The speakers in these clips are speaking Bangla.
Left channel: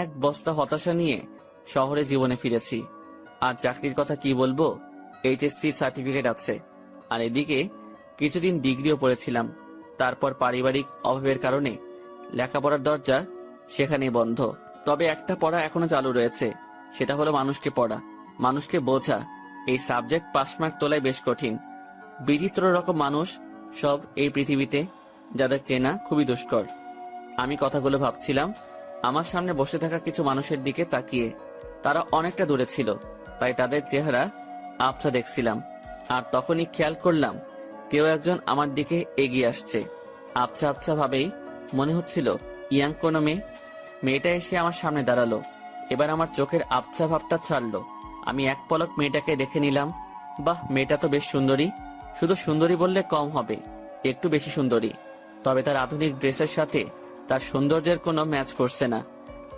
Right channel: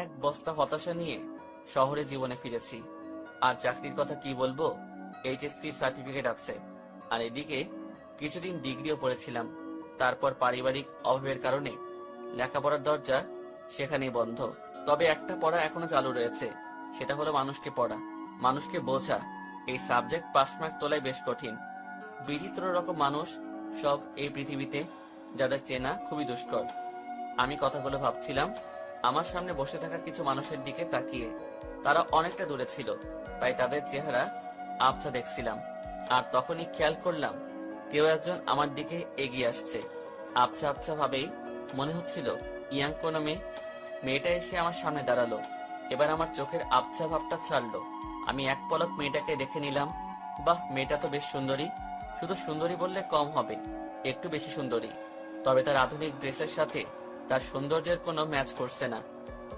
এক বস্তা হতাশা নিয়ে শহরে জীবনে ফিরেছি। আর চাকরির কথা কি বলবো, এইচএসসি সার্টিফিকেট আছে, আর এদিকে কিছুদিন ডিগ্রিও পড়েছিলাম। তারপর পারিবারিক অভাবের কারণে লেখাপড়ার দরজা সেখানেই বন্ধ। তবে একটা পড়া এখনো চালু রয়েছে, সেটা হলো মানুষকে পড়া, মানুষকে বোঝা। এই সাবজেক্ট পাস মার্ক তোলাই বেশ কঠিন। বিচিত্র রকম মানুষ সব এই পৃথিবীতে, যাদের চেনা খুবই দুষ্কর। আমি কথাগুলো ভাবছিলাম আমার সামনে বসে থাকা কিছু মানুষের দিকে তাকিয়ে। তারা অনেকটা দূরে ছিল, তাই তাদের চেহারা আবছা দেখছিলাম। আর তখনই খেয়াল করলাম কেউ একজন আমার দিকে এগিয়ে আসছে। আবছা আবছা ভাবেই মনে হচ্ছিল ইয়াং কোনো মেয়ে। মেয়েটা এসে আমার সামনে দাঁড়ালো। এবার আমার চোখের আবছা ভাবটা ছাড়লো। আমি এক পলক মেয়েটাকে দেখে নিলাম। বাহ, মেয়েটা তো বেশ সুন্দরী। শুধু সুন্দরী বললে কম হবে, একটু বেশি সুন্দরী। তবে তার আধুনিক ড্রেসের সাথে তার সৌন্দর্যের কোনো ম্যাচ করছে না।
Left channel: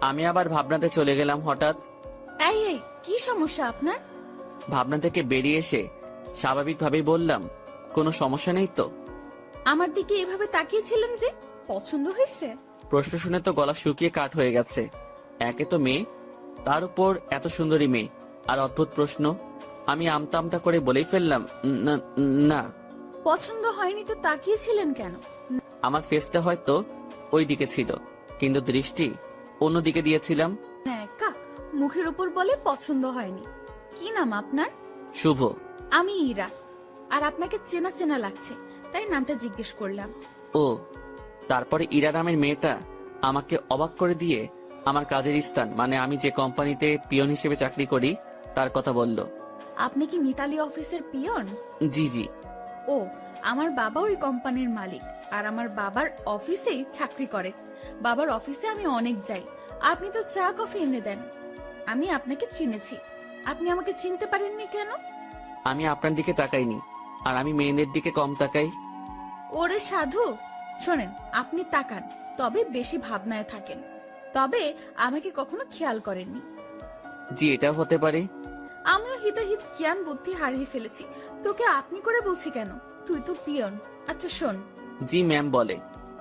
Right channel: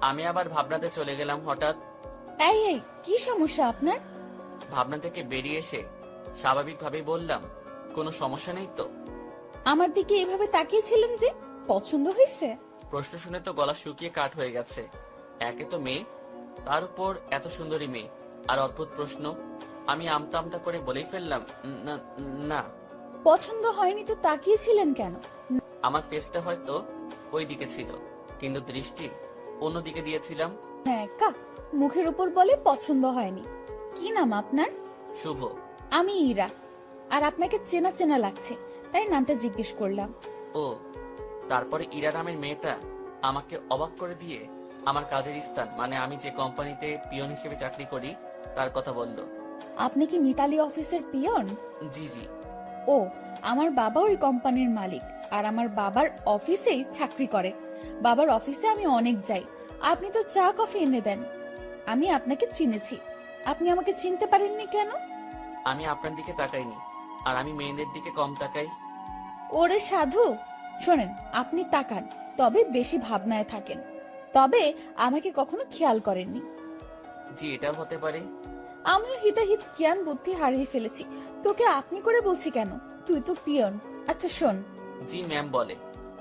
আমি আবার ভাবনাতে চলে গেলাম। হঠাৎ এই এই কি সমস্যা আপনার? ভাবনা থেকে বেরিয়ে এসে স্বাভাবিকভাবেই বললাম, কোনো সমস্যা নেই তো। আমার দিকে এভাবে তাকিয়েছিলেন যে, পছন্দ হয়েছে? প্রশ্ন শুনে তো গলা শুকিয়ে কাঠ হয়ে গেছে। একে তো মেয়ে, তার উপর এত সুন্দরী মেয়ে, আর অদ্ভুত প্রশ্ন। আমি আমতা আমতা করে বলেই ফেললাম, না না। পছন্দ হয়নি তো তাকিয়েছিলেন কেন? আমার ফেসটা হয়তো ওই দিকে ছিল, কিন্তু দৃষ্টি অন্যদিকে দিয়েছিলাম। একা মুখের উপর বলে পছন্দ হয়নি। কি নাম আপনার? শুভ। আমি ইরা। আর আপনাকে চেনা চেনা লাগছে, তাই নামটা জিজ্ঞেস করলাম। ও, তারপরে ইরা নামের মেয়েটা আমাকে অবাক করে দিয়ে আমার কাজের স্থান, মানে আমি যে কোম্পানিতে পিয়ন হিসেবে চাকরি করি, তার কথা বলল। আপনি কি মিতালি অফিসের পিয়ন? জি জি। ও, আমার বাবা ওই কোম্পানির মালিক, আর আমার বাবার অফিসেই চাকরি করে। বাবার অফিসে আমি অনেক যাই। আপনি তো চা কফি এনে দেন। আমি আপনাকে চিনেছি, আপনি আমাকে চিনতে পারেননি কেন? আমি আপনার দিকে তাকাইনি, আর আমি মেয়েদের দিকে কম তাকাই। ওরে সাধু, শোনেন, আপনি তাকান, তবে বেশি ভাবনায় থাকেন। তবে আমাকে কখনো খেয়াল করেননি। জি, এটাও হতে পারে। আমিও হিতাহিত জ্ঞান বুদ্ধি হারিয়ে ফেলেছি। তোকে আপনি করে বলছি কেন? তুই তো পিয়ন। আচ্ছা শোন, জি ম্যাম বলে।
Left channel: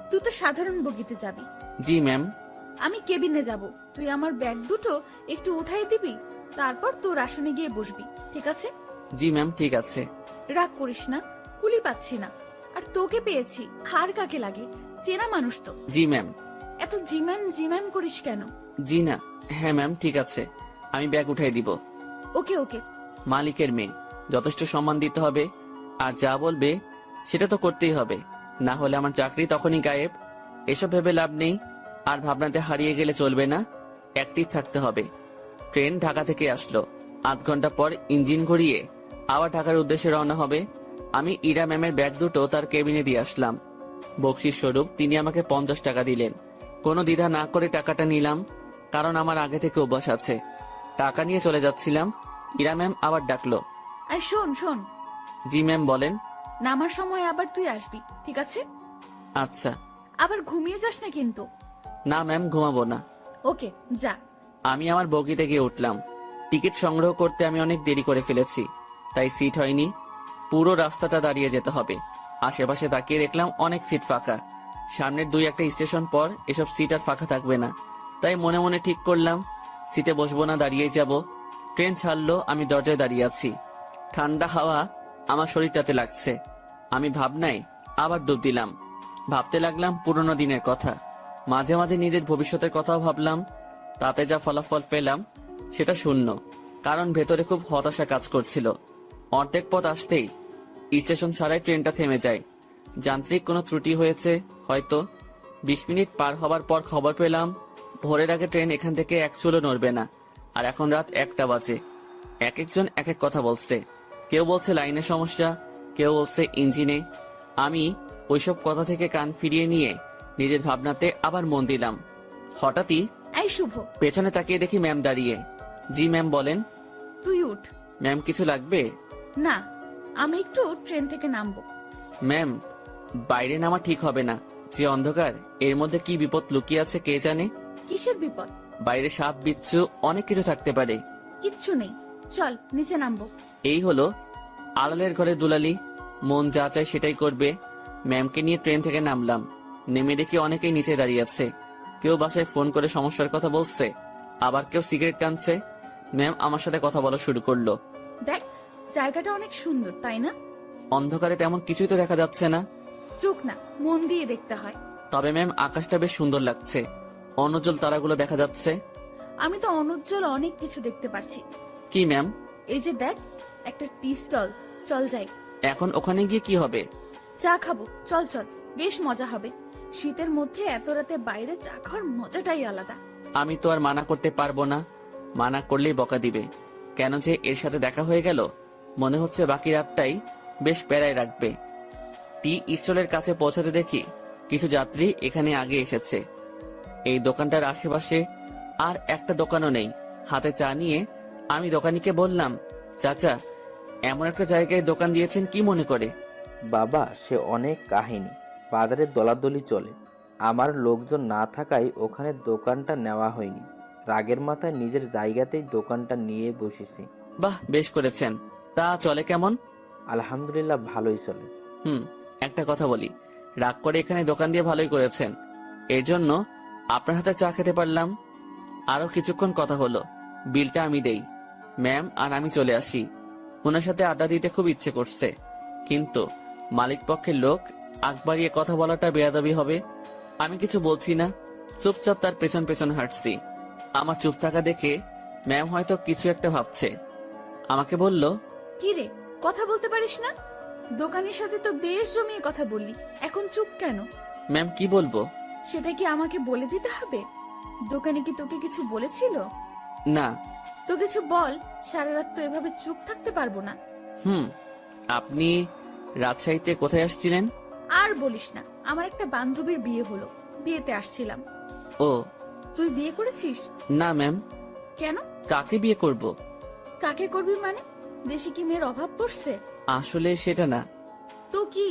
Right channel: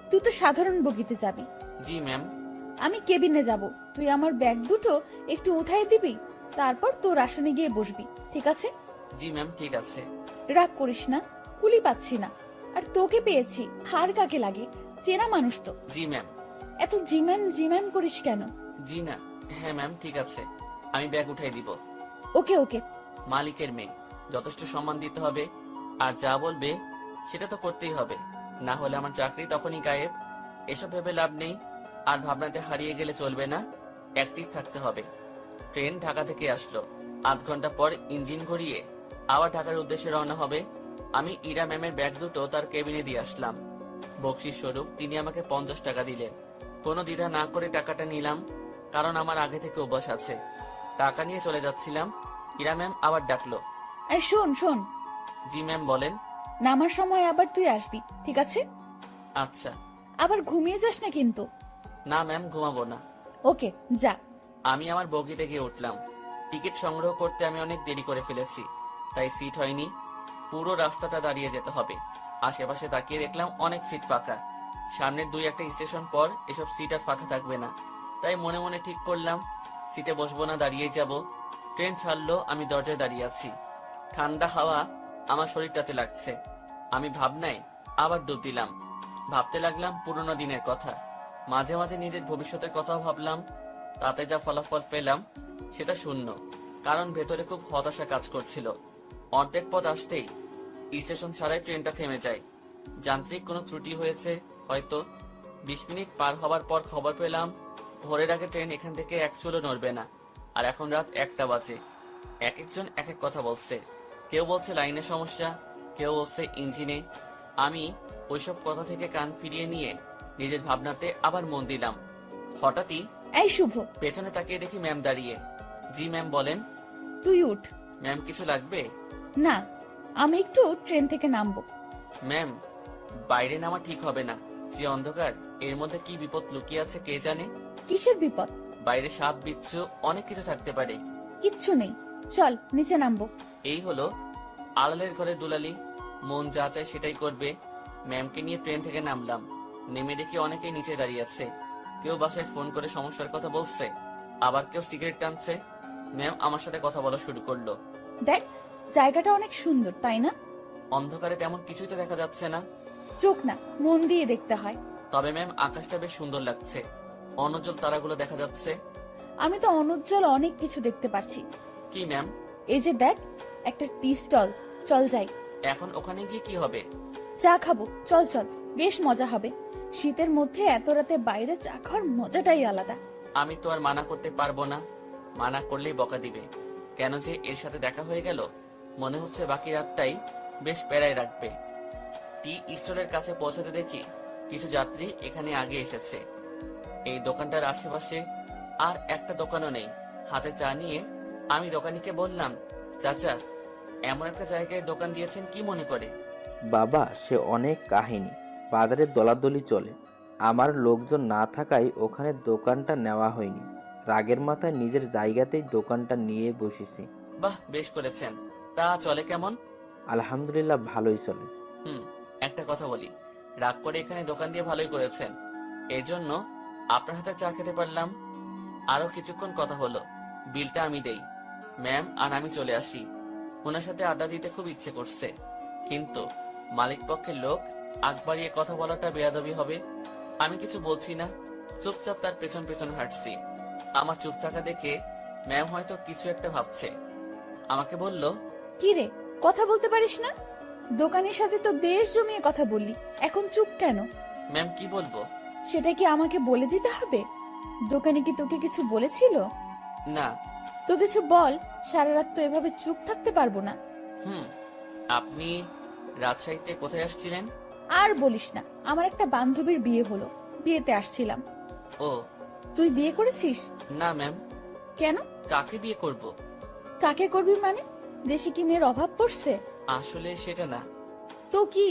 তুই তো সাধারণ বগিতে যাবি, জি ম্যাম। আমি কেবিনে যাব। তুই আমার ব্যাগ দুটো একটু উঠাই দিবি, তারপর তোর আসনে গিয়ে বসবি, ঠিক আছে? জি ম্যাম, ঠিক আছে। রাগ করিস না, কুলি পাচ্ছি না। আর তোকে পেয়েছি, হার কাকে লাগে, চেনা মানুষ তো। জি ম্যাম। এত জিম্যাম জিম্যাম করিস কেন? জি না, হ্যাঁ ম্যাম, ঠিক আছে, আমি ব্যাগ উঠাই দিব। ওকে ওকে। মালিকের মেয়ে, যথেষ্ট সম্মান দিতে হবে। আর যা বলবে সেটা তো করতেই হবে, না হলে আমার চাকরি তখনই গায়েব। এসব ভেবে লাভ নেই, আর ভাবনাতে হারিয়ে গেলে চলবে না, অ্যাক্টিভ থাকতে হবে। ট্রেন ঢাকা থেকে আসলো। আধ ঘন্টা পর ইঞ্জিন ঘুরিয়ে আবার ঢাকার উদ্দেশ্যে রওনা হবে। আমি ইরা ম্যামের ব্যাগ দুটো তার কেবিনে দিয়ে আসলাম। বকশিস স্বরূপ তিনি আমাকে 50 টাকা দিলেন। কোনো দ্বিধা না করে টাকাটা নিলাম, কারণ আমার আগে থেকে অভ্যাস আছে। টাকা নিয়ে চলে যাচ্ছিলাম, ইরা ম্যাম আবার ডাকলো। এই শোন শোন, জি ম্যাম বলেন। নামার সময় আবার তুই আসবি, ঠিক আছে? আচ্ছা। আবার ঘুমিয়ে যাস না কিন্তু। না ম্যাম, ঘুমাবো না। ওকে, যা। আমি আমার বগিতে গিয়ে উঠলাম। টিকিট সংগ্রহ করতে আমি অনেক দেরি করে ফেলেছি, তাই সিট হয়নি। পুরো রাস্তাটা দাঁড়িয়ে যেতে হবে। আশেপাশে তাকিয়ে দেখলাম অনেক সিট ফাঁকা। সামনের 2-1টা স্টেশন পর এসব সিট আর ফাঁকা থাকবে না, তাই মনে মনে ঠিক করলাম সিটে বসবো না, দাঁড়িয়েই যাব। ট্রেন ছাড়লো, আমি দরজায় দাঁড়িয়ে আছি। ঠান্ডা হাওয়া আমার শরীরটাতে লাগছে। আমি ভাবনায় আবার ডুব দিলাম। ভাবতে লাগলাম পুরোনো দিনের কথা। মাঝে মাঝে নিজের ভবিষ্যতের কথাও ভাবলাম। তাতে যা ফলাফল পেলাম সেটা শূন্য, কারণ ভেতরে খুব হতাশা কাজ করছিল। অর্ধেক পথ আসতেই স্টেশন ছাড়াই ট্রেনটা থেমে যায়। যান্ত্রিক কোনো ত্রুটি হয়েছে হয়তো। 20 মিনিট পার হবার পর খবর পেলাম ভোরের আগে ট্রেন এখান থেকে এক চুলও নড়বে না। আর এখন রাত 1টা বাজে। এক একজন এক এক কথা বলছে। কেউ বলছে লাইনের সমস্যা, কেউ বলছে ইঞ্জিনে। আমি ওইসব কথা থেকে কান ফিরিয়ে নিয়ে নিজের ভাবনাতে আবার মন দিলাম। হঠাৎই এই শুভ, পেছনে তাকিয়ে দেখি ম্যাম দাঁড়িয়ে। জি ম্যাম বলেন। তুই উঠ। ম্যাম কিছু লাগবে? না, আমি একটু ট্রেন থেকে নামবো। ম্যাম, বাইরে নামা ঠিক হবে না। যে অন্ধকার, এর মধ্যে কি বিপদ লুকিয়ে আছে কে জানে। কিসের বিপদ? বাইরে সাপ বিচ্ছু অনেক কিছু থাকতে পারে। কিচ্ছু নেই, চল নিচে নামবো। এই হলো আড়ালের ঘরে দুলালি, মন যা চায় সেটাই করবে। ম্যামকে নিয়ে ট্রেন থেকে নামলাম। নেমে দেখি অনেকেই নিচে দাঁড়িয়ে আছে। কেউ বাসায় ফোন করে সমস্যার কথা বলছে, আবার কেউ সিগারেট টানছে। ম্যাম আমার সাথে কথা বলা শুরু করলো। দেখ, জায়গাটা অনেক সুন্দর, তাই না? অন্ধকারে তেমন কিছুই তো দেখা যাচ্ছে না। চোখ না, মন দিয়ে দেখতে হয়। তবে ম্যাম আকাশটা বেশ সুন্দর লাগছে, অনুজ্জ্বল তারাগুলো দেখা যাচ্ছে। আমি তো অনুজ্জ্বল অনেক কিছু দেখতে পারছি। কি ম্যাম? এই যে দেখ, একটা টি স্টল, চল যাই। এখন ওখানে গিয়ে কি হবে? চা খাবো, চল চল, বেশ মজা হবে। শীতের মধ্যে এত রাতে বাইরে চা খাওয়ার মজাটাই আলাদা। আমি তো আর মানা করতে পারবো না, মানা করলেই বকা দিবে। কেন যে এর সাথে দেখা হয়ে গেল, মনে হচ্ছে বাকি রাতটাই বেশ প্যারায় রাখবে। টি স্টলের কাছে পৌঁছাতে দেখি কিছু যাত্রী এখানে আগে এসেছে। এই দোকানটার আশেপাশে আর একটা দোকানও নেই। হাতে চা নিয়ে আমি দোকানিকে বললাম, চাচা, এমন একটা জায়গায় দোকান দিয়েছেন কি মনে করে? বাবা, সে অনেক কাহিনী। বাজারে দলাদলি চলে, আমার লোকজন না থাকায় ওখানে দোকানটা নেওয়া হয়নি। রাগের মাথায় নিজের জায়গাতেই দোকানটা নিয়ে বসেছি। বাহ, বেশ করেছেন। তা চলে কেমন? আলহামদুলিল্লাহ, ভালোই চলে। একটা কথা বলি, রাগ করে এখানে দোকান দিয়ে ভালোই করেছেন, এর জন্য আপনার হাতে চা খেতে পারলাম। আরো কিছুক্ষণ কথা হলো, বিলটা আমি দেই। ম্যাম আর আমি চলে আসি। ওনার সাথে আড্ডা দিতে খুব ইচ্ছে করছে, কিন্তু মালিক পক্ষের লোক আগ বাড়িয়ে কথা বলাটা বেয়াদবি হবে। আমি কিছু বলছি না, চুপচাপ তার পেছন পেছন হাঁটছি। আমার চুপ থাকা দেখে ম্যাম হয়তো কিছু একটা ভাবছে। আমাকে বলল, কি রে, কথা বলতে পারিস না? দোকানের সাথে তো বেশ জমিয়ে কথা বললি, এখন চুপ কেন? ম্যাম কি বলবো? সেটা কি আমাকে বলে দিতে হবে? দোকানে কি তোকে কিছু বলেছিল? না। তো কিছু বল, সারা রাত তো এভাবে চুপ থাকতে পারবো না। আপনি রাজশাহীতে কোথায় আসছিলেন? আর বলিস না, আমার একটা বান্ধবীর বিয়ে হলো, বিয়েতে আসছিলাম। ও। তুই বিয়ে করেছিস? না ম্যাম। কেন? কাকে বিয়ে করব? কাকে করবি মানে? দেশে কি মেয়ের অভাব পড়ছে? আসলে সেটা না, তো কি?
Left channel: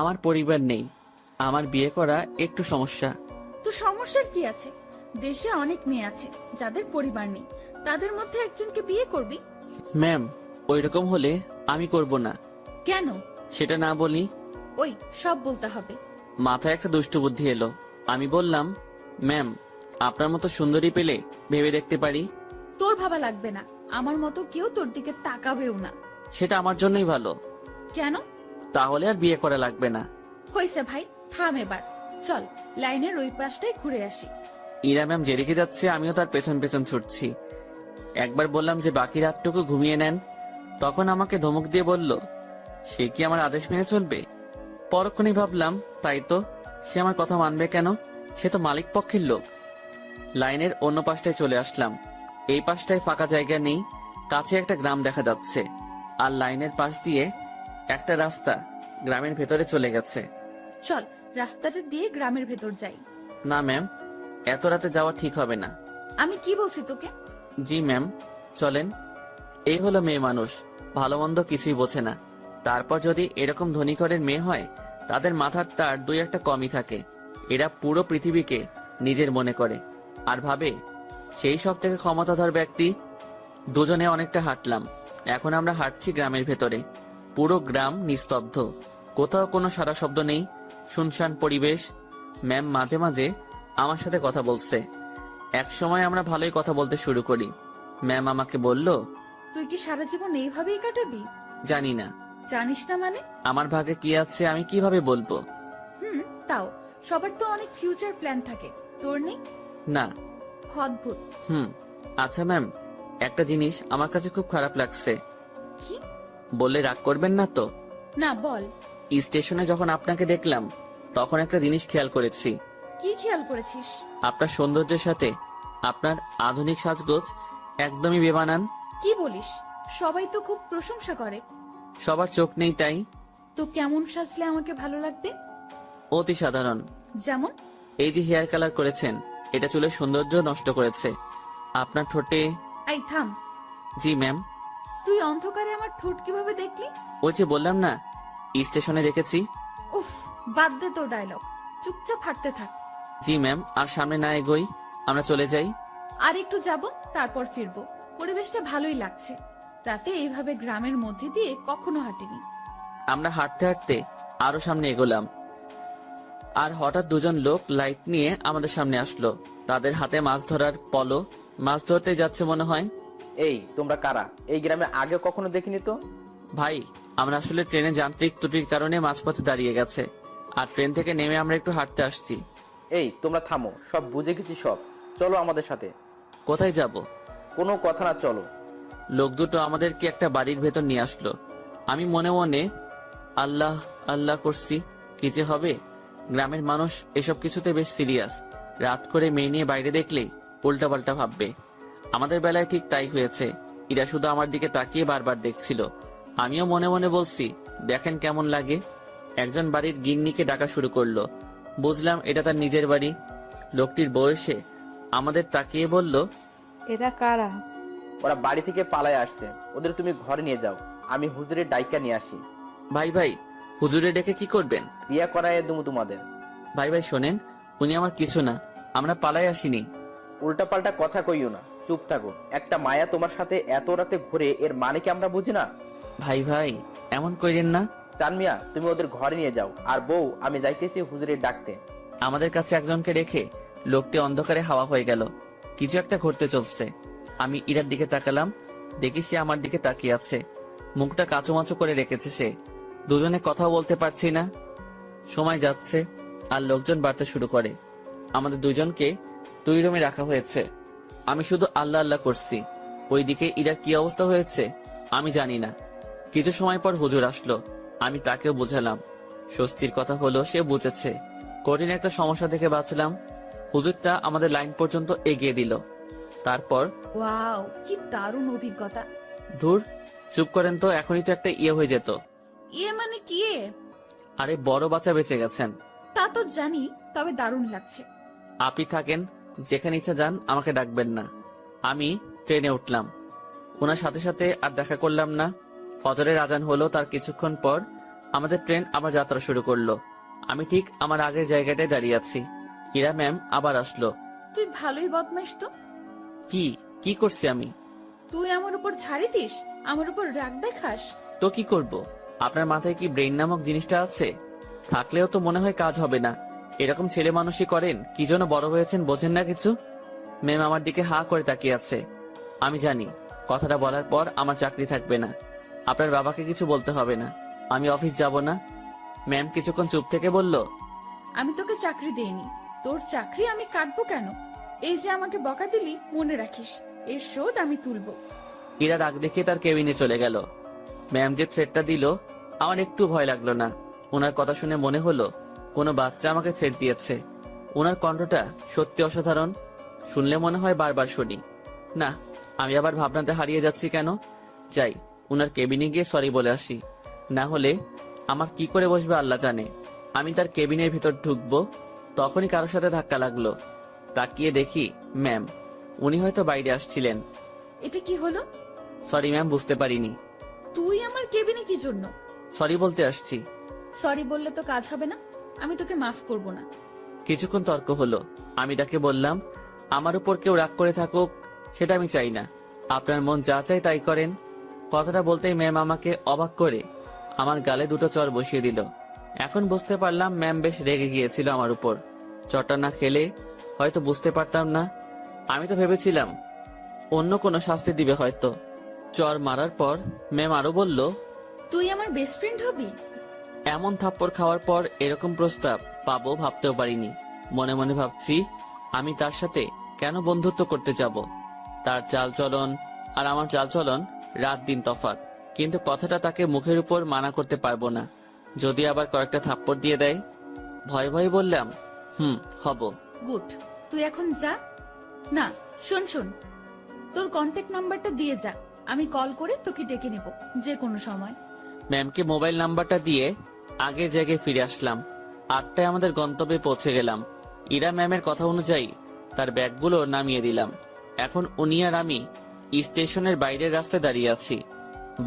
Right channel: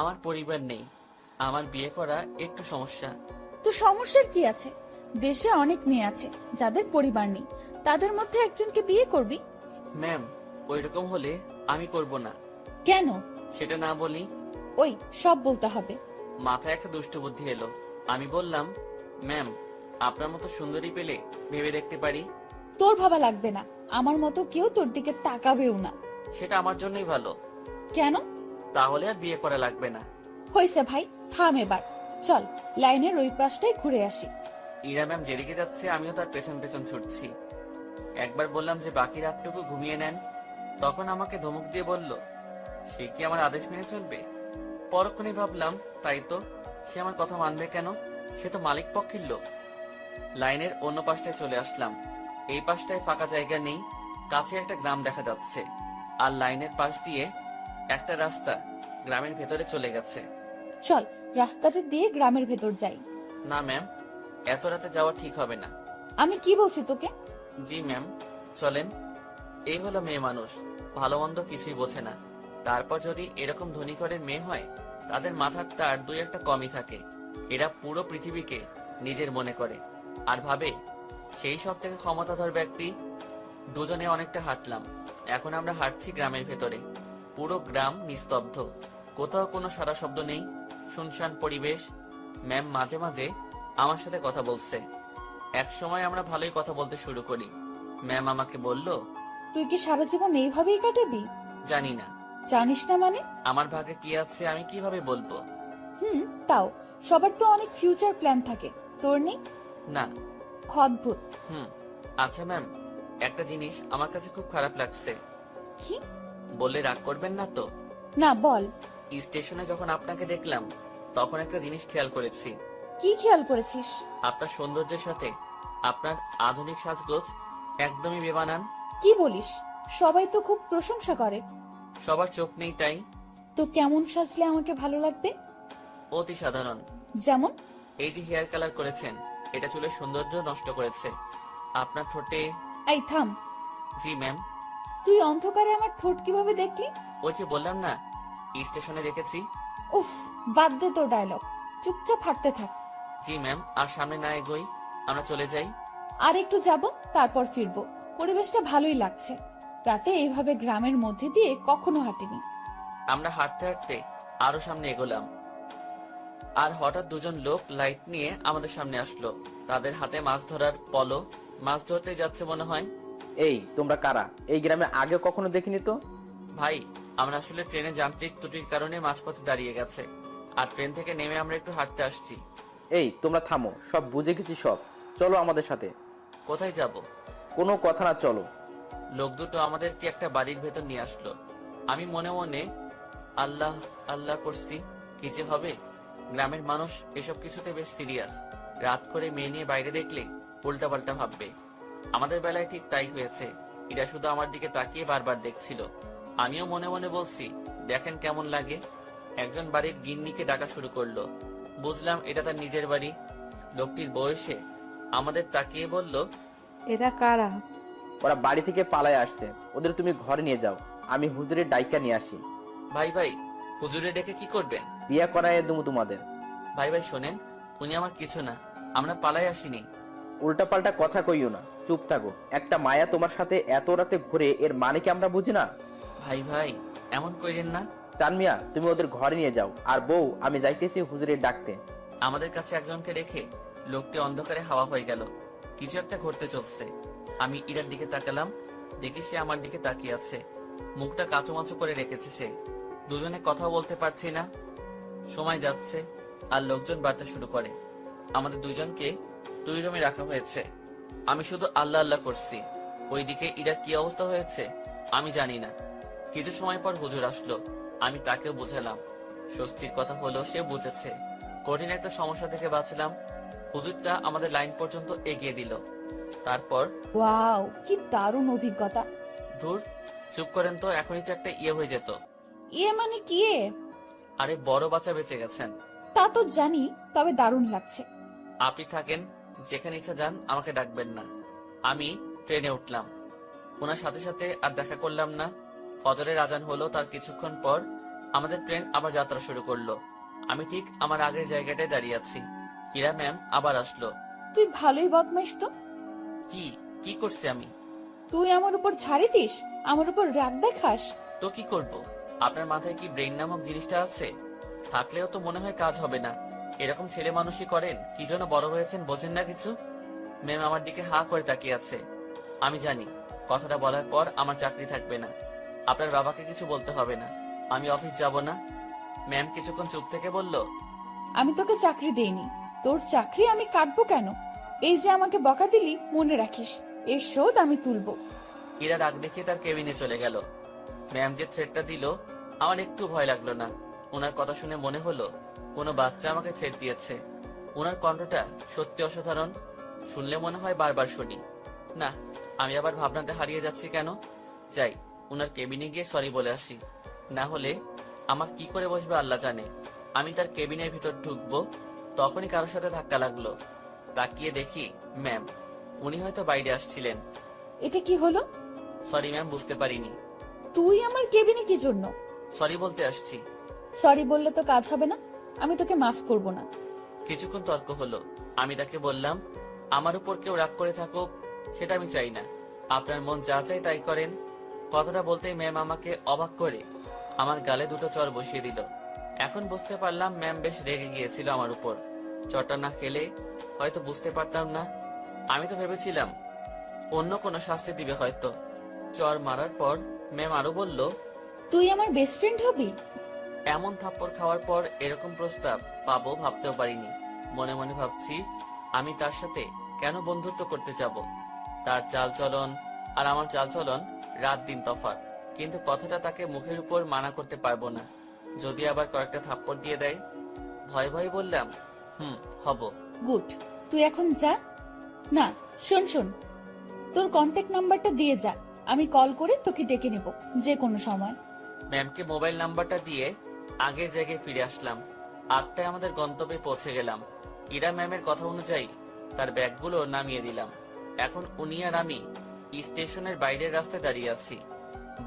আমার পরিবার নেই, আমার বিয়ে করা একটু সমস্যা। তো সমস্যার কি আছে? দেশে অনেক মেয়ে আছে যাদের পরিবার নেই, তাদের মধ্যে একজনকে বিয়ে করবি। ম্যাম, ওইরকম হলে আমি করব না। কেন? সেটা না বলি। ওই সব বলতে হবে। মাথায় একটা দুষ্টু বুদ্ধি এলো। আমি বললাম, ম্যাম, আপনার মতো সুন্দরী পেলে ভেবে দেখতে পারি। তোর ভাবা লাগবে না, আমার মতো কেউ তোর দিকে তাকাবেও না। সেটা আমার জন্যই ভালো। কেন? তাহলে আর বিয়ে করা লাগবে না। হয়েছে ভাই, থাম এবার। চল লাইনের ওই পাশটাই ঘুরে আসি। ইরা ম্যাম যেদিকে যাচ্ছে আমিও তার পেছন পেছন ছুটছি। একবার বললাম যে বাকি রাতটুকু ঘুমিয়ে নেন, তখন আমাকে ধমক দিয়ে বলল, সে কি আমার আদেশ মেনে চলবে? পরক্ষণেই ভাবলাম, তাই তো, সে আমার কথা মানবে কেন? সে তো মালিক পক্ষের লোক। লাইনের অন্য পাশটায় চলে আসলাম। এই পাশটায় ফাঁকা জায়গা নেই, কাছে একটা গ্রাম দেখা যাচ্ছে, আর লাইনের পাশ দিয়ে একটা রাস্তা গ্রামের ভেতরে চলে গেছে। চল রাস্তাটা দিয়ে গ্রামের ভেতর যাই। না ম্যাম, এত রাতে যাওয়া ঠিক হবে না। আমি কি বলছি তোকে? জি ম্যাম, চলেন। এই হলো মেয়ে মানুষ, ভালো মন্দ কিছুই বোঝে না। তারপর যদি এরকম ধনী ঘরের মেয়ে হয়, তাদের মাথার তার দুই একটা কমই থাকে। এরা পুরো পৃথিবীকে নিজের মনে করে আর ভাবে সেই সব থেকে ক্ষমতাধর ব্যক্তি। দুজনে অনেকটা হাঁটলাম, এখন আমরা হাঁটছি গ্রামের ভেতরে। পুরো গ্রাম নিস্তব্ধ, কোথাও কোনো সারা শব্দ নেই, শুনশান পরিবেশ। ম্যাম মাঝে মাঝে আমার সাথে কথা বলছে। এক সময় আমরা ভালোই কথা বলতে শুরু করি। ম্যাম আমাকে বলল, তুই কি সারা জীবন এইভাবেই কাটাবি? জানি না, জানিস না মানে? আমার ভাগে কি আছে আমি কিভাবে বলবো? তাও সবার তো অনেক ফিউচার প্ল্যান থাকে, তোর নেই? না। অদ্ভুত। আচ্ছা ম্যাম, একটা জিনিস আমার কাছে খুব খারাপ লাগছে। কি? বললে রাগ করবেন না তো? না, বল। স্টেশনে যখন আপনাকে দেখলাম, তখন একটা জিনিস খেয়াল করেছি। কি খেয়াল করেছিস? আপনার সৌন্দর্যের সাথে আপনার আধুনিক সাজগোজ একদমই বেমানান। কি বলিস? সবাই তো খুব প্রশংসা করে। সবার চোখ নেই তাই। তো কেমন সাজলে আমাকে ভালো লাগবে? অতি সাধারণ। যেমন? এই যে হেয়ার কালার করেছেন, এটা চুলের সৌন্দর্য নষ্ট করেছে। আপনার ঠোঁটে। এই থাম। জি ম্যাম। তুই অন্ধকারে আমার ঠোঁট কিভাবে দেখলি? ওই যে বললাম না, স্টেশনে দেখেছি। উফ, বাদ দে তোর ডায়লগ, চুপচাপ হাঁটতে থাক। জি ম্যাম, আর সামনে না এগোই, আমরা চলে যাই। আর একটু যাব, তারপর ফিরবো। পরিবেশটা ভালোই লাগছে, রাতে এইভাবে গ্রামের মধ্যে দিয়ে কখনো হাঁটিনি। আমরা হাঁটতে হাঁটতে আরো সামনে এগোলাম। আর হঠাৎ দুজন লোক লাইট নিয়ে আমাদের সামনে আসলো। তাদের হাতে মাছ ধরার পলো, মাছ ধরতে যাচ্ছে মনে হয়। এই তোমরা কারা? এই গ্রামে আগে কখনো দেখিনি তো। ভাই, আমরা আসলে ট্রেনে যান্ত্রিক ত্রুটির কারণে মাঝপথে দাঁড়িয়ে গেছে, আর ট্রেন থেকে নেমে আমরা একটু হাঁটতে আসছি। এই তোমরা থামো, সব বুঝে গেছি সব, চলো আমাদের সাথে। কোথায় যাব? কোনো কথা না, চলো। লোক দুটো আমাদেরকে একটা বাড়ির ভেতর নিয়ে আসলো। আমি মনে মনে আল্লাহ আল্লাহ করছি, কি যে হবে। গ্রামের মানুষ এসব কিছুতে বেশ সিরিয়াস। রাত করে মেয়ে নিয়ে বাইরে দেখলে উল্টাপাল্টা ভাববে। আমাদের বেলায় ঠিক তাই হয়েছে। এরা শুধু আমার দিকে তাকিয়ে বারবার দেখছিল। আমিও মনে মনে বলছি, দেখেন কেমন লাগে। একজন বাড়ির গিন্নিকে ডাকা শুরু করলো। বুঝলাম এটা তার নিজের বাড়ি। লোকটির বয়সে আমাদের তাকিয়ে বলল, এরা কারা? ওরা বাড়ি থেকে পালায় আসছে, ওদের তুমি ঘরে নিয়ে যাও, আমি হুজুরের ডাইকা নিয়ে আসি। ভাই ভাই, হুজুরে ডেকে কি করবেন? বিয়ে করায় দেবো তোমাদের। ভাই ভাই শোনেন, উনি আমার কিছু না, আমরা পালাই আসিনি। উল্টাপাল্টা কথা কইও না, চুপ থাকো। একটা মায়া তোমার সাথে এত রাতে ঘুরে, এর মানে কি আমরা বুঝি না? ভাই ভাই এমন কইরেন না। চান মিয়া, তুমি ওদের ঘরে নিয়ে যাও, আর বউ আমি যাইতেছি হুজুরের ডাকতে। আমাদের কাছে একজনকে রেখে লোকটি অন্ধকারে হাওয়া হয়ে গেল। কিছু একটা ঘটতে চলছে। আমি ইরার দিকে তাকালাম, দেখি সে আমার দিকে তাকিয়ে আছে। মুখটা কাঁচুমাচু করে রেখেছে সে। দুজনে কথা বলতে পারছি না। সময় যাচ্ছে আর লোকজন বাড়তে শুরু করে। আমাদের দুজনকে 2 রুমে রাখা হয়েছে। আমি শুধু আল্লাহ আল্লাহ করছি। ওইদিকে ইরা কি অবস্থা হয়েছে আমি জানি না। কিছু সময় পর হুজুর আসলো। আমি তাকেও বুঝালাম। স্বস্তির কথা হলো সে বুঝেছে। কঠিন একটা সমস্যা থেকে বাঁচলাম। হুজুরটা আমাদের লাইন পর্যন্ত এগিয়ে দিল। তারপর ওয়াও, কি দারুণ অভিজ্ঞতা। ধুর, চুপ করেন তো, এখনই তো একটা ইয়ে হয়ে যেত। ইয়ে মানে কি? আরে বড় বাচ্চা বেঁচে গেছেন। তা তো জানি, তবে দারুণ লাগছে। আপনি থাকেন, যেখানে ইচ্ছা যান, আমাকে ডাকবেন না। আমি ট্রেনে উঠলাম। ওনার সাথে সাথে আর দেখা করলাম না। ফজরের আজান হলো, তার কিছুক্ষণ পর আমাদের ট্রেন আবার যাত্রা শুরু করলো। আমি ঠিক আমার আগের জায়গাটায় দাঁড়িয়ে আছি। ইরা ম্যাম আবার আসলো। তুই ভালোই বদমাইশ তো। কি কি করছি আমি? তুই আমার উপর ছাড়ি দিস, আমার উপর রাগ দেখাস। তো কি করব? আপনার মাথায় কি ব্রেইন নামক জিনিসটা আছে? থাকলেও তো মনে হয় কাজ হবে না। এরকম ছেলে মানুষই করেন, কি জন্য বড় হয়েছেন বোঝেন না কিছু। ম্যাম আমার দিকে হা করে তাকিয়ে আছে। আমি জানি কথাটা বলার পর আমার চাকরি থাকবে না। আপনার বাবাকে কিছু বলতে হবে না, আমি অফিস যাব না। ম্যাম কিছুক্ষণ চুপ থেকে বলল, আমি তোকে চাকরি দেইনি, তোর চাকরি আমি কাটবো কেন? এই যে আমাকে বকা দিলি, মনে রাখিস, এর শোধ আমি তুলবো। ইরা রাগ দেখে তার কেবিনে চলে গেল। ম্যাম যে থ্রেটটা দিল, আমার একটু ভয় লাগলো না। ওনার কথা শুনে মনে হলো কোনো বাচ্চা আমাকে থ্রেট দিয়েছে। ওনার কণ্ঠটা সত্যি অসাধারণ। শুনলে মনে হয় বারবার শুনি। না, আমি আবার ভাবনাতে হারিয়ে যাচ্ছি কেন। যাই, ওনার কেবিনে গিয়ে সরি বলে আসি। না হলে আমার কি করে বসবে আল্লাহ জানে। আমি তার কেবিনের ভিতর ঢুকবো, তখনই কারোর সাথে ধাক্কা লাগলো। তাকিয়ে দেখি ম্যাম। উনি হয়তো বাইরে আসছিলেন। এটা কি হলো? সরি ম্যাম, বুঝতে পারিনি। তুই আমার কেবিনে কি জন্য? সরি বলতে আসছি। সরি বললে তো কাজ হবে না, আমি তোকে মাফ করব না। কিছুক্ষণ তর্ক হলো। আমি তাকে বললাম, আমার উপর কেউ রাগ করে থাকুক সেটা আমি চাই না। আপনার মন যা চাই তাই করেন। কথাটা বলতেই ম্যাম আমাকে অবাক করে আমার গালে 2টো চড় বসিয়ে দিল। এখন বুঝতে পারলাম ম্যাম বেশ রেগে গিয়েছিল আমার উপর। চটা না খেলে হয়তো বুঝতে পারতাম না। আমি তো ভেবেছিলাম অন্য কোনো শাস্তি দিবে হয়তো। চর মারার পর ম্যাম আরো বলল, তুই আমার বেস্ট ফ্রেন্ড হবি? এমন থাপ্পড় খাওয়ার পর এরকম প্রস্তাব পাবো ভাবতেও পারিনি। মনে মনে ভাবছি, আমি তার সাথে কেন বন্ধুত্ব করতে যাব? তার চালচলন আর আমার চালচলন রাত দিন তফাৎ। কিন্তু কথাটা তাকে মুখের উপর মানা করতে পারবো না, যদি আবার কয়েকটা থাপ্পড় দিয়ে দেয়। ভয় ভয় বললাম, হব। গুড, তুই এখন যা। না, শোন শোন, তোর কন্ট্যাক্ট নাম্বারটা দিয়ে যা, আমি কল করে তোকে ডেকে নেব যে কোনো সময়। ম্যামকে মোবাইল নাম্বারটা দিয়ে আগের জায়গায় ফিরে আসলাম। 8টায় আমাদের গন্তব্যে পৌঁছে গেলাম। ইরা ম্যামের কথা অনুযায়ী তার ব্যাগগুলো নামিয়ে দিলাম। এখন উনি আর আমি স্টেশনের বাইরের রাস্তায় দাঁড়িয়ে আছি।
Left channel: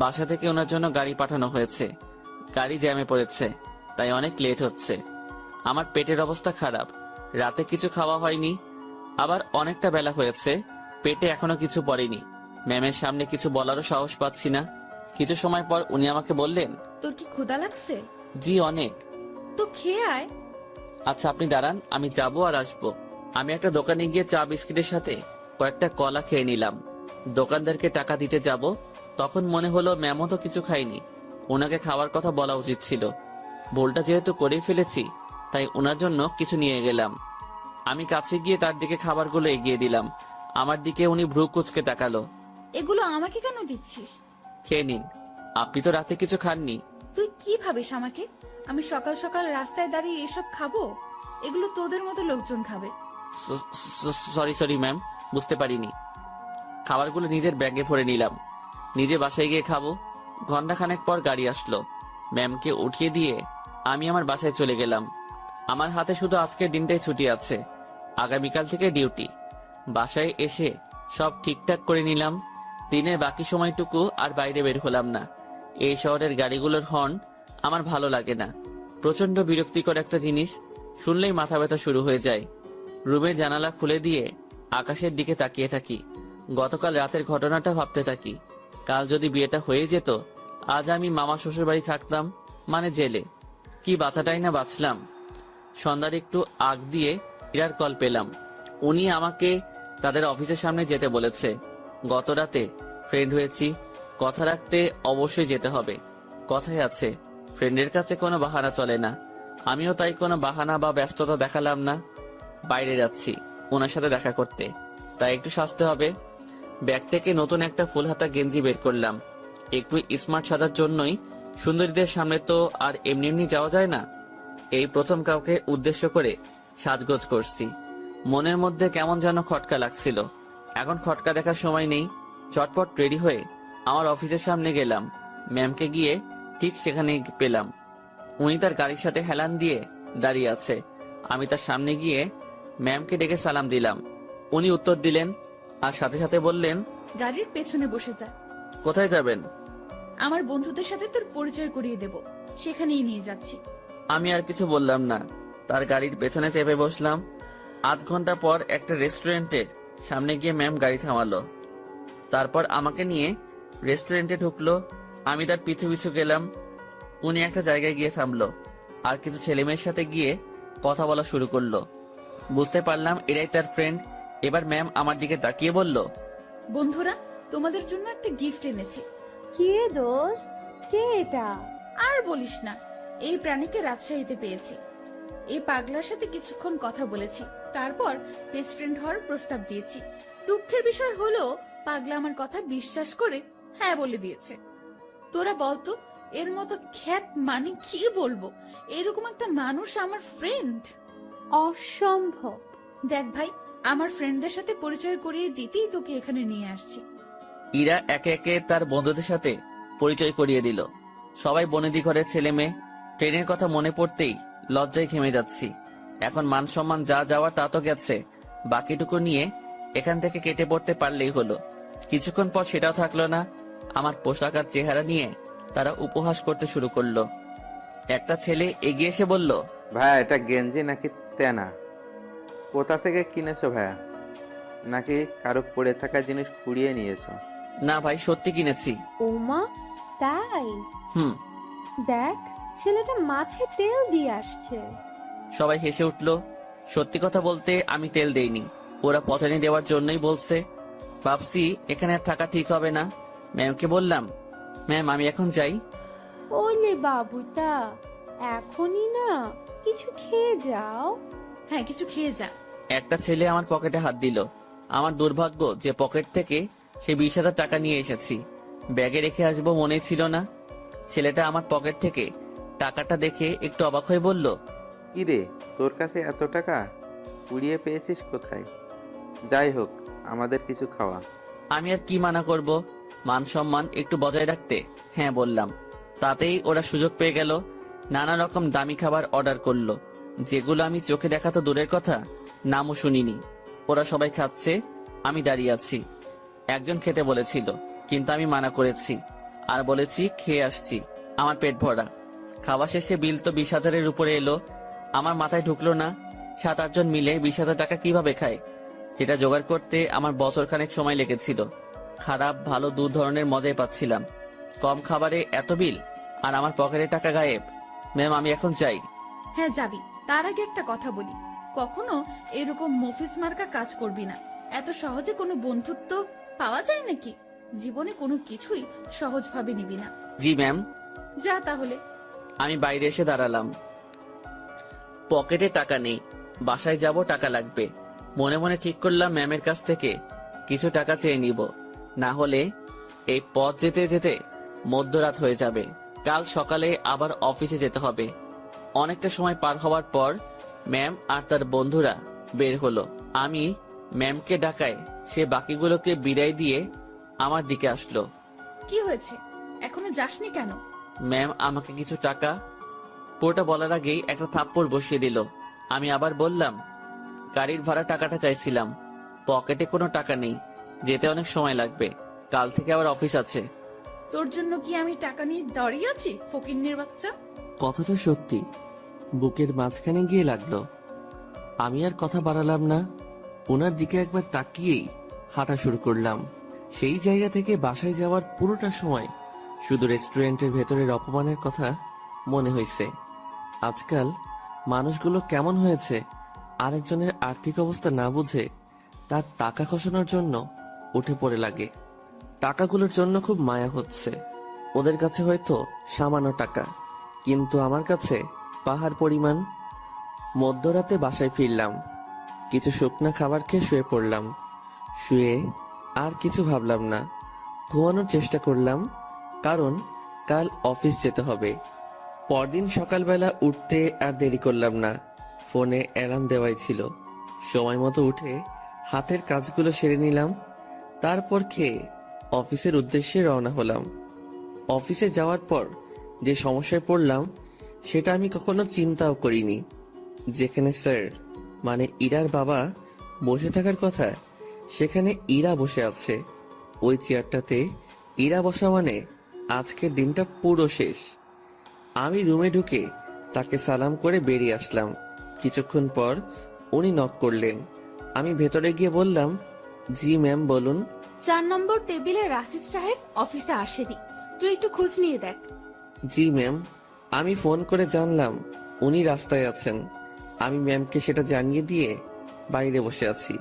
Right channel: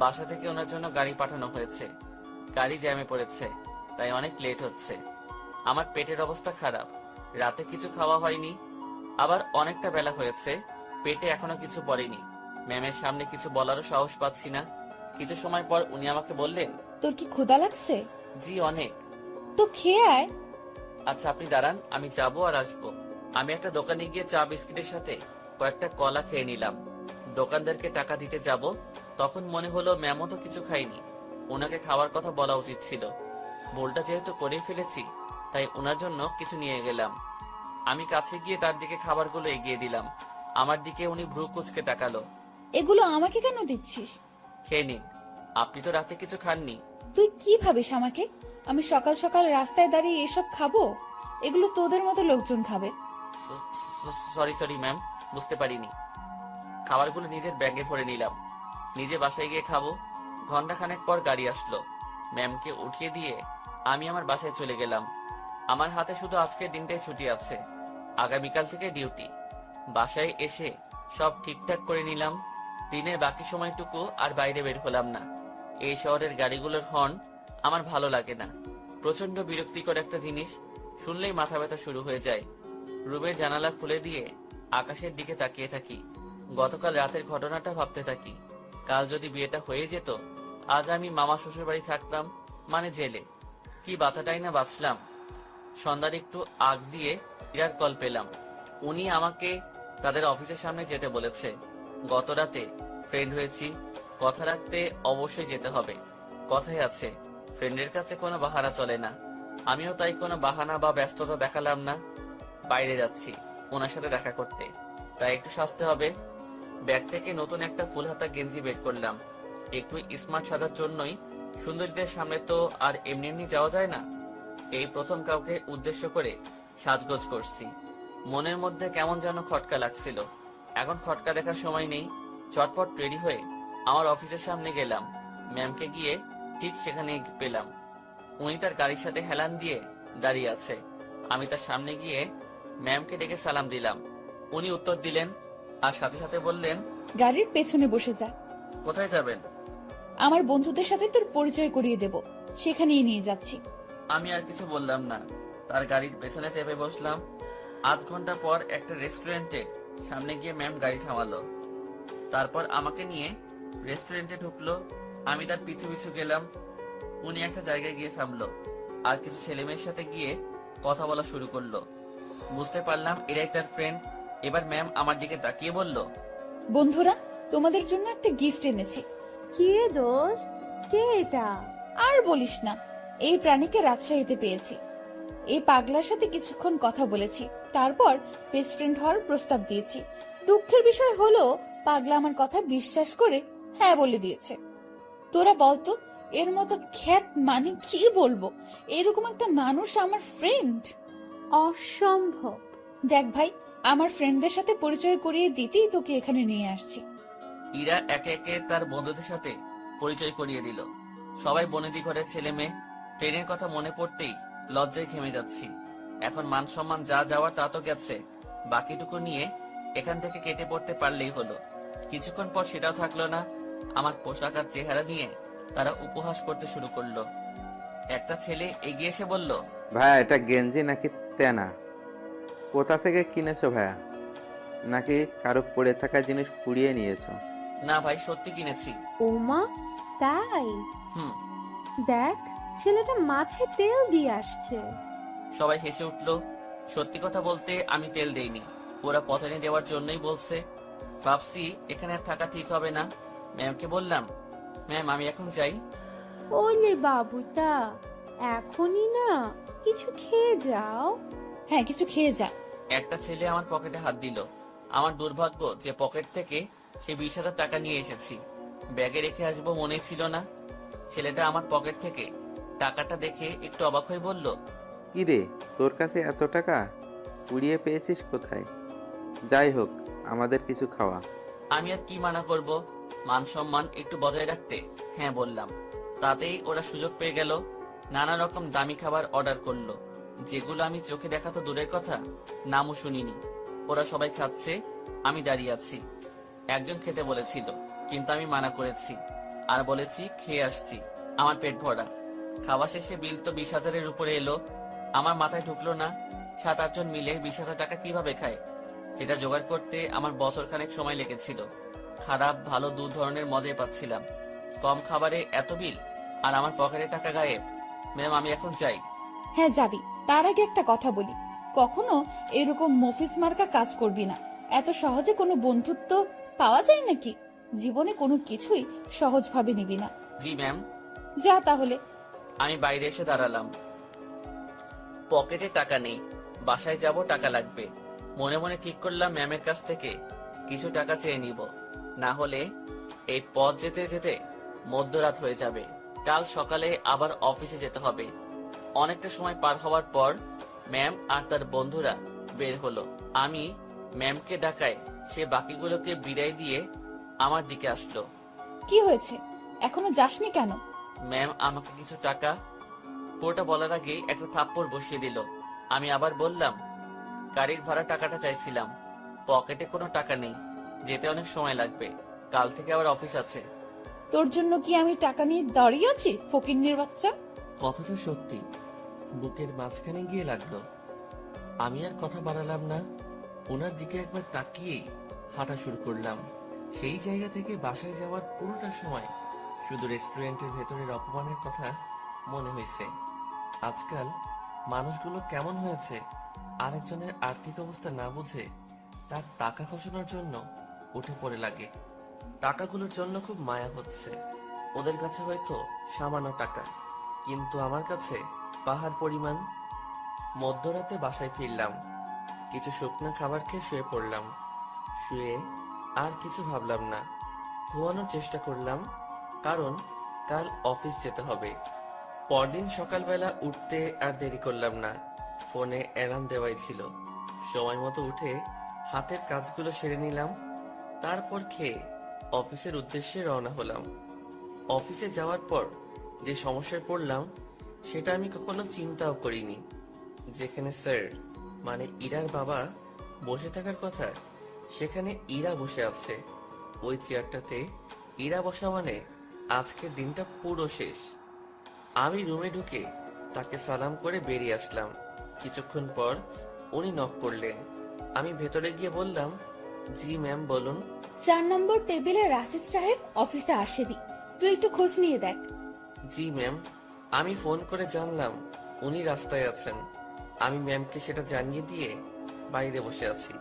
বাসা থেকে ওনার জন্য গাড়ি পাঠানো হয়েছে। গাড়ি জ্যামে পড়েছে, তাই অনেক লেট হচ্ছে। আমার পেটের অবস্থা খারাপ, রাতে কিছু খাওয়া হয়নি, আবার অনেকটা বেলা হয়েছে, পেটে এখনো কিছু পড়েনি। ম্যামের সামনে কিছু বলারও সাহস পাচ্ছি না। কিছু সময় পর উনি আমাকে বললেন, তোর কি ক্ষুধা লাগছে? জি অনেক। তো খেয়ে আয়। আচ্ছা আপনি দাঁড়ান, আমি যাবো আর আসবো। আমি একটা দোকানে গিয়ে চা বিস্কিটের সাথে কয়েকটা কলা খেয়ে নিলাম। দোকানদারকে টাকা দিতে যাব, তখন মনে হলো ম্যামও তো কিছু খাইনি, ওনাকে খাওয়ার কথা বলা উচিত ছিল। ভুলটা যেহেতু করেই ফেলেছি, তাই ওনার জন্য কিছু নিয়ে গেলাম। আমি কাছে গিয়ে তার দিকে খাবারগুলো এগিয়ে দিলাম। আমার দিকে উনি ভ্রু কুঁচকে তাকালো। এগুলো আমাকে কেন দিচ্ছিস? খেয়ে নিন, আপনি তো রাতে কিছু খাননি। তুই কি ভাবিস আমাকে? আমি সকাল সকাল রাস্তায় দাঁড়িয়ে এসব খাবো? এগুলো তোদের মতো লোকজন খাবে। সরি সরি ম্যাম, বুঝতে পারিনি। খাবারগুলো নিজের ব্যাগে ভরে নিলাম, নিজে বাসায় গিয়ে খাবো। ঘন্টাখানেক পর গাড়ি আসলো। ম্যামকে উঠিয়ে দিয়ে আমি আমার বাসায় চলে গেলাম। আমার হাতে শুধু আজকের দিনটাই ছুটি আছে, আগামীকাল থেকে ডিউটি। বাসায় এসে সব ঠিকঠাক করে নিলাম। দিনের বাকি সময়টুকু আর বাইরে বের হলাম না। এই শহরের গাড়িগুলোর হর্ন আমার ভালো লাগে না। প্রচন্ড বিরক্তিকর একটা জিনিস, শুনলেই মাথা ব্যথা শুরু হয়ে যায়। রুমের জানালা খুলে দিয়ে আকাশের দিকে তাকিয়ে থাকি। গতকাল রাতের ঘটনাটা ভাবতে থাকি। কাল যদি বিয়েটা হয়ে যেত, আজ আমি মামা শ্বশুর বাড়ি থাকতাম, মানে জেলে। কি বাঁচাটাই না বাঁচলাম। সন্ধ্যার একটু আগ দিয়ে ইরার কল পেলাম। উনি আমাকে তাদের অফিসের সামনে যেতে বলেছে। গত রাতে ফ্রেন্ড হয়েছি, কথা রাখতে অবশ্যই যেতে হবে। কথাই আছে, ফ্রেন্ডের কাছে কোনো বাহানা চলে না। আমিও তাই কোনো বাহানা বা ব্যস্ততা দেখালাম না। বাইরে যাচ্ছি ওনার সাথে দেখা করতে, তাই একটু সাজতে হবে। ব্যাগ থেকে নতুন একটা ফুল হাতা গেঞ্জি বের করলাম। একটু স্মার্ট সাজার জন্যই। সুন্দরীদের সামনে তো আর এমনি এমনি যাওয়া যায় না। এই প্রথম কাউকে উদ্দেশ্য করে সাজগোজ করছি। মনের মধ্যে কেমন যেন খটকা লাগছিল। এখন খটকা দেখার সময় নেই। চটপট রেডি হয়ে আমার অফিসের সামনে গেলাম। ম্যামকে গিয়ে ঠিক সেখানে পেলাম। উনি তার গাড়ির সাথে হেলান দিয়ে দাঁড়িয়ে আছে। আমি তার সামনে গিয়ে ম্যামকে ডেকে সালাম দিলাম। উনি উত্তর দিলেন আর সাথে সাথে বললেন, গাড়ির পেছনে বসে যা। কোথায় যাবেন? আমার বন্ধুদের সাথে তোর পরিচয় করিয়ে দেব, সেখানেই নিয়ে যাচ্ছি। আমি আর কিছু বললাম না, তার গাড়ির পেছনে চেপে বসলাম। আধ ঘন্টা পর একটা রেস্টুরেন্টের সামনে গিয়ে ম্যাম গাড়ি থামালো। তারপর আমাকে নিয়ে রেস্টুরেন্টে ঢুকলো। আমি তার পিছু পিছু গেলাম। উনি একটা জায়গায় গিয়ে থামলো আর কিছু ছেলেমেয়ের সাথে গিয়ে কথা বলা শুরু করলো। বুঝতে পারলাম এরাই তার ফ্রেন্ড। এবার ম্যাম আমার দিকে তাকিয়ে বলল, বন্ধুরা, তোমাদের জন্য একটা গিফট এনেছি। কি রে দোস্ত, কে এটা? আর বলিস না, এই প্রাণীকে রাজশাহীতে পেয়েছি। এই পাগলার সাথে কিছুক্ষণ কথা বলেছি, তারপর বেস্ট ফ্রেন্ড হওয়ার প্রস্তাব দিয়েছি। দুঃখের বিষয় হলো পাগলা আমার কথা বিশ্বাস করে হ্যাঁ বলে দিয়েছে। তোরা বলতো, এর মতো খ্যাত মানে কি বলবো, এরকম একটা মানুষ আমার ফ্রেন্ড। অসম্ভব। দেখ ভাই, আমার ফ্রেন্ডদের সাথে পরিচয় করিয়ে দিতেই তোকে এখানে নিয়ে আসছি। ইরা একে একে তার বন্ধুদের সাথে পরিচয় করিয়ে দিল। সবাই বনেদি ঘরের ছেলে মেয়ে। ট্রেনের কথা মনে পড়তেই লজ্জায় ঘেমে যাচ্ছি। এখন মান সম্মান যা যাওয়ার তা তো গেছে, বাকিটুকু নিয়ে এখান থেকে কেটে পড়তে পারলেই হলো। কিছুক্ষণ পর সেটাও থাকলো না। আমার পোশাক আর চেহারা নিয়ে তারা উপহাস করতে শুরু করলো। একটা ছেলে এগিয়ে এসে বলল, ভাইয়া এটা গেঞ্জি নাকি তেনা? কোথা থেকে কিনেছো ভাইয়া? নাকি কারো পড়ে থাকা জিনিস কুড়িয়ে নিয়েছো? না ভাই, সত্যি কিনেছি। ওমা, তাই? হুম। দেখ, ছেলেটা মাথায় তেল দিয়ে আসছে। সবাই হেসে উঠলো। সত্যি কথা বলতে আমি তেল দেইনি, ওরা পচানি দেওয়ার জন্যই বলছে। ভাবছি এখানে আর থাকা ঠিক হবে না। ম্যামকে বললাম, ম্যাম আমি এখন যাই। ওলে বাবুটা, এখনই না, কিছু খেয়ে যাও। হ্যাঁ, কিছু খেয়ে যা। একটা ছেলে আমার পকেটে হাত দিল। আমার দুর্ভাগ্য যে পকেট থেকে সে 20,000 টাকা নিয়ে এসেছি। ব্যাগে রেখে আসবো মনে ছিল না। ছেলেটা আমার পকেট থেকে টাকাটা দেখে একটু অবাক হয়ে বলল, কি রে, তোর কাছে এত টাকা কুড়িয়ে পেয়েছিস কোথায়? যাই হোক, আমাদের কিছু খাওয়া। আমি আর কি মানা করব, মান সম্মান একটু বজায় রাখতে হ্যাঁ বললাম। তাতেই ওরা সুযোগ পেয়ে গেল। নানা রকম দামি খাবার অর্ডার করলো, যেগুলো আমি চোখে দেখা তো দূরের কথা, নামও শুনিনি। ওরা সবাই খাচ্ছে, আমি দাঁড়িয়ে আছি। একজন খেতে বলেছিল, কিন্তু আমি মানা করেছি আর বলেছি খেয়ে আসছি, আমার পেট ভরা। খাওয়া শেষে বিল তো 20,000-এর উপরে এলো। আমার মাথায় ঢুকলো না 7-8 জন মিলে 20,000 টাকা কিভাবে খায়, যেটা জোগাড় করতে আমার বছরখানেক সময় লেগেছিল। খারাপ ভালো দু ধরনের মজাই পাচ্ছিলাম। কম খাবারে এত বিল আর আমার পকেটে টাকা গায়েব। ম্যাম আমি এখন যাই। হ্যাঁ যাবি, তার আগে একটা কথা বলি, কখনো এরকম মফিজ মার্কা কাজ করবি না। এত সহজে কোনো বন্ধুত্ব পাওয়া যায় নাকি? জীবনে কোনো কিছুই সহজভাবে নিবি না। জি ম্যাম। যা তাহলে। আমি বাইরে এসে দাঁড়ালাম। পকেটে টাকা নেই, বাসায় যাব, টাকা লাগবে। মনে মনে ঠিক করলাম ম্যামের কাছ থেকে কিছু টাকা চেয়ে নিব, না হলে এই পথ যেতে যেতে মধ্যরাত হয়ে যাবে। কাল সকালে আবার অফিসে যেতে হবে। অনেকটা সময় পার হওয়ার পর ম্যাম আর তার বন্ধুরা বের হলো। আমি ম্যামকে ডাকায় সে বাকিগুলোকে বিদায় দিয়ে আমার দিকে আসলো। কি হয়েছে, এখনো যাসনি কেন? ম্যাম আমাকে কিছু টাকা, পুরোটা বলার আগেই একটা থাপ্পড় বসিয়ে দিল। আমি আবার বললাম, গাড়ির ভাড়া টাকাটা চাইছিলাম, পকেটে কোনো টাকা নেই, যেতে অনেক সময় লাগবে, কাল থেকে আবার অফিস আছে। তোর জন্য কি আমি টাকা নিয়ে দাঁড়িয়ে আছি, ফকিন্নির বাচ্চা? কথাটা সত্যি বুকের মাঝখানে গিয়ে লাগলো। আমি আর কথা বাড়ালাম না, ওনার দিকে একবার তাকিয়েই হাঁটা শুরু করলাম। সেই জায়গা থেকে বাসায় যাওয়ার পুরোটা সময় শুধু রেস্টুরেন্টের ভেতরের অপমানের কথা মনে হয়েছে। আজকাল মানুষগুলো কেমন হয়েছে, আরেকজনের আর্থিক অবস্থা না বুঝে তার টাকা খসানোর জন্য উঠে পড়ে লাগে। টাকাগুলোর জন্য খুব মায়া হচ্ছে। ওদের কাছে হয়তো সামান্য টাকা, কিন্তু আমার কাছে পাহাড় পরিমাণ। মধ্যরাতে বাসায় ফিরলাম, কিছু শুকনা খাবার খেয়ে শুয়ে পড়লাম। শুয়ে আর কিছু ভাবলাম না, ঘুমানোর চেষ্টা করলাম, কারণ কাল অফিস যেতে হবে। পরদিন সকালবেলা উঠতে আর দেরি করলাম না, ফোনে অ্যালার্ম দেওয়াই ছিল। সময় মতো উঠে হাতের কাজগুলো সেরে নিলাম, তারপর খেয়ে অফিসের উদ্দেশ্যে রওনা হলাম। অফিসে যাওয়ার পর যে সমস্যায় পড়লাম সেটা আমি কখনো চিন্তাও করিনি। যেখানে স্যার মানে ইরার বাবা বসে থাকার কথা, সেখানে ইরা বসে আছে। ওই চেয়ারটাতে ইরা বসা মানে আজকের দিনটা পুরো শেষ। আমি রুমে ঢুকে তাকে সালাম করে বেরিয়ে আসলাম। কিছুক্ষণ পর উনি নক করলেন। আমি ভেতরে গিয়ে বললাম, জি ম্যাম বলুন। 4 নম্বর টেবিলে রাশিদ সাহেব অফিসে আসেনি, তুই একটু খোঁজ নিয়ে দেখ। জি ম্যাম। আমি ফোন করে জানলাম উনি রাস্তায় আছেন। আমি ম্যামকে সেটা জানিয়ে দিয়ে বাইরে বসে আছি।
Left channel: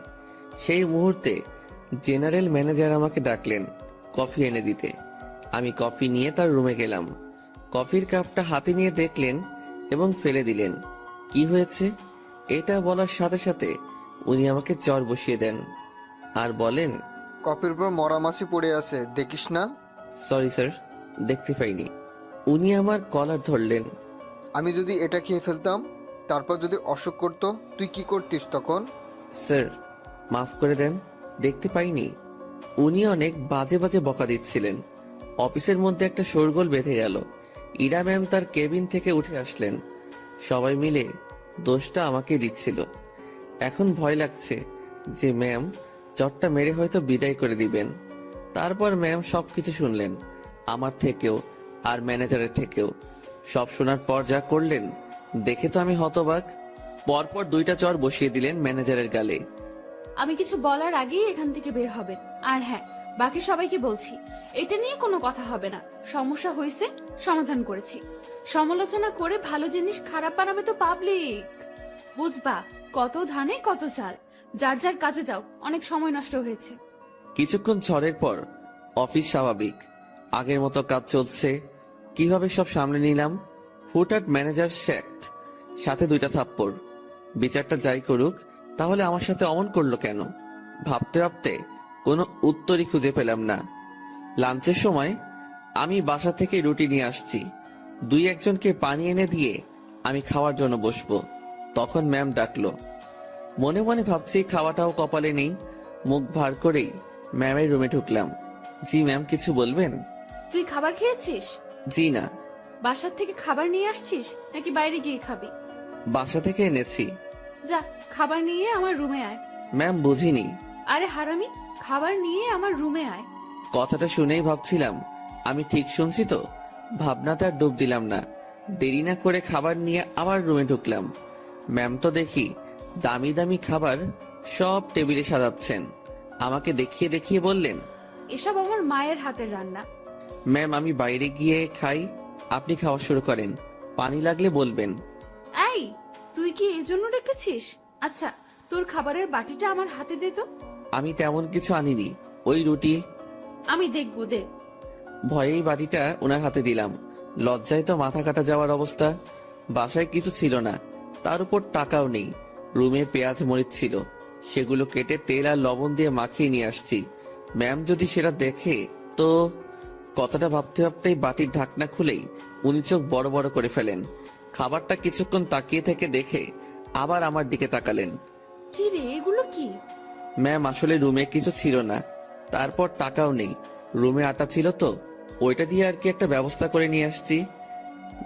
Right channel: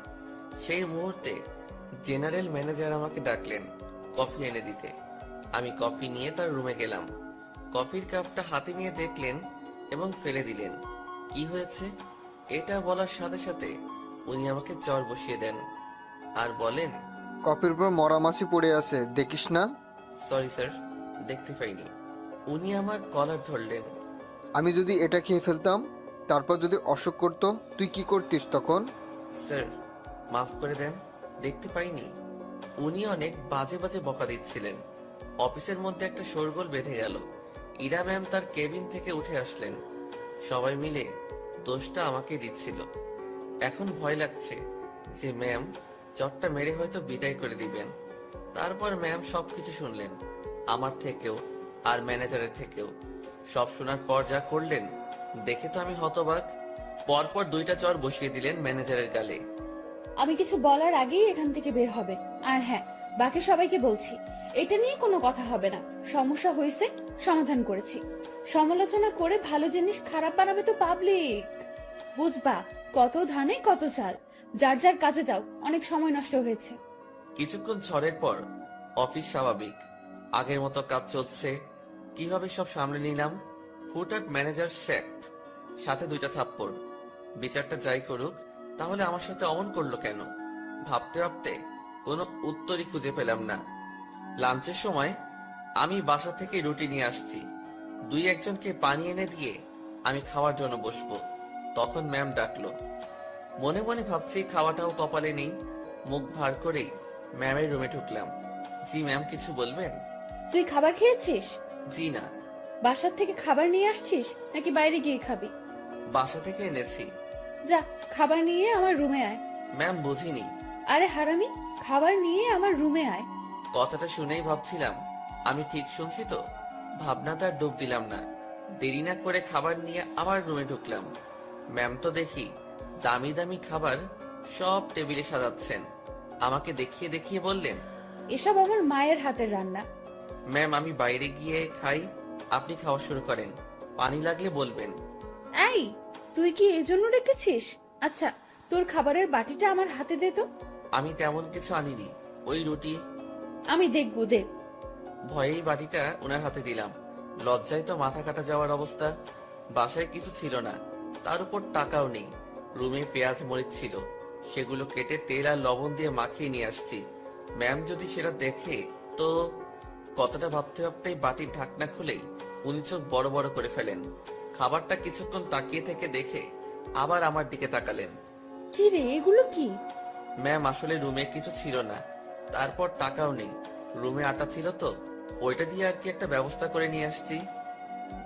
সেই মুহূর্তে জেনারেল ম্যানেজার আমাকে ডাকলেন কফি এনে দিতে। আমি কফি নিয়ে তার রুমে গেলাম। কফির কাপটা হাতে নিয়ে দেখলেন এবং ফেলে দিলেন। কি হয়েছে এটা বলার সাথে সাথে উনি আমাকে চড় বসিয়ে দেন আর বলেন, কফির উপর মরা মাছি পড়ে আছে, দেখিস না? সরি স্যার, দেখতে পাইনি। উনি আমার কলার ধরলেন। আমি যদি এটা খেয়ে ফেলতাম, তারপর যদি অসুখ করতো, তুই কি করতিস তখন? স্যার মাফ করে দেন, দেখতে পাইনি। উনি অনেক বাজে বাজে বকা দিচ্ছিলেন। অফিসের মধ্যে একটা শোরগোল বেঁধে গেল। ইরা ম্যাম তার কেবিন থেকে উঠে আসলেন। সবাই মিলে দোষটা আমাকে দিচ্ছিল। এখন ভয় লাগছে যে ম্যাম চটটা মেরে হয়তো বিদায় করে দিবেন। তারপর ম্যাম সবকিছু শুনলেন, আমার থেকেও আর ম্যানেজারের থেকেও। সব শোনার পর যা করলেন দেখে তো আমি হতবাক। পরপর 2টা চড় বসিয়ে দিলেন ম্যানেজারের গালে। আমি কিছু বলার আগেই এখান থেকে বের হবে। আর হ্যাঁ, বাকি সবাইকে বলছি, এটা নিয়ে কোনো কথা হবে না। সমস্যা হয়েছে, সমাধান করেছি। সমালোচনা করে ভালো জিনিস খারাপ বানাবে তো পাবলিক, বুঝবা? কত ধানে কত চাল, যার যার কাজে যাও, অনেক সময় নষ্ট হয়েছে। কিছুক্ষণ ঝড়ের পর অফিস স্বাভাবিক, আগের মতো কাজ চলছে। কিভাবে সব সামলে নিলাম। হুটহাট ম্যানেজার শেখত, সাথে 2টা থাপ্পড়। বিচারটা যাই করুক, তাহলে আমার সাথে অমন করলো কেন? ভাবতে ভাবতে কোনো উত্তরই খুঁজে পেলাম না। লাঞ্চের সময় আমি বাসা থেকে রুটি নিয়ে আসছি। 2-1জনকে পানি এনে দিয়ে আমি খাওয়ার জন্য বসবো। তখন ম্যাম ডাকলো। মনে মনে ভাবছি খাওয়াটাও কপালে নেই। মুখ ভার করেই ম্যামের রুমে ঢুকলাম। জি ম্যাম, কিছু বলবেন? তুই খাবার খেয়েছিস? জি না। বাসার থেকে খাবার নিয়ে আসছিস নাকি বাইরে গিয়ে খাবি? বাসা থেকে এনেছি। যা, খাবার নিয়ে আমার রুমে আয়। ম্যাম বুঝিনি। আরে হারামি, খাবার নিয়ে আমার রুমে আয়। কথাটা শুনেই ভাবছিলাম আমি ঠিক শুনছি তো। ভাবনাতে আর ডুব দিলাম না। দেরি না করে খাবার নিয়ে আবার রুমে ঢুকলাম। ম্যাম তো দেখি দামি দামি খাবার সব টেবিলে সাজাচ্ছেন। আমাকে দেখিয়ে দেখিয়ে বললেন, এসব আমার মায়ের হাতের রান্না। ম্যাম আমি বাইরে গিয়ে খাই, আপনি খাওয়া শুরু করেন, পানি লাগলে বলবেন। এই, তুই কি এজন্য রেখেছিস? আচ্ছা, তোর খাবারের বাটিটা আমার হাতে দে তো। আমি তেমন কিছু আনিনি, ওই রুটি। আমি দেখবো, দে। ভয়েই বাটিটা ওনার হাতে দিলাম। লজ্জায় তো মাথা কাটা যাওয়ার অবস্থা। বাসায় কিছু ছিল না, তার উপর টাকাও নেই। রুমে পেঁয়াজ মরিচ ছিল, সেগুলো কেটে তেল আর লবণ দিয়ে মাখিয়ে নিয়ে আসছি। ম্যাম যদি সেটা দেখে তো। কথাটা ভাবতে ভাবতেই বাটির ঢাকনা খুলেই উনি চোখ বড় বড় করে ফেলেন। খাবারটা কিছুক্ষণ তাকিয়ে থেকে দেখে আবার আমার দিকে তাকালেন। কি রে, এগুলো কি? ম্যাম আসলে রুমে কিছু ছিল না, তারপর টাকাও নেই। রুমে আটা ছিল তো, ওইটা দিয়ে আর কি একটা ব্যবস্থা করে নিয়ে আসছি।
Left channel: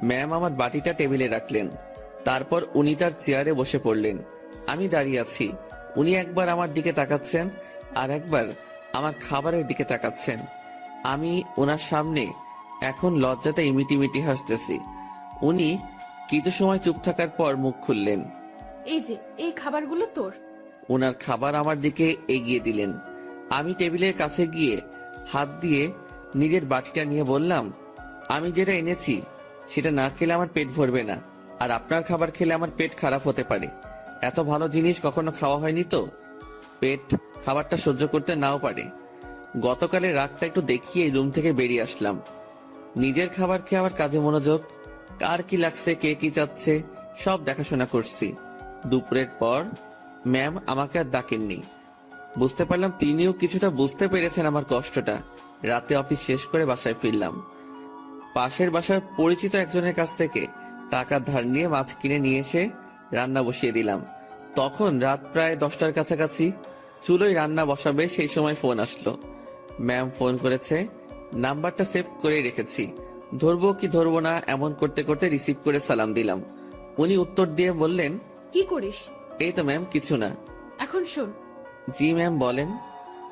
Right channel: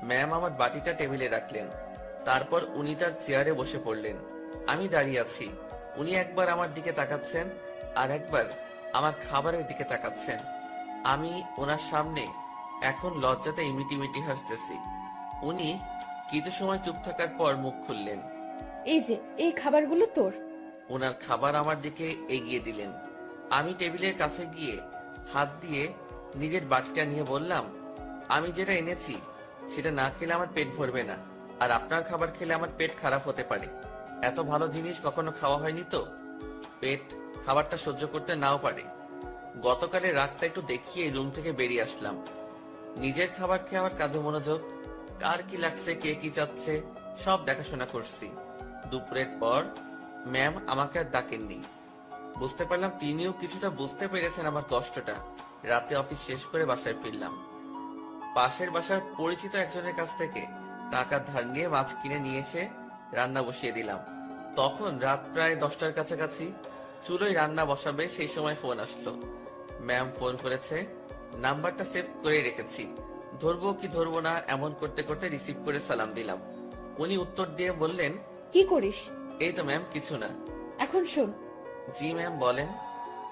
ম্যাম আমার বাটিটা টেবিলে রাখলেন, তারপর উনি তার চেয়ারে বসে পড়লেন। আমি দাঁড়িয়ে আছি। উনি একবার আমার দিকে তাকাচ্ছেন আর একবার আমার খাবারের দিকে তাকাচ্ছেন। আমি ওনার সামনে এখন লজ্জাতে ইমিটিমিটি হাসতেছি। উনি কিছু সময় চুপ থাকার পর মুখ খুললেন। এই যে, এই খাবারগুলো তোর। ওনার খাবার আমার দিকে এগিয়ে দিলেন। আমি টেবিলের কাছে গিয়ে হাত দিয়ে নিজের বাটিটা নিয়ে বললাম, আমি যেটা এনেছি সেটা না খেলে আমার পেট ভরবে না, আর আপনার খাবার খেলে আমার পেট খারাপ হতে পারে। এত ভালো জিনিস কখনো খাওয়া হয়নি তো, পেট খাবারটা সহ্য করতে নাও পারে। গতকালের রাতটা একটু দেখিয়ে রুম থেকে বেরিয়ে আসলাম। নিজের খাবার খেয়ে আমার কাজে মনোযোগ। কার কি লাগছে, কে কি চাচ্ছে, সব দেখাশোনা করছি। দুপুরের পর ম্যাম আমাকে আর ডাকেননি। বুঝতে পারলাম তিনিও কিছুটা বুঝতে পেরেছেন আমার কষ্টটা। রাতে অফিস শেষ করে বাসায় ফিরলাম। পাশের বাসার পরিচিত একজনের কাছ থেকে টাকা ধার নিয়ে মাছ কিনে নিয়ে এসে রান্না বসিয়ে দিলাম। তখন রাত প্রায় 10টার কাছাকাছি। চুলোয় রান্না বসাবে সেই সময় ফোন আসলো। ম্যাম ফোন করেছে, নাম্বারটা সেভ করে রেখেছি। ধরবো কি ধরবো না এমন করতে করতে রিসিভ করে সালাম দিলাম। উনি উত্তর দিয়ে বললেন, কি করিস? এই তো ম্যাম, কিছু না। এখন শোন, জি ম্যাম, বলেন।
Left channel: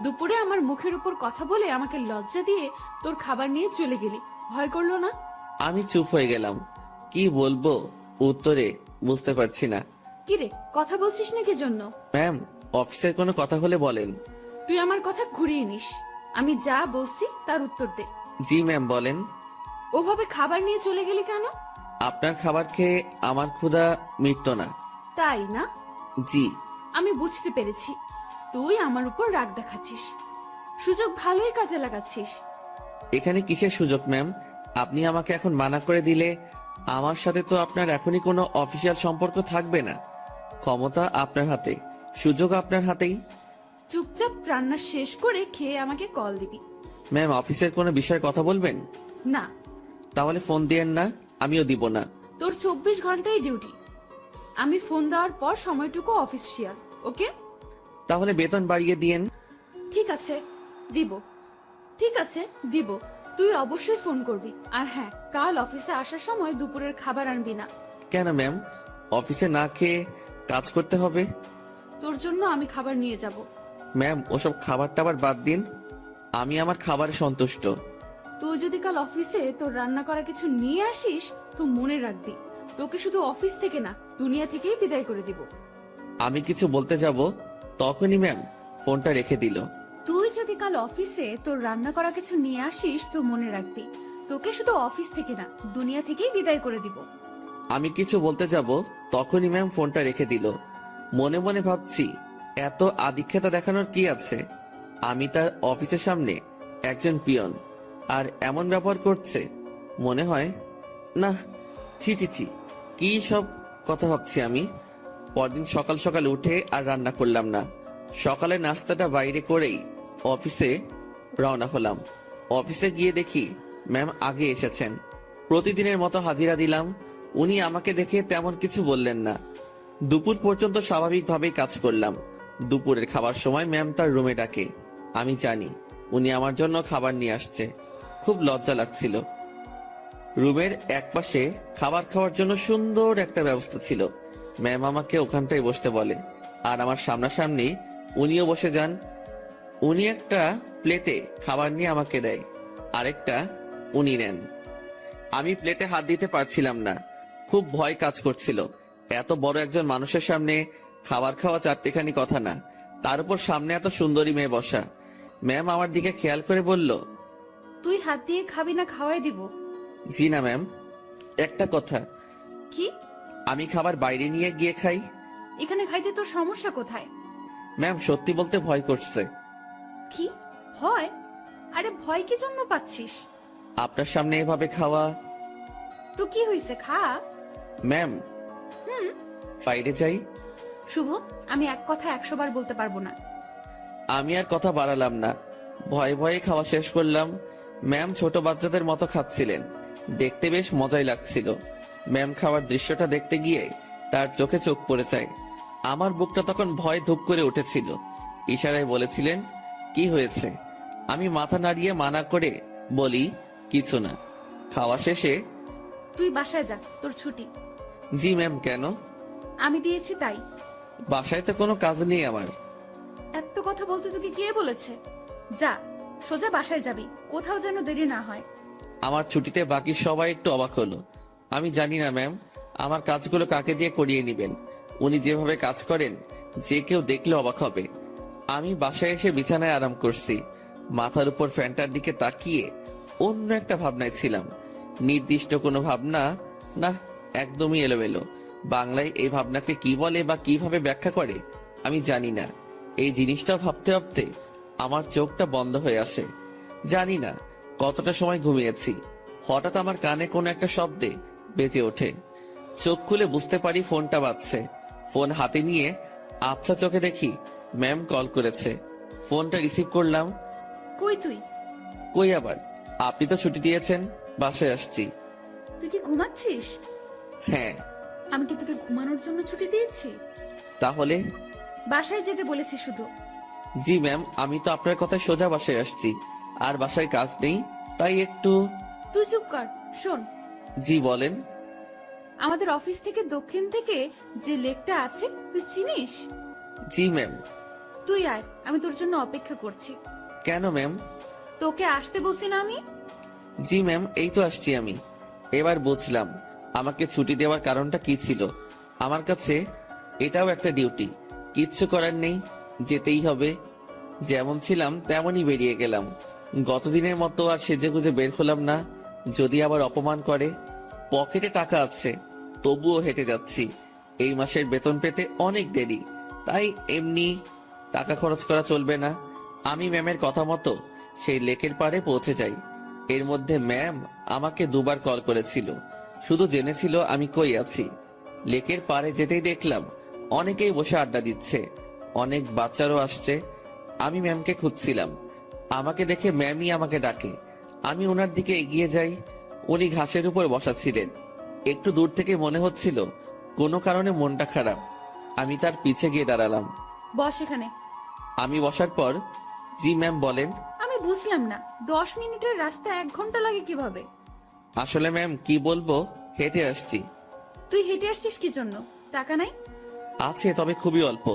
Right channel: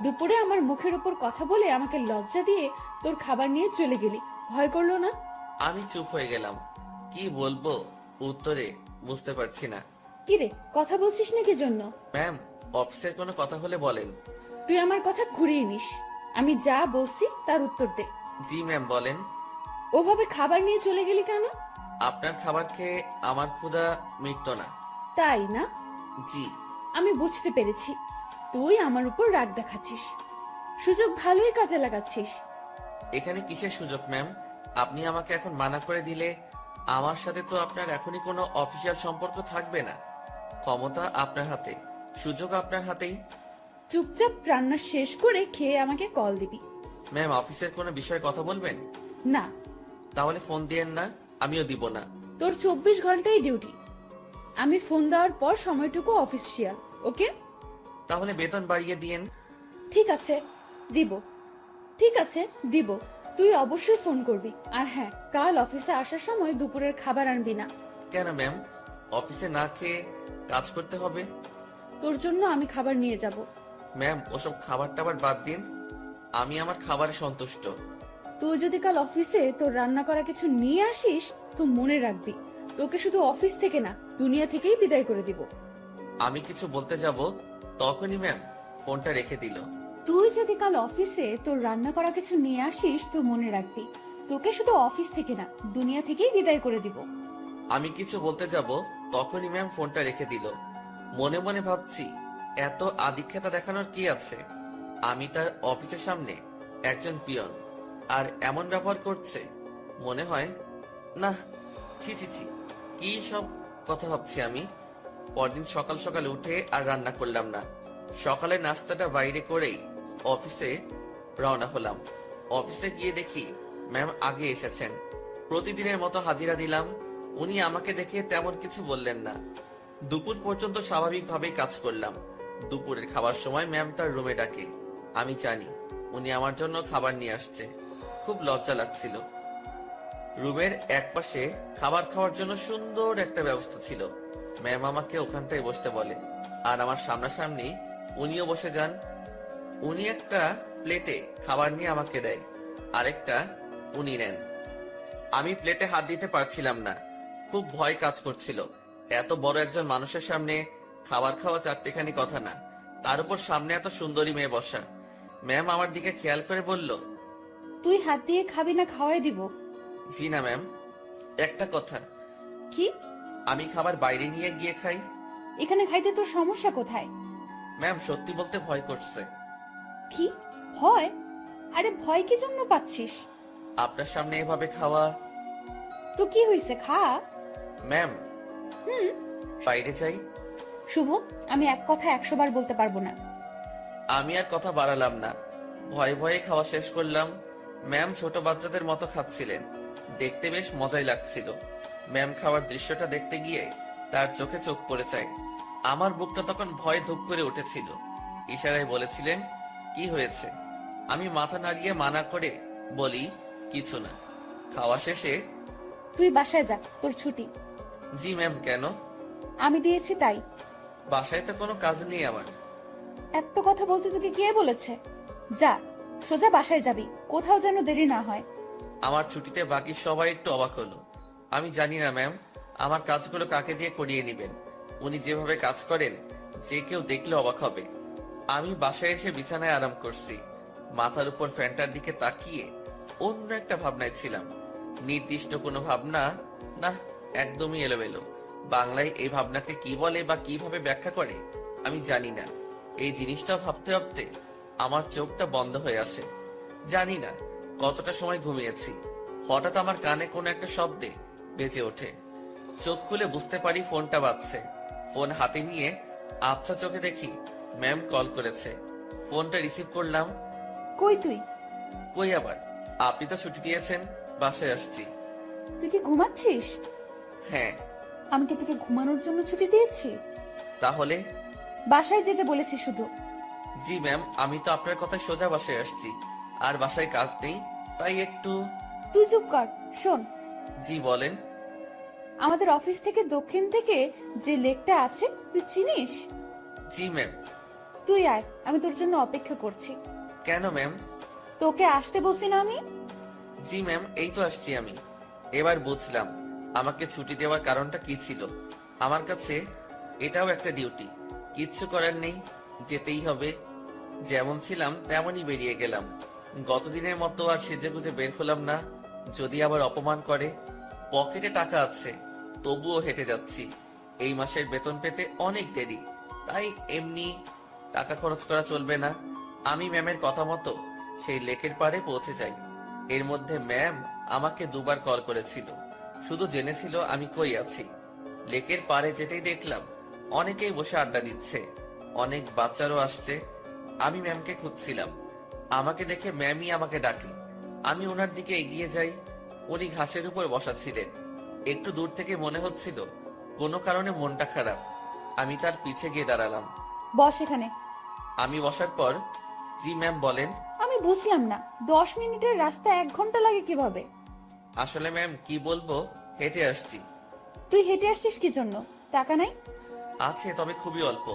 দুপুরে আমার মুখের উপর কথা বলে আমাকে লজ্জা দিয়ে তোর খাবার নিয়ে চলে গেলি, ভয় করলো না? আমি চুপ হয়ে গেলাম। কি বলবো উত্তরে বুঝতে পারছি না। কি রে, কথা বলছিস না কি জন্য? ম্যাম, অফিসের কোনো কথা হলে বলেন। তুই আমার কথা ঘুরিয়ে নিস। আমি যা বলছি তার উত্তর দে। জি ম্যাম, বলেন। ওভাবে খাবার নিয়ে চলে গেলি কেন? আপনার খাবার খেয়ে আমার ক্ষুধা মিটত না। তাই না? জি। আমি বুঝতে পেরেছি, তুই আমার উপর রাগ দেখাচ্ছিস। সুযোগ ভালোই কাজে লাগাচ্ছিস। এখানে কিসের সুযোগ ম্যাম? আপনি আমাকে এখন মানা করে দিলে আমার সাথে তো আপনার এখনই কোনো অফিসিয়াল সম্পর্ক থাকবে না। ক্ষমতা আপনার হাতে, সুযোগ আপনার হাতেই। চুপচাপ রান্না শেষ করে খেয়ে আমাকে কল দিবি। ম্যাম, অফিসের কোনো বিষয়ে কথা বলবেন? না, তাহলে ফোন দিয়েন না, আমিও দিব না। তোর 24 ঘন্টাই ডিউটি। আমি ফোন দেওয়ার পর সময়টুকু অফিসিয়াল, ওকে? তাহলে বেতন বাড়িয়ে দিয়েন। ঠিক আছে, দিব। ঠিক আছে, দিব। তুই অবশ্যই ফোন করবি। আর হ্যাঁ, কাল অফিসে আসার সময় দুপুরের খাবার আনবি না। কেন ম্যাম? অফিসে না খেয়ে কাজ করতে হবে? তোর জন্য আমি খাবার নিয়ে যাব। ম্যাম, ওসব খাবার টাবার বাদ দিন, আমি আমার খাবারে সন্তুষ্ট। তুই যদি কাল অফিসে তোর রান্না করা কিছু নিয়ে আসিস তো মনে রাখবি, তোকে শুধু অফিস থেকে না, দুনিয়া থেকেই বিদায় করে দিব। আমি কিছু বলতে যাব তখনই ম্যাম ফোনটা রেখে দিল। তুই যদি কাল অফিসে তোর রান্না করা কিছু নিয়ে আসিস তো মনে রাখবি, তোকে শুধু অফিস থেকে না, দুনিয়া থেকেই বিদায় করে দিব। আমি কিছু বলতে যাব তখনই ম্যাম ফোনটা রেখে দিল। মনে মনে ভাবছি, এত আদিক্ষেতা দেখানোর কি আছে? আমি তার অফিসের সামনে একজন পিয়ন, আর এমন ব্যবহার করছে। মনে হয় না, ছি ছি ছি, কি সব কথা ভাবছি আমি। পরদিন সকাল সকাল উঠে আর রান্না করলাম না। সকালে নাস্তাটা বাইরে করেই অফিসে রওনা হলাম। অফিসে গিয়ে দেখি ম্যাম আগে এসেছেন। প্রতিদিনের মতো হাজিরা দিলাম। উনি আমাকে দেখে তেমন কিছু বললেন না। দুপুর পর্যন্ত স্বাভাবিকভাবেই কাজ করলাম। দুপুরের খাবার সময় ম্যাম তার রুমে ডাকে। আমি জানি উনি আমার জন্য খাবার নিয়ে আসছে। খুব লজ্জা লাগছিল। রুমের একপাশে খাবার খাওয়ার জন্য সুন্দর একটা ব্যবস্থা ছিল। ম্যাম আমাকে ওখানটায় বসতে বলে, আর আমার সামনাসামনি উনিও বসে যান। উনি একটা প্লেটে খাবার নিয়ে আমাকে দেয়, আরেকটা উনি নেন। আমি প্লেটে হাত দিতে পারছিলাম না, খুব ভয় কাজ করছিল। এত বড় একজন মানুষের সামনে খাবার খাওয়া চারটেখানি কথা না, তার উপর সামনে এত সুন্দরী মেয়ে বসা। ম্যাম আমার দিকে খেয়াল করে বলল, তুই হাত দিয়ে খাবি না খাওয়াই দিব? জি না ম্যাম। একটা কথা, কি? আমি খাবার বাইরে নিয়ে গিয়ে খাই। এখানে খাইতে তোর সমস্যা কোথায়? ম্যাম সত্যি বলতে ভয় করছে। কি ভয়? আরে ভয় কি জন্য পাচ্ছিস? আপনার সামনে এভাবে খাওয়া। তো কি হয়েছে, খা। ম্যাম বাইরে যাই। শুভ, আমি এক কথা 100 বার বলতে পারবো না। আমি আর কথা বাড়ালাম না, ভয়ে ভয়ে খাওয়া শেষ করলাম। ম্যাম ছোট বাচ্চাদের মতো খাচ্ছিলেন, দেখতে বেশ মজাই লাগছিল। ম্যাম খাওয়ার দৃশ্যটা দেখতে গিয়ে তার চোখে চোখ পড়ে যায়। আমার বুকটা তখন ভয়ে ধুপ করে উঠেছিল। ইশারায় বলেছিলেন, কি হয়েছে? আমি মাথা নাড়িয়ে মানা করে বলি, কিছু না। খাওয়া শেষে, তুই বাসায় যা, তোর ছুটি। জি ম্যাম। কেন? আমি দিয়েছি তাই। বাসায় তো কোনো কাজ নেই আমার। এত কথা বলতে তোকে কে বলেছে? যা, সোজা বাসায় যাবি, কোথাও যেন দেরি না হয়। আমার ছুটিতে বাকি সবাই একটু অবাক হলো। আমি জানি না ম্যাম, আমার কাজগুলো কাকে দিয়ে করিয়ে নেবেন। উনি যেভাবে কাজ করেন, যে কেউ দেখলে অবাক হবে। আমি বাসায় এসে বিছানায় আরাম করছি, মাথার উপর ফ্যানটার দিকে তাকিয়ে অন্য একটা ভাবনায় ছিলাম। নির্দিষ্ট কোনো ভাবনা না, একদমই এলোমেলো। বাংলায় এই ভাবনাকে কি বলে বা কিভাবে ব্যাখ্যা করে আমি জানি না। এই জিনিসটা ভাবতে ভাবতে আমার চোখটা বন্ধ হয়ে আসে। জানি না কতটা সময় ঘুমিয়েছি। হঠাৎ আমার কানে কোনো একটা শব্দে বেজে ওঠে। চোখ খুলে বুঝতে পারি ফোনটা বাজছে। ফোন হাতে নিয়ে আবছা চোখে দেখি ম্যাম কল করেছে। ফোনটা রিসিভ করলাম। কই তুই? কই আবার, আপনি তো ছুটি দিয়েছেন, বাসায় আসছি। তুই কি ঘুমাচ্ছিস? হ্যাঁ। আমি কি তোকে ঘুমানোর জন্য ছুটি দিয়েছি? তাহলে? বাসায় যেতে বলেছি শুধু। জি ম্যাম, আমি তো আপনার কথা সোজা বাসায় আসছি, আর বাসায় কাজ নেই, তাই একটু। তুই চুপ কর, শোন। জি বলেন। আমাদের অফিস থেকে দক্ষিণ থেকে যে লেকটা আছে তুই চিনিস? জি ম্যাম। তুই আয়, আমি তোর জন্য অপেক্ষা করছি। কেন ম্যাম? তোকে আসতে বলছি না আমি? জি ম্যাম, এই তো আসছি আমি। এবার বুঝলাম আমাকে ছুটি দেওয়ার কারণটা কি ছিল। আমার কাছে এটাও একটা ডিউটি, কিচ্ছু করার নেই, যেতেই হবে। যেমন ছিলাম তেমনই বেরিয়ে গেলাম। গতদিনের মতো আর সেজেগুজে বের হলাম না, যদি আবার অপমান করে। পকেটে টাকা আছে, তবুও হেঁটে যাচ্ছি। এই মাসের বেতন পেতে অনেক দেরি, তাই এমনি টাকা খরচ করা চলবে না। আমি ম্যামের কথা মতো সেই লেকের পাড়ে পৌঁছে যাই। এর মধ্যে ম্যাম আমাকে 2বার কল করেছিল, শুধু জেনেছিল আমি কই আছি। লেকের পাড়ে যেতেই দেখলাম অনেকেই বসে আড্ডা দিচ্ছে, অনেক বাচ্চারও আসছে। আমি ম্যামকে খুঁজছিলাম, আমাকে দেখে ম্যামই আমাকে ডাকে। আমি ওনার দিকে এগিয়ে যাই। উনি ঘাসের উপর বসা ছিলেন। একটু দূর থেকে মনে হচ্ছিল কোনো কারণে মনটা খারাপ। আমি তার পিছে গিয়ে দাঁড়ালাম। বস এখানে। আমি বসার পর, জি ম্যাম বলেন। আমি বুঝলাম না, 10 মিনিটের রাস্তা 1 ঘন্টা লাগে কিভাবে? আসলে ম্যাম কি বলবো, হেঁটে আসছি। তুই হেঁটে আসছিস কি জন্য? টাকা নাই? আছে, তবে খুবই অল্প।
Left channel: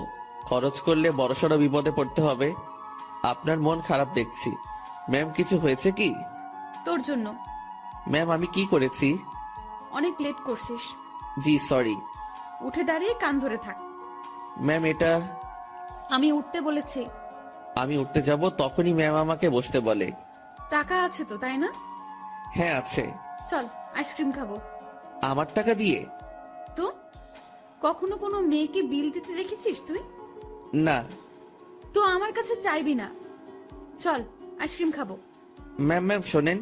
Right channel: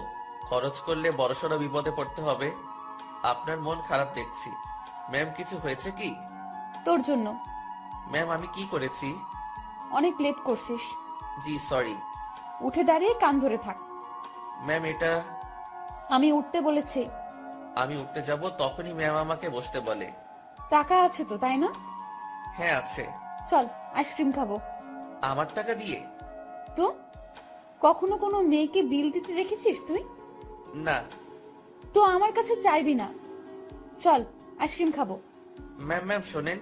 খরচ করলে বড়সড় বিপদে পড়তে হবে। আপনার মন খারাপ দেখছি। ম্যাম কিছু হয়েছে কি? তোর জন্য। ম্যাম আমি কি করেছি? অনেক লেট করছিস। জি সরি। উঠে দাঁড়িয়ে কান ধরে থাক। ম্যাম এটা। আমি উঠতে বলেছি। আমি উঠতে যাব তখনই ম্যাম আমাকে বসতে বলে। টাকা আছে তো, তাই না? হ্যাঁ আছে। চল আইসক্রিম খাবো। আমার টাকা দিয়ে? তো কখনো কোনো মেয়েকে বিল দিতে দেখেছিস তুই? না। তো আমার কাছে চাইবি না। চল আইসক্রিম খাবো। ম্যাম ম্যাম শোনেন,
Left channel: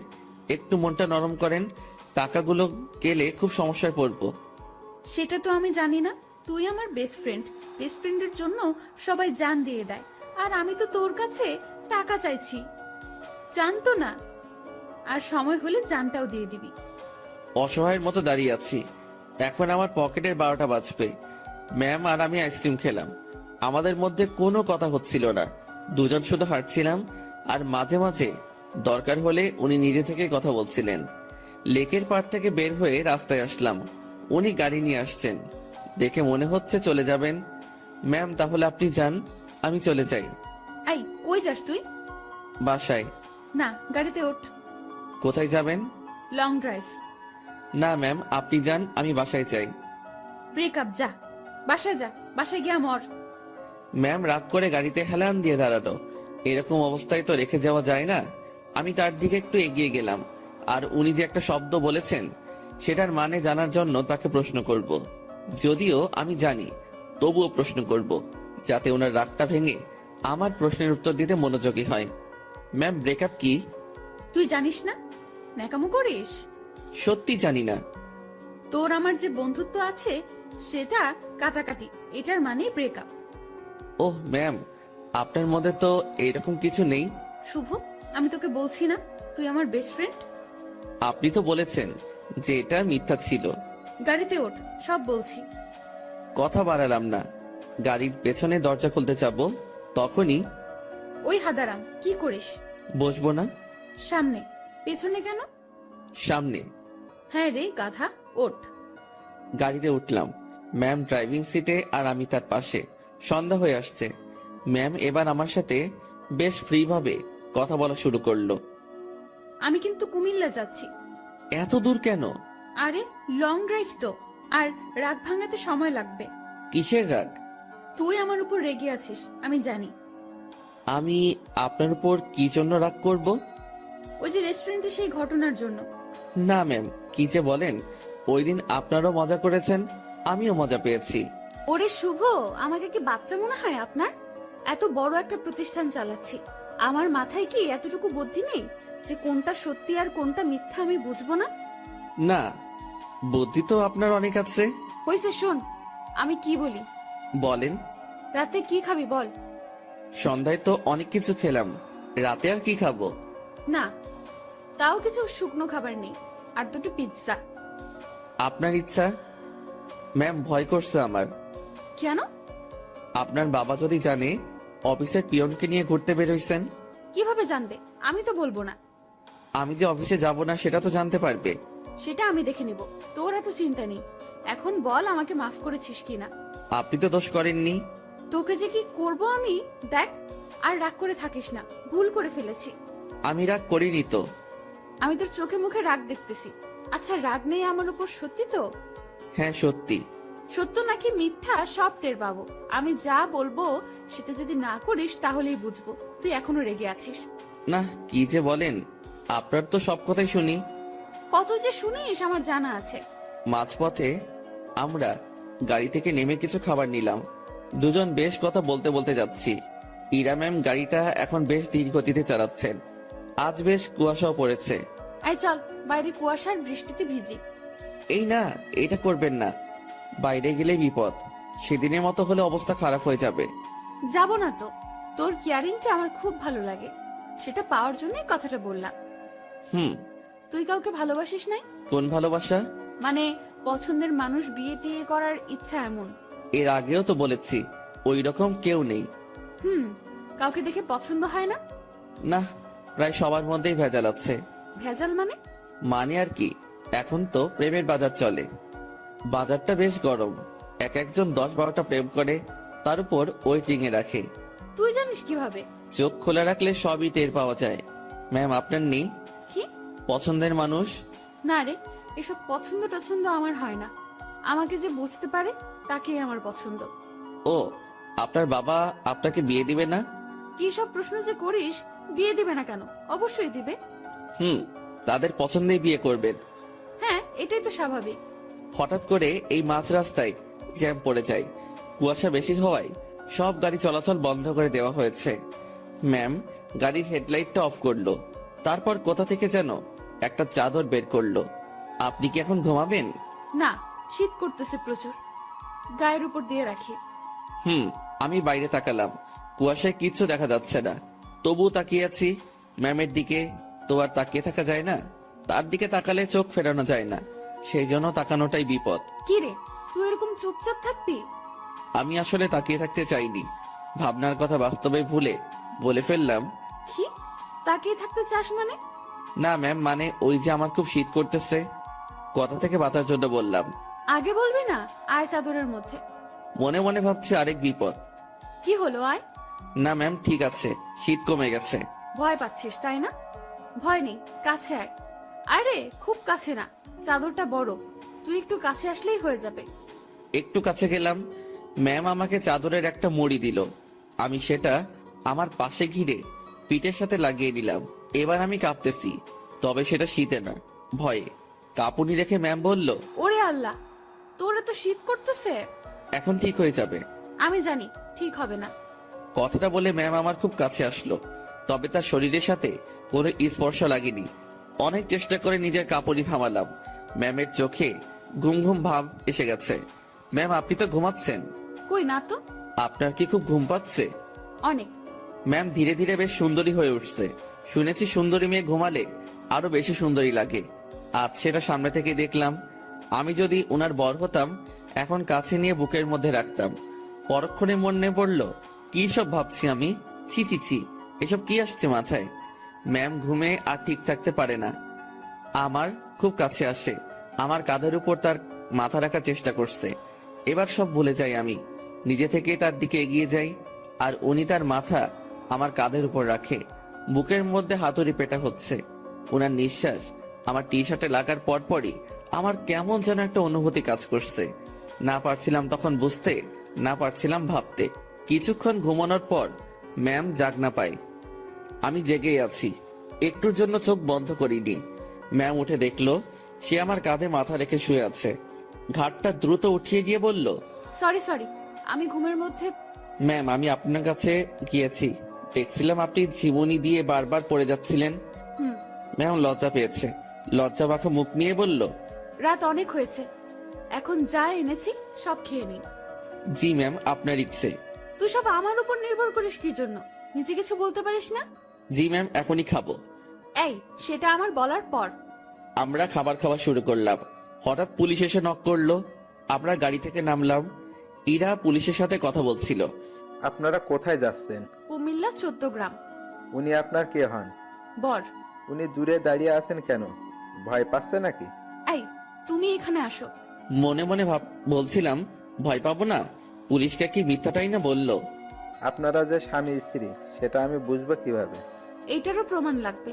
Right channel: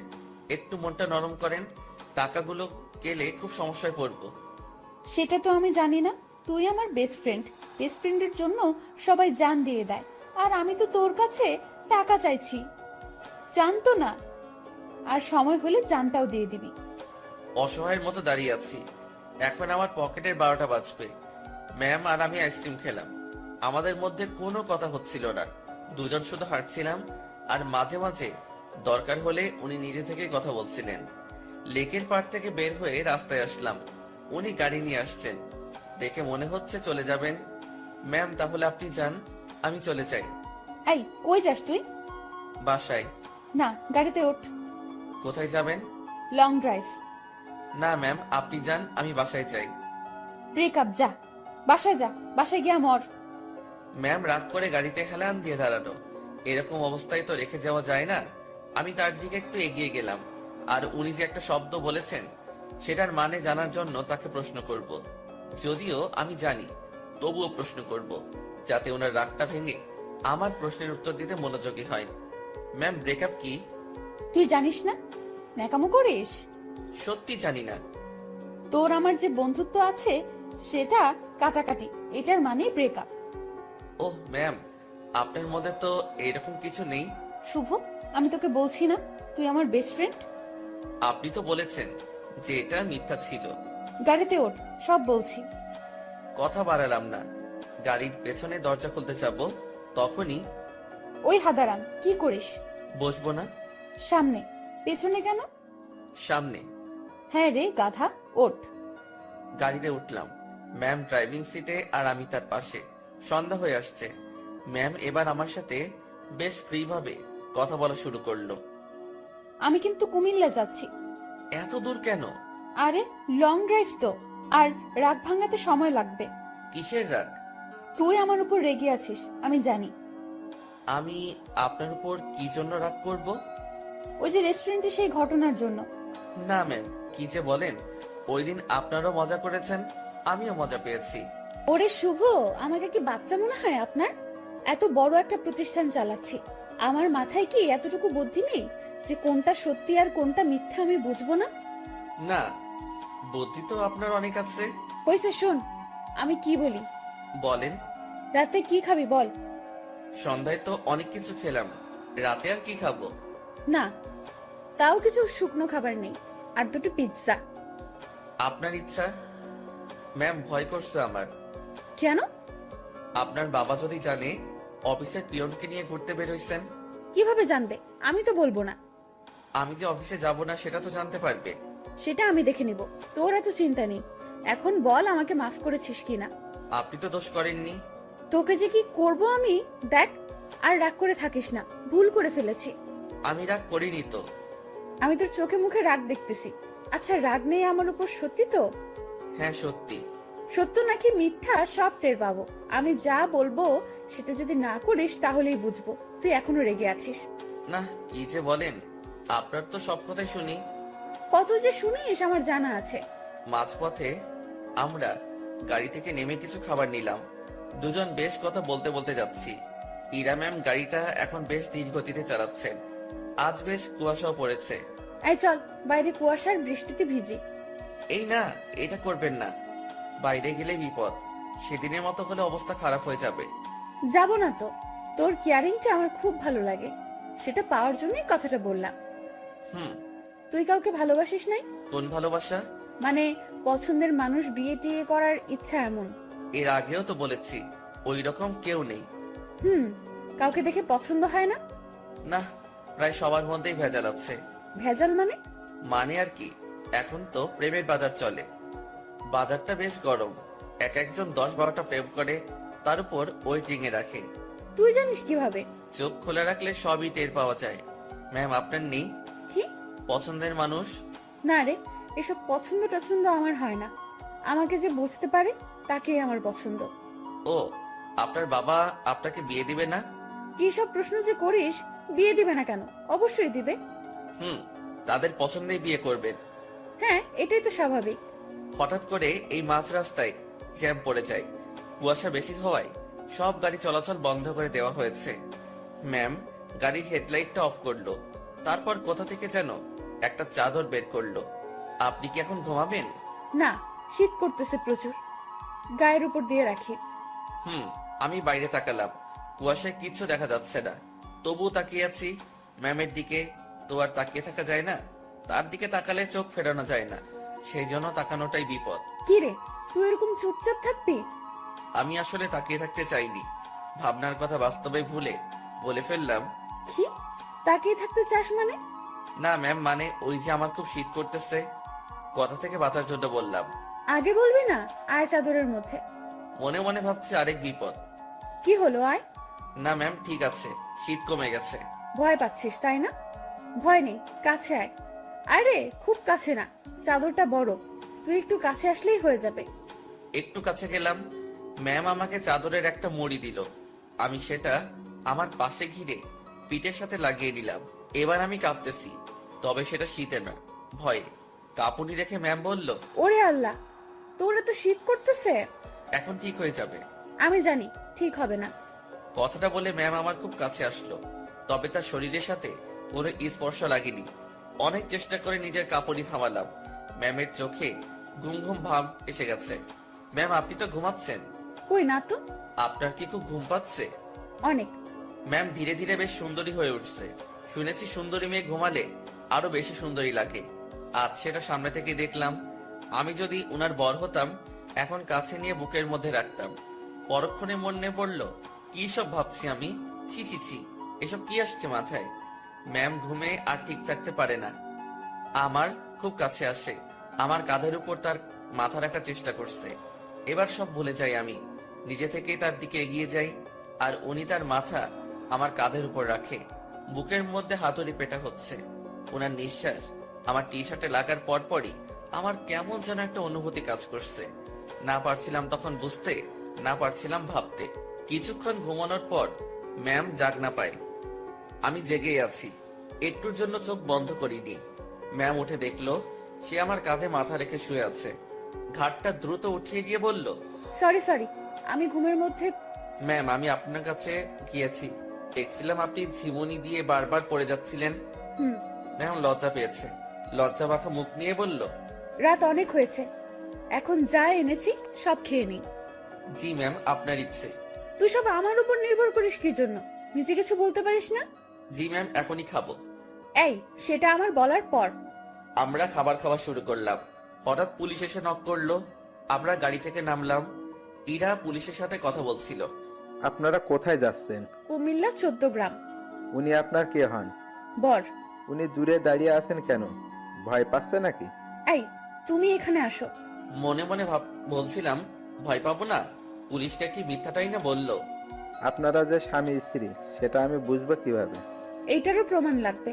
একটু মনটা নরম করেন। টাকাগুলো গেলে খুব সমস্যায় পড়বো। সেটা তো আমি জানি না। তুই আমার বেস্ট ফ্রেন্ড, বেস্ট ফ্রেন্ডের জন্য সবাই জান দিয়ে দেয়, আর আমি তো তোর কাছে টাকা চাইছি। জানতো না, আর সময় হলে জানটাও দিয়ে দিবি। অসহায়ের মতো দাঁড়িয়ে আছি। এখন আমার পকেটের 12টা বাজবে। ম্যাম আর আমি আইসক্রিম খেলাম, আমাদের মধ্যে কোনো কথা হচ্ছিল না। দুজন শুধু হাঁটছিলাম, আর মাঝে মাঝে দরকার হলে উনি নিজে থেকে কথা বলছিলেন। লেকের পাড় থেকে বের হয়ে রাস্তায় আসলাম। উনি গাড়ি নিয়ে আসছেন, দেখে মনে হচ্ছে চলে যাবেন। ম্যাম তাহলে আপনি যান, আমি চলে যাই। এই কই যাস তুই? বাসায়। না, গাড়িতে ওঠ। কোথায় যাবেন? Long drive. না ম্যাম আপনি যান, আমি বাসায় চাই। ব্রেকআপ, যা বাসায় যা, বাসায় গিয়া মর। ম্যাম রাগ করে গাড়িতে হেলান দিয়ে দাঁড়ালো। এরকম অবস্থায় তো রেখে যাওয়া যায় না। আমি তার দিকে একটু এগিয়ে গেলাম, আর উনি যে একটা শব্দ বলেছেন সেটার মানে জানার জন্য তাকে প্রশ্ন করব। যদিও আমি জানি, তবুও প্রশ্ন করব, যাতে ওনার রাগটা ভেঙে আমার প্রশ্নের উত্তর দিতে মনোযোগী হয়। ম্যাম, ব্রেকআপ কি? তুই জানিস না? ন্যাকামো করিস? সত্যি জানি না। তোর আমার যে বন্ধুত্ব আছে সেটা কাটাকাটি, এটার মানে ব্রেকআপ। ওহ ম্যাম, আপনার মধ্যে তো এরকম কিছু নেই। শুভ, আমি তোকে বলছি না তুই আমার বেস্ট ফ্রেন্ড? আপনি তো বলেছেন যে এটা মিথ্যা ছিল। গাড়িতে ওঠ, সব বলছি। কথা বাড়ালাম না। গাড়ির পেছনে দরজা খুলতে যাব, তখনই ওই হাদারাম, কি করিস? বসবো না? সামনে। পেছনে কেন? সামনে। হ্যাঁ রে গাধা, ওঠ। গাড়িতে উঠলাম। ম্যাম ড্রাইভিং সিটে আর আমি তার পাশে। সন্ধ্যা হয়ে আসছে। ম্যাম এবার আমার সাথে বেশ ফ্রি ভাবে কথা বলা শুরু করলো। আমি কিন্তু কুমিল্লা যাচ্ছি। এত দূর কেন? আরে লং ড্রাইভ তো, আর রাগ ভাঙাতে সময় লাগবে। কিসের রাগ? তুই আমার উপর রেগে আছিস, আমি জানি। আমি আপনার উপর কি জন্য রাগ করব? ওই যে রেস্টুরেন্টে সেই ঘটনার জন্য। না ম্যাম, কি যে বলেন। ওই দিন আপনারাও মজা করেছেন, আমিও মজা পেয়েছি। ওরে শুভ, আমাকে কি বাচ্চা মনে হয় আপনার? এত বড় একটা প্রতিষ্ঠান চালাচ্ছি, আমার মাথায় কি এতটুকু বুদ্ধি নেই যে কোনটা সত্যি আর কোনটা মিথ্যা আমি বুঝবো না? না, বুদ্ধি তো আপনার অনেক আছে। হয়েছে, শোন আমি কি বলি। বলেন। রাতে কি খাবি বল? সন্ধ্যায় তো অনেক কিছু খেলাম, রাতে আর কি খাবো? না, তাও কিছু শুকনো খাবার নেই, আর দুটো পিৎজা। আপনার ইচ্ছা। ম্যাম, ভয় করছে আমার। কেন? আপনার বাবা যদি জানে অফিসের পিয়নকে নিয়ে ঘুরতে বেরোইছেন। কিভাবে জানবে? আমি তো বলবো না। আমি যে অফিসে যাব না সেটা তো জানতে পারবে। সেটা আমি দেখে নিব, তোর এত চিন্তা নেই। এখন বল আমাকে মাফ করেছিস কিনা। আপনি তো দোষ করেননি। তোকে যে কি করব আমি, দেখ। আর রাগ করে থাকিস না, ভুল করে ফেলেছি। আমি রাগ করিনি তো। আমি তোর চোখে মুখে রাগ দেখতেছি। আচ্ছা, রাগ নেই আমার উপর, সত্যি তো? হ্যাঁ সত্যি। সত্য নাকি মিথ্যা সব টের পাবো। আমি যা বলবো সেটা যদি না করিস তাহলেই বুঝবো তুই এখনো রেগে আছিস। না, কি যে বলেন, আপনার তো সব কথাই শুনি। কত যে শুনিস আমার জানা আছে। মাঝপথে আমরা গাড়ি থেকে নেমে কিছু খাবার নিলাম। দুজন বেশ কথা বলতে বলতে যাচ্ছি। ইরা ম্যাম গাড়িটা এখন বেশ ধীর গতিতে চালাচ্ছেন। আজ বেশ কুয়াশাও পড়েছে। এই চল, বাইরে কুয়াশার বৃষ্টিতে ভিজি। এই না, এটা করবেন না। বাইরে গেলে বিপদ। সেদিনের মতো হলে অবস্থা খারাপ হয়ে যাবে। যাব না তো, তোর কেয়ারিংটা আমার খুব ভালো লাগে, সেটা পাওয়ার জন্যই কথাটা বললাম। হুম। তুই কাউকে ভালোবাসিস নাই? কোন ভালোবাসা? মানে পছন্দের মানুষ বিয়ে টিয়ে করার ইচ্ছা এমন? এর আগেও তো বলেছি ওই রকম কেউ নেই। কাউকে দেখে পছন্দ হয় না? না, প্রায় সবার মধ্যেই ভেজাল আছে। ভেজাল মানে? মানে আর কি, এখন তো প্রেমের বাজার চলে। বাজারটা বেশ গরম। এক একজন 10-12টা প্রেম করে, তার উপর ওয়েটিং এ রাখে। তুই জানিস কিভাবে? চোখ খোলা রাখলে সবই টের পাওয়া যায়। ম্যাম, আপনার নেই কি পছন্দের মানুষ? না রে, এসব পছন্দ টছন্দ আমার হয় না। আমাকে যে বুঝতে পারে তাকেই আমার পছন্দ। ও, আপনার বাবা আপনাকে বিয়ে দিবে না? কি সব প্রশ্ন যে করিস! বিয়ে দিবে না কেন? অবশ্যই দিবে। তাদের পছন্দেই বিয়ে করবেন। হ্যাঁ, এটাই তো স্বাভাবিক। হঠাৎ করে এই মাঝ রাস্তায় জ্যাম পড়ে যায়। কুয়াশা বেশি হওয়ায় সব গাড়ি চলাচল বন্ধ করে দেওয়া হয়েছে। ম্যাম গাড়ির হেডলাইটটা অফ করলো, তারপর কোথা থেকে যেন একটা চাদর বের করলো। আপনি কি এখন ঘুমাবেন? না, শীত করতেছে প্রচুর, গায়ের উপর দিয়ে রাখি। আমি বাইরে তাকালাম। কুয়াশায় কিচ্ছু দেখা যাচ্ছে না, তবুও তাকিয়ে আছি ম্যামের দিকে। তো আর তাকিয়ে থাকা যায় না, তার দিকে তাকালে চোখ ফেরানো যায় না, সেই জন্য তাকানোটাই বিপদ। কি রে, তুই এরকম চুপচাপ থাকবি? আমি আসলে তাকিয়ে থাকতে চাইনি, ভাবনার কথা বাস্তবে ভুলে বলে ফেললাম। কি তাকিয়ে থাকতে চাস মানে? না ম্যাম, মানে ওই যে আমার খুব শীত করতেছে, কথা থেকে বাঁচার জন্য বললাম। আগে বলবি না? আয় চাদরের মধ্যে। মনে মনে ভাবছি আরেক বিপদ। কি হলো, আয়। না ম্যাম, ঠিক আছে, শীত কমে গেছে। ভয় পাচ্ছিস তাই না? ভয় নেই, কাছে আয়। আরে খুব কাছে না, চাদরটা বড়, তুই একটু কাছে আসলেই হয়ে যাবে। একটু কাছে গেলাম। ম্যাম আমাকে চাদরের একটা মুড়ি দিল। আমি সেটা আমার পাশে ঘিরে পিঠের সাথে লাগিয়ে নিলাম। এবার আমি কাঁপতেছি, তবে সেটা শীতে না, ভয়ে। কাঁপুনি রেখে ম্যাম বলল, ওরে আল্লাহ, তোর এত শীত করতেছে। এখন ঠিক হয়ে যাবে। আমি জানি ঠিক হবে না। কথাটা বলে ম্যাম আমার খুব কাছে আসলো, তবে তার শরীরের সাথে কোনো স্পর্শ লাগেনি। অনেক চেষ্টা করে নিজের কাপড়ই থামালাম। ম্যামের চোখে ঘুম ঘুম ভাব এসে গেছে। ম্যাম, আপনি তো ঘুমাচ্ছেন। কই না তো। আপনার কি খুব ঘুম পাচ্ছে? অনেক। ম্যাম ধীরে ধীরে বেশ সুন্দরী হয়ে উঠছে। শুনেছি সুন্দরী মেয়ে ঘুমালে আরো বেশি সুন্দরী লাগে। আজ সেটা সামনে থেকে দেখলাম। আমি যদি ওনার বর হতাম, এখন কাছে নিয়ে বুকের মধ্যে রাখতাম। পরক্ষণে মনে পড়ল, কি সব ভাবছি আমি। ছি ছি ছি, এসব কি আসছে মাথায়। ম্যাম ঘুমে আর ঠিক থাকতে পারে না, আমার খুব কাছে আসে, আমার কাঁধের উপর তার মাথা রাখার চেষ্টা করছে। এবার সব ভুলে যাই আমি, নিজে থেকে তার দিকে এগিয়ে যাই, আর উনি তার মাথা আমার কাঁধের উপর রাখে। বুকের মধ্যে হাতুড়ি পেটা হচ্ছে। ওনার নিঃশ্বাস আমার টি শার্টে লাগার পরপরই আমার কেমন যেন একটা অনুভূতি কাজ করছে। না পারছিলাম তখন বুঝতে, না পারছিলাম ভাবতে। কিছুক্ষণ ঘুমানোর পর ম্যাম জাগ না পায়, আমি জেগেই আছি। একটুর জন্য চোখ বন্ধ করিনি। ম্যাম উঠে দেখলো সে আমার কাঁধে মাথা রেখে শুয়ে আছে। ঘাটটা দ্রুত উঠিয়ে দিয়ে বলল, সরি সরি, আমি ঘুমের মধ্যে। ম্যাম আমি আপনার কাছে গিয়েছি, দেখছিলাম আপনি ঝিমুনি দিয়ে বারবার পড়ে যাচ্ছিলেন। হুম। ম্যাম লজ্জা পেয়েছে, লজ্জা মাখা মুখ নিয়ে বলল, রাত অনেক হয়েছে, এখন যা এনেছি সব খেয়ে নি। জি ম্যাম, আপনার ইচ্ছে। তুই সব আমার উপর নির্ভর করিস কি জন্য? নিজে কিছু বলতে পারিস না? জি ম্যাম, এখনই খাবো। এই, সেটা আমার বলার পর। আমরা খাবার খাওয়া শুরু করলাম। হঠাৎ পুলিশ এসে নক করলো। আমরা গাড়ি থেকে নামলাম। ইরা পুলিশের সাথে কথা বলছিল। আপনারা কোথায় যাচ্ছেন? কুমিল্লা 14 গ্রাম। উনি আপনার কে হন? বর। উনি দূরে দাঁড়িয়ে আছেন কেন? ভয় পাচ্ছে নাকি? এই, তুমি এখানে আসো। মনে মনে বলছিলাম, ভয় পাবো না? পুলিশকে কি মিথ্যাটাই না বললো। আপনারা যে স্বামী স্ত্রী সেটা আমি বুঝবো কিভাবে? এইটারও প্রমাণ লাগবে।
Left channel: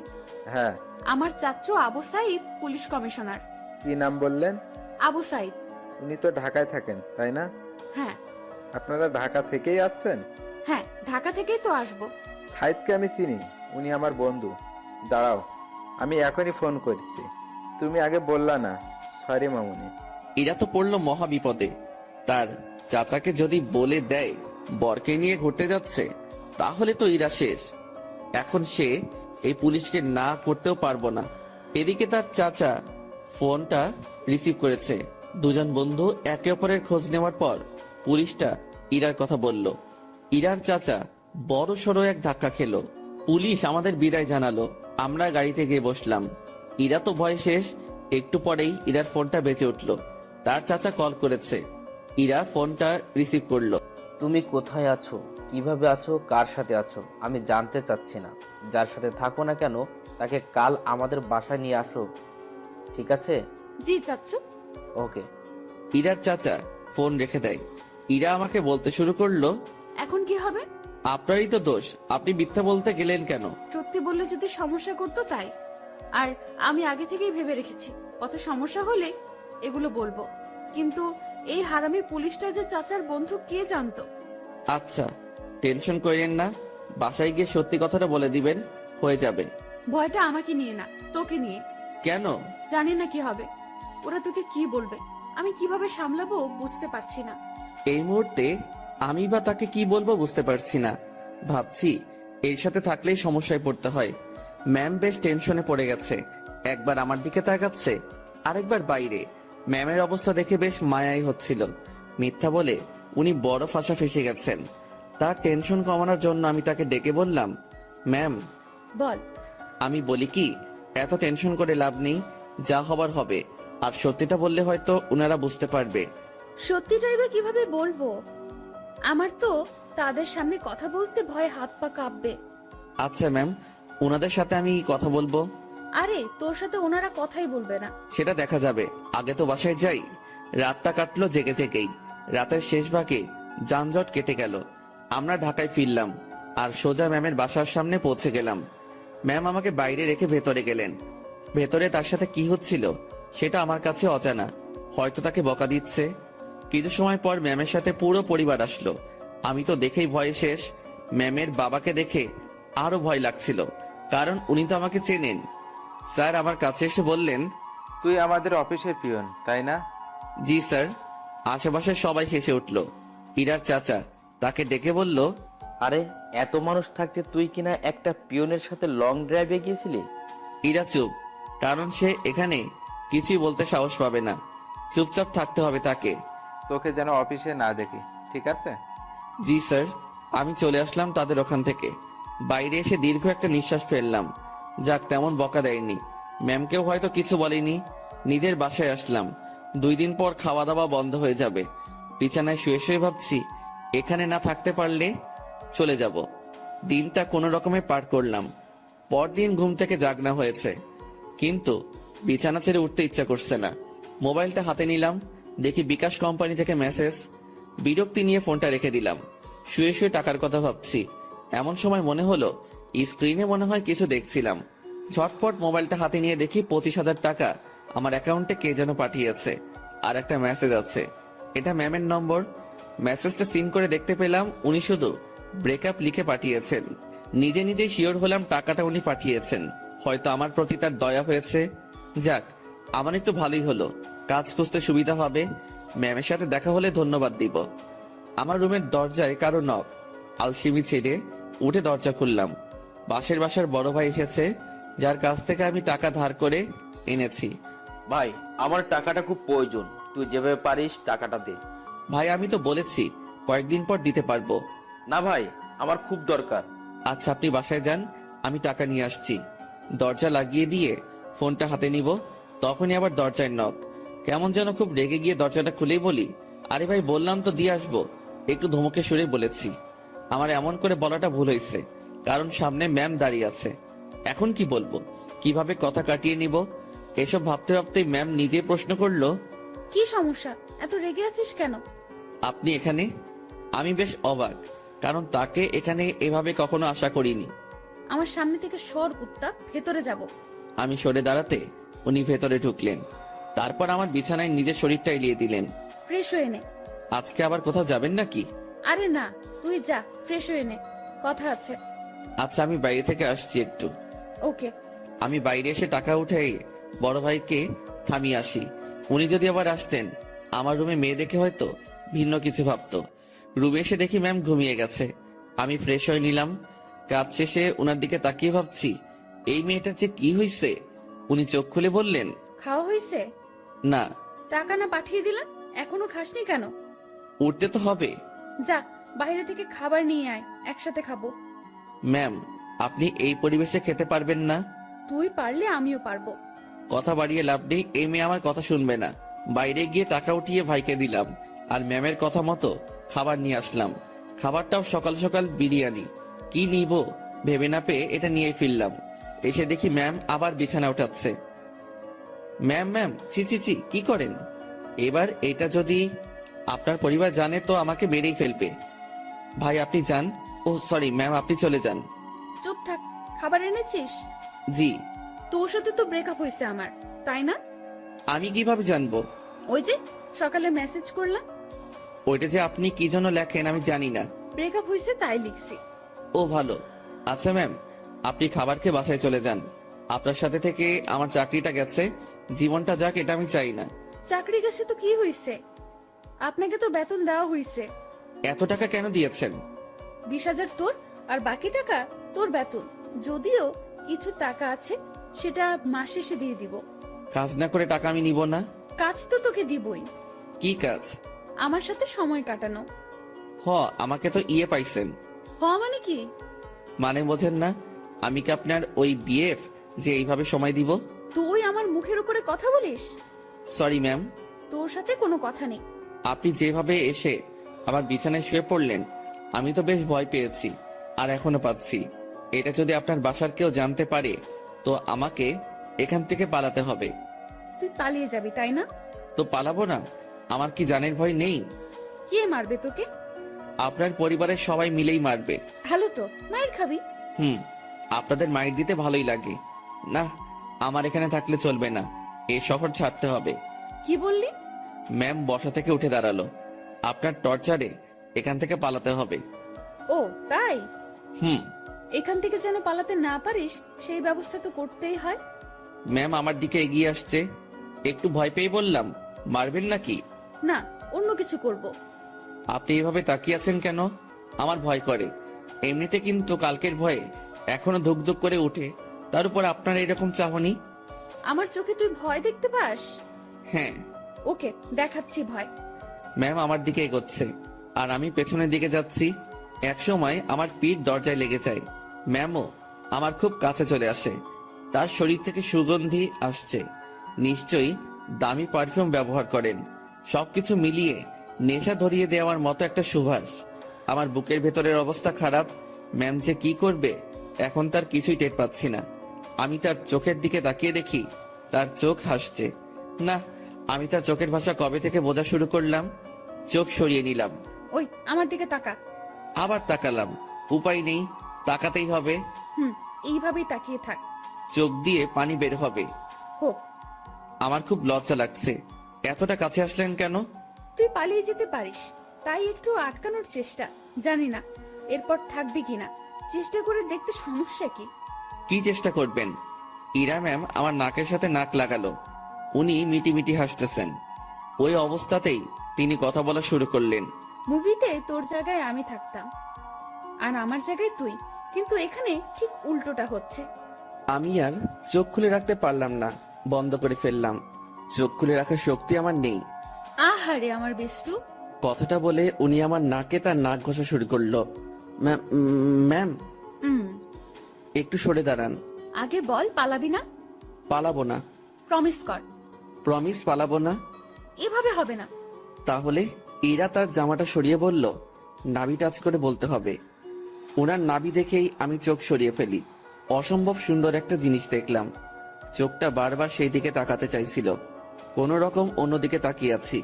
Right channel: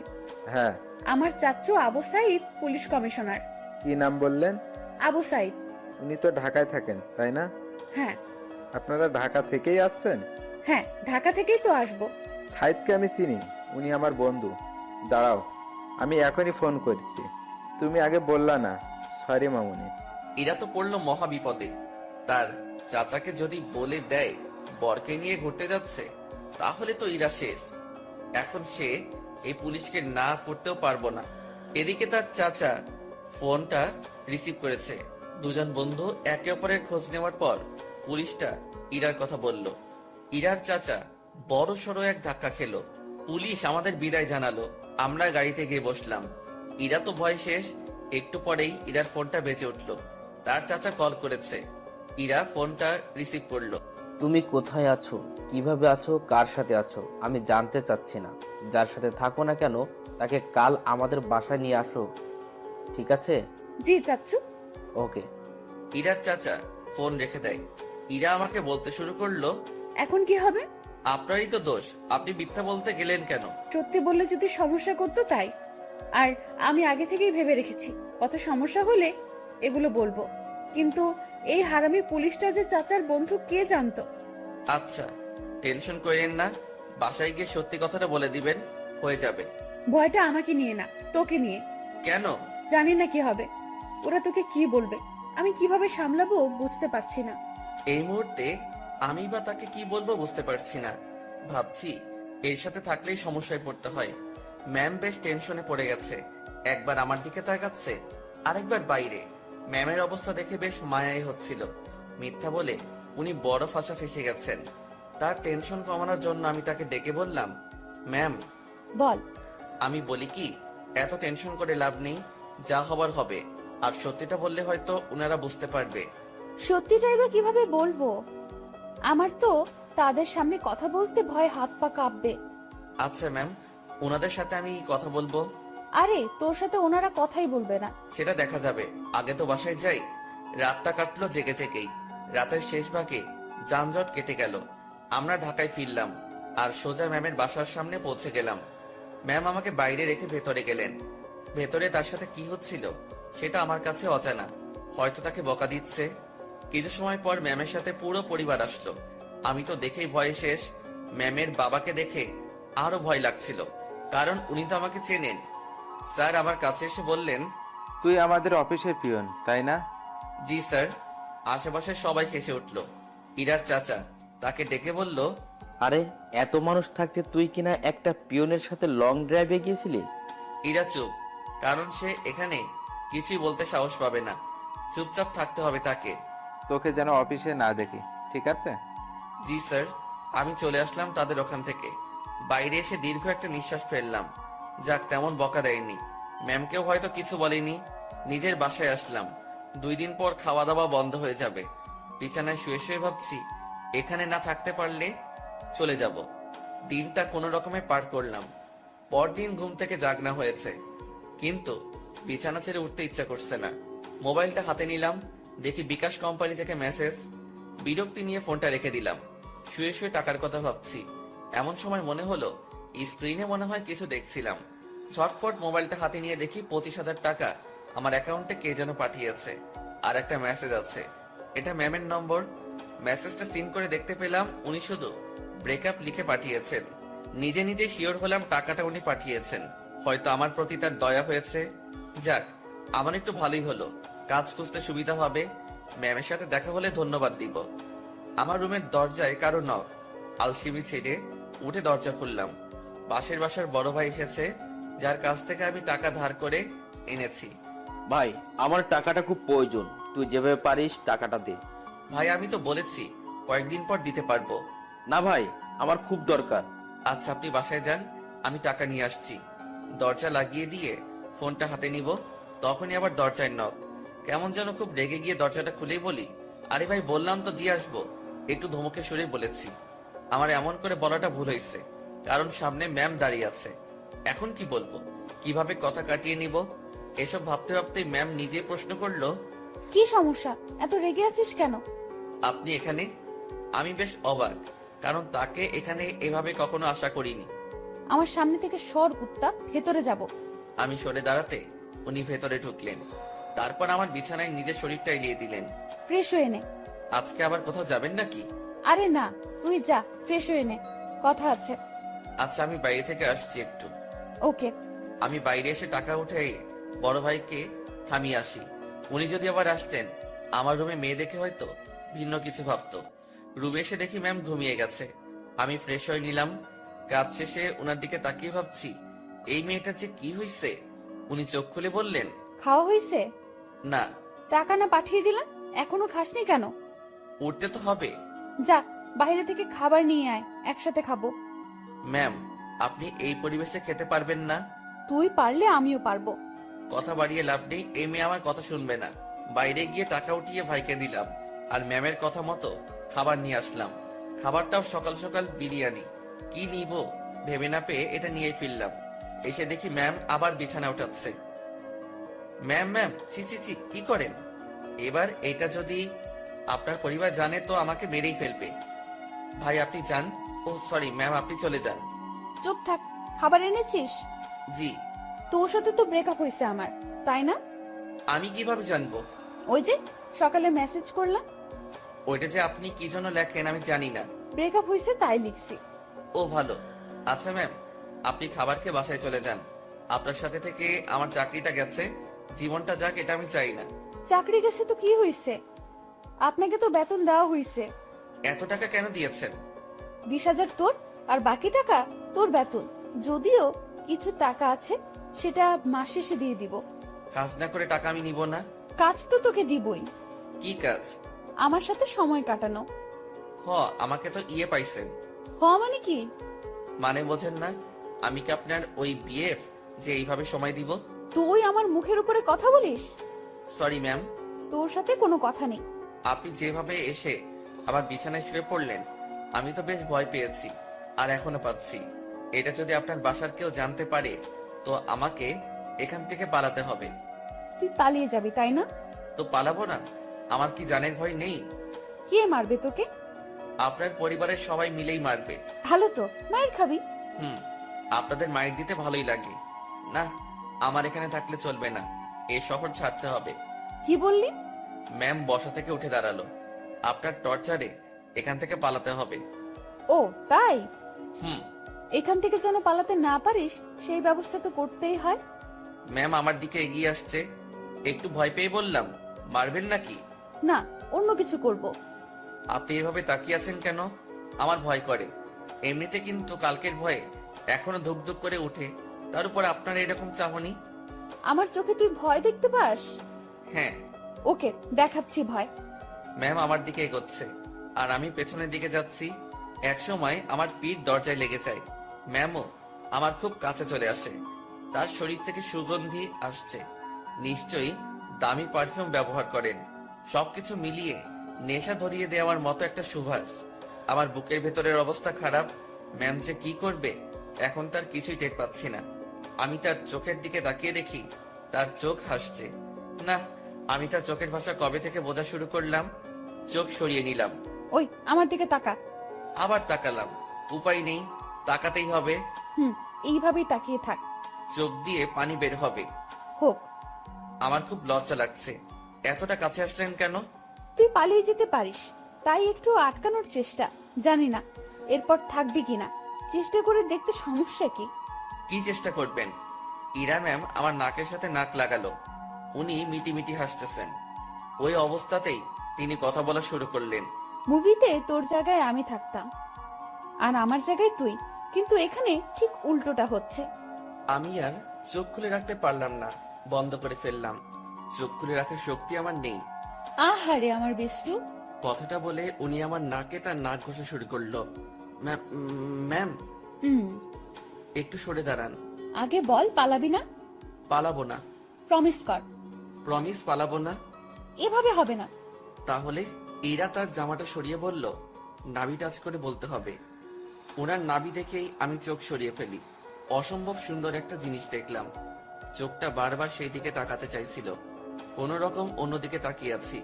হ্যাঁ। আমার চাচ্চু আবু সাইদ পুলিশ কমিশনার। কি নাম বললেন? আবু সাইদ। উনি তো ঢাকায় থাকেন, তাই না? হ্যাঁ। আপনারা ঢাকা থেকেই আসছেন? হ্যাঁ, ঢাকা থেকেই তো আসবো। সাইদকে আমি চিনি, উনি আমার বন্ধু। দাঁড়াও, আমি এখনই ফোন করেছি। তুমি আগে বললা না। সরি মামুনি। এরা তো পড়লো মহা বিপদে। তার চাচাকে যদি বলে দেয় বরকে নিয়ে ঘুরতে যাচ্ছে, তাহলে তো ইরা শেষ। এখন সে এই পুলিশকে না করতেও পারবো না। এদিকে তার চাচা ফোনটা রিসিভ করেছে। দুজন বন্ধু একে অপরের খোঁজ নেওয়ার পর পুলিশটা ইরার কথা বলল। ইরার চাচা বড় সড়ো এক ধাক্কা খেলো। পুলিশ আমাদের বিদায় জানালো। আমরা গাড়িতে গিয়ে বসলাম। ইরা তো ভয় শেষ। একটু পরেই ইরার ফোনটা বেজে উঠলো। তার চাচা কল করেছে। ইরা ফোনটা রিসিভ করলো। তুমি কোথায় আছো, কিভাবে আছো, কার সাথে আছো আমি জানতে চাচ্ছি না। যার সাথে থাকো না কেন তাকে কাল আমাদের বাসায় নিয়ে আসো, ঠিক আছে? জি চাচ্চু। ওকে। ইরার চাচা ফোন রেখে দেয়। ইরা আমাকে বলতে শুরু করলো, এখন কি হবে? আপনারই তো দোষ, আপনি মিথ্যা বলতে গেলেন কেন? সত্যি বললে যদি সমস্যা করতো তাই। আর আমি আগে থেকেই ভেবে রেখেছি কত সমস্যা হলে এগুলো বলবো। কিন্তু এই হারামি পুলিশটা যে চাচার বন্ধু কে জানতো? আচ্ছা, টেনশন করেন না, বাসায় গিয়ে সত্যি কথাটা বলে দিবেন, হয়ে যাবে। ভয়টা আমাকে নিয়ে না, তোকে নিয়ে। কেন? জানি না কি হবে। ওরা তোকে কি বলবে, আমি কিভাবে সামলাবো বুঝতে পারছি না। এই মুহূর্তে আমি বা তাকে কি বলবো বুঝতে পারছি না। ভাবছি এর সাথে থাকলেই সমস্যায় পড়তে হয়। ম্যাম বেশ টেনশনে পড়ে গেছে। একবার আমার দিকে তাকাচ্ছে, আরেকবার বাইরে। ম্যামের অবস্থা দেখে বেশ মায়াই হচ্ছিল। মিথ্যা বলে উনি বড় ফাঁসা ফেসে গেছেন। তার টেনশন কমানোর জন্য আমি তাকে ডেকে বললাম, ম্যাম। বল। আমি বলি কি, এত টেনশন করে লাভ নেই, যা হবার হবে। আর সত্যিটা বললে হয়তো ওনারা বুঝতে পারবে। সত্যিটাই বা কিভাবে বলবো? আমার তো তাদের সামনে কথা বলতে ভয়ে হাত পা কাঁপবে। আচ্ছা ম্যাম, ওনাদের সাথে আমি কথা বলবো। আরে তোর সাথে ওনারা কথাই বলবে না। সেটা দেখা যাবে, আগে তো বাসায় যাই। রাতটা কাটলো জেগে জেগেই। রাতের শেষ ভাগে যানজট কেটে গেল। আমরা ঢাকায় ফিরলাম আর সোজা ম্যামের বাসার সামনে পৌঁছে গেলাম। ম্যাম আমাকে বাইরে রেখে ভেতরে গেলেন। ভেতরে তার সাথে কি হচ্ছিল সেটা আমার কাছে অজানা। হয়তো তাকে বকা দিচ্ছে। কিছু সময় পর ম্যামের সাথে পুরো পরিবার আসলো। আমি তো দেখেই ভয়ে শেষ। ম্যামের বাবাকে দেখে আরো ভয় লাগছিল, কারণ উনি তো আমাকে চেনেন। স্যার আমার কাছে এসে বললেন, তুই আমাদের অফিসের পিয়ন, তাই না? জি স্যার। আশেপাশের সবাই হেসে উঠল। ইরার চাচা তাকে ডেকে বলল, আরে এত মানুষ থাকতে তুই কিনা একটা পিয়নের সাথে লং ড্রাইভে গিয়েছিলি? ইরা চুপ, কারণ সে এখানে কিছুই বলতে সাহস পাবে না। চুপচাপ থাকতে হবে তাকে। তোকে যেন অফিসে না দেখি, ঠিক আছে? জি স্যার। আমি চলে আসলাম তাদের ওখান থেকে। বাইরে এসে দীর্ঘ একটা নিঃশ্বাস ফেললাম। যাক, তেমন বকা দেয়নি, ম্যামকেও হয়তো কিছু বলেনি। নিজের বাসায় আসলাম। 2 দিন পর খাওয়া দাওয়া বন্ধ হয়ে যাবে। বিছানায় শুয়ে শুয়ে ভাবছি, এখানে না থাকতে পারলে চলে যাব। দিনটা কোনো রকমে পার করলাম। পরদিন ঘুম থেকে জাগনা হয়েছে, কিন্তু বিছানা ছেড়ে উঠতে ইচ্ছা করছে না। মোবাইলটা হাতে নিলাম, দেখি বিকাশ কোম্পানি থেকে মেসেজ। বিরক্তি নিয়ে ফোনটা রেখে দিলাম। শুয়ে শুয়ে টাকার কথা ভাবছি, এমন সময় মনে হলো স্ক্রিনে মনে হয় কিছু দেখছিলাম। ঝটপট মোবাইলটা হাতে নিয়ে দেখি 25,000 টাকা আমার অ্যাকাউন্টে কে যেন পাঠিয়েছে। আর একটা মেসেজ আছে, এটা ম্যামের নম্বর। মেসেজটা সিন করে দেখতে পেলাম উনি শুধু ব্রেকআপ লিখে পাঠিয়েছেন। নিজে নিজে শিওর হলাম টাকাটা উনি পাঠিয়েছেন। হয়তো আমার প্রতি তার দয়া হয়েছে। যাক, আমার একটু ভালোই হলো, কাজ খুঁজতে সুবিধা হবে। ম্যামের সাথে দেখা হলে ধন্যবাদ দিব। আমার রুমের দরজায় কারো নক। আলসেমি ছেড়ে উঠে দরজা খুললাম। পাশের বাসার বড় ভাই এসেছে, যার কাছ থেকে আমি টাকা ধার করে এনেছি। ভাই আমার টাকাটা খুব প্রয়োজন, তুই যেভাবে পারিস টাকাটা দে। ভাই, আমি তো বলেছি কয়েকদিন পর দিতে পারবো। না ভাই, আমার খুব দরকার। আচ্ছা, আপনি বাসায় যান, আমি টাকা নিয়ে আসছি। দরজা লাগিয়ে দিয়ে ফোনটা হাতে নিব, তখনই আবার দরজায় নক। কেমন যেন খুব রেগে গিয়ে দরজাটা খুলেই বলি, আরে ভাই, বললাম তো দিয়ে আসবো। একটু ধমকে সুরে বলেছি। আমার এমন করে বলাটা ভুল হয়েছে, কারণ সামনে ম্যাম দাঁড়িয়ে আছে। এখন কি বলবো, কিভাবে কথা কাটিয়ে নিব, এসব ভাবতে ভাবতে ম্যাম নিজে প্রশ্ন করলো, কি সমস্যা, এত রেগে আছিস কেন? আপনি এখানে? আমি বেশ অবাক, কারণ তাকে এখানে এভাবে কখনো আশা করিনি। আমার সামনে থেকে সর কুত্তা, ভেতরে যাব। আমি সরে দাঁড়াতে উনি ভেতরে ঢুকলেন। তারপর আমার বিছানায় নিজের শরীরটা এলিয়ে দিলেন। ফ্রেশ হয়ে নে। আজকে আবার কোথাও যাবেন নাকি? আরে না, তুই যা, ফ্রেশ হয়ে নে, কথা আছে। আচ্ছা, আমি বাইরে থেকে আসছি একটু। ওকে। আমি বাইরে এসে টাকা উঠে বড় ভাইকে থামিয়ে আসি। উনি যদি আবার আসতেন, আমার রুমে মেয়ে দেখে হয়তো ভিন্ন কিছু ভাবতো। রুমে এসে দেখি ম্যাম ঘুমিয়ে গেছে। আমি ফ্রেশ হয়ে নিলাম। কাজ শেষে ওনার দিকে তাকিয়ে ভাবছি, এই মেয়েটার যে কি হয়েছে। উনি চোখ খুলে বললেন, খাওয়া হয়েছে? না। টাকা না পাঠিয়ে দিলাম, এখনো খাসনি কেন? উঠতে তো হবে। যা, বাইরে থেকে খাবার নিয়ে আয়, একসাথে খাবো। ম্যাম, আপনি এই পরিবেশে খেতে পারবেন না। তুই পারলে আমিও পারবো। কথা বাড়িয়ে লাভ নেই, এই মেয়ে আমার কথা শুনবে না। বাইরে গিয়ে টাকা উঠিয়ে ভাইকে দিলাম, আর ম্যামের কথা মতো খাবার নিয়ে আসলাম। খাবারটাও সকাল সকাল বিরিয়ানি। কি নিব ভেবে না পেয়ে এটা নিয়ে ফিরলাম। এসে দেখি ম্যাম আবার বিছানা উঠাচ্ছে। ম্যাম ম্যাম, ছি ছি ছি, কি করেন? এবার এটা যদি আপনার পরিবার জানে তো আমাকে মেরেই ফেলবে। ভাই আপনি যান। ও সরি ম্যাম, আপনি চলে যান। চুপ থাক। খাবার এনেছিস? জি। তোর সাথে তো ব্রেকআপ হয়েছে আমার, তাই না? আমি কিভাবে জানবো? ওই যে সকালে মেসেজ করলাম। ওইটা যে আপনি কি জন্য লেখেন আমি জানি না। ব্রেকআপ হয়েছে তাই লিখছি। ও ভালো। আচ্ছা ম্যাম, আপনি খাবার খেয়ে বাসায় চলে যান। আপনার সাথে থেকে আমার চাকরিটা গেছে, জীবনটা যাক এটা আমি চাই না। চাকরি গেছে তো কি হয়েছে? আপনাকে তো বেতন দেওয়া হয়েছে। এত টাকা কেন দিয়েছেন? 20,000 তোর, আর বাকি টাকা তোর বেতন। যদিও কিছু টাকা আছে, সেটা মাস শেষে দিয়ে দিব। কাজ না করে টাকা আমি নিব না। কাজ তো তোকে দিবই। কি কাজ? আমার সাথে সময় কাটানো। হ, আমাকে তো ইয়ে পাইছেন। মানে কি? মানে বোঝেন না? আমি কি আপনার ওই বিএফ যে এইভাবে সময় দিব? তুই আমার মুখের উপরে কথা বলিস? Sorry ma'am. তোর সাথে কোনো কথা নেই। আপনি যেভাবে এসে আমার বিছানায় শুয়ে পড়লেন, আমি তো বেশ ভয় পেয়েছি, আর এখনো পাচ্ছি। এটা যদি আপনার বাসার কেউ জানতে পারে, তো আমাকে এখান থেকে পালাতে হবে। তুই পালিয়ে যাবি তাই না? তো পালাবো না? আমার কি জানের ভয় নেই? কে মারবে তোকে? আপনার পরিবারের সবাই মিলেই মারবে। ভালো তো, মায়ের খাবি। আপনাদের মাইর দিতে ভালোই লাগে না। আমার এখানে থাকলে চলবে না, এই শহর ছাড়তে হবে। কি বললি? ম্যাম বসা থেকে উঠে দাঁড়ালো। আপনার টর্চারে এখান থেকে পালাতে হবে। ও তাই? হুম। এখান থেকে যেন পালাতে না পারিস, সেই ব্যবস্থা তো করতেই হয়। ম্যাম আমার দিকে এগিয়ে আসছে। একটু ভয় পেয়ে বললাম, মারবেন নাকি? না, অন্য কিছু করব। আপনি এভাবে তাকিয়ে আছেন কেন? আমার ভয় করে। এমনিতে কিন্তু কালকের ভয়ে এখনো ধুক ধুক করে ওঠে, তার উপর আপনার এরকম চাহনি। আমার চোখে তুই ভয় দেখতে পাস? হ্যাঁ। ওকে, দেখাচ্ছি ভয়। ম্যাম আমার দিকে এগোচ্ছে আর আমি পেছনের দিকে যাচ্ছি। একসময় আমার পিঠ দরজায় লেগে যায়। ম্যামও আমার খুব কাছে চলে আসে। তার শরীর থেকে সুগন্ধি আসছে। নিশ্চয়ই দামি পারফিউম ব্যবহার করেন। সবকিছু মিলিয়ে নেশা ধরিয়ে দেওয়ার মতো একটা সুবাস। আমার বুকের ভেতরের অবস্থা খারাপ। ম্যাম যে কি করবে এখন তার কিছুই টের পাচ্ছি না। আমি তার চোখের দিকে তাকিয়ে দেখি তার চোখ হাসছে। না, আমি তার চোখের ভাষা কবে থেকে বোঝা শুরু করলাম। চোখ সরিয়ে নিলাম, ওই আমার দিকে তাকা। আবার তাকালাম। উপায় নেই, তাকাতেই হবে। এইভাবেই তাকিয়ে থাক। চোখ দিয়ে পানি বের হবে। হোক। আমার খুব লজ্জা লাগছে। এতটা কাছে আসলেন কেন? তুই পালিয়ে যেতে পারিস, তাই একটু আটকানোর চেষ্টা। জানি না এরপর থাকবি কিনা, চেষ্টা করে দেখতে সমস্যা কি? কি চেষ্টা করবেন? ইরা ম্যাম আমার নাকের সাথে নাক লাগালো। উনি মিটি মিটি হাসতেছেন। ওই অবস্থাতেই তিনি কথা বলা শুরু করলেন। মুভিতে তোর জায়গায় আমি থাকতাম আর আমার জায়গায় তুই, কিন্তু এখানে ঠিক উল্টোটা হচ্ছে। আমি আর চোখ খুলে রাখতে পারলাম না, বন্ধ করে ফেললাম। চোখ খুলে রাখার শক্তি আমার নেই। আহারে আমার বেষ্টু। কথাটা বলে উনি আমার নাকে তার নাক ঘষা শুরু করলো। ম্যাম, একটু সরে দাঁড়ান। আগে বল পালাবি না? পালাবো না। প্রমিস কর। প্রমিস, পালাবো না। এভাবে হবে না। তাহলে ইরা তার জামাটা সরিয়ে বলল, নাভি টাচ করে বলতে হবে। ওনার নাভি দেখেই আমি চোখ সরিয়ে ফেলি। অসম্ভব সুন্দর একটা জিনিস দেখলাম। চোখটা বারবার সেই দিকে তাকাতে চাইছিল। কোনো রকম অন্যদিকে তাকিয়ে আছি।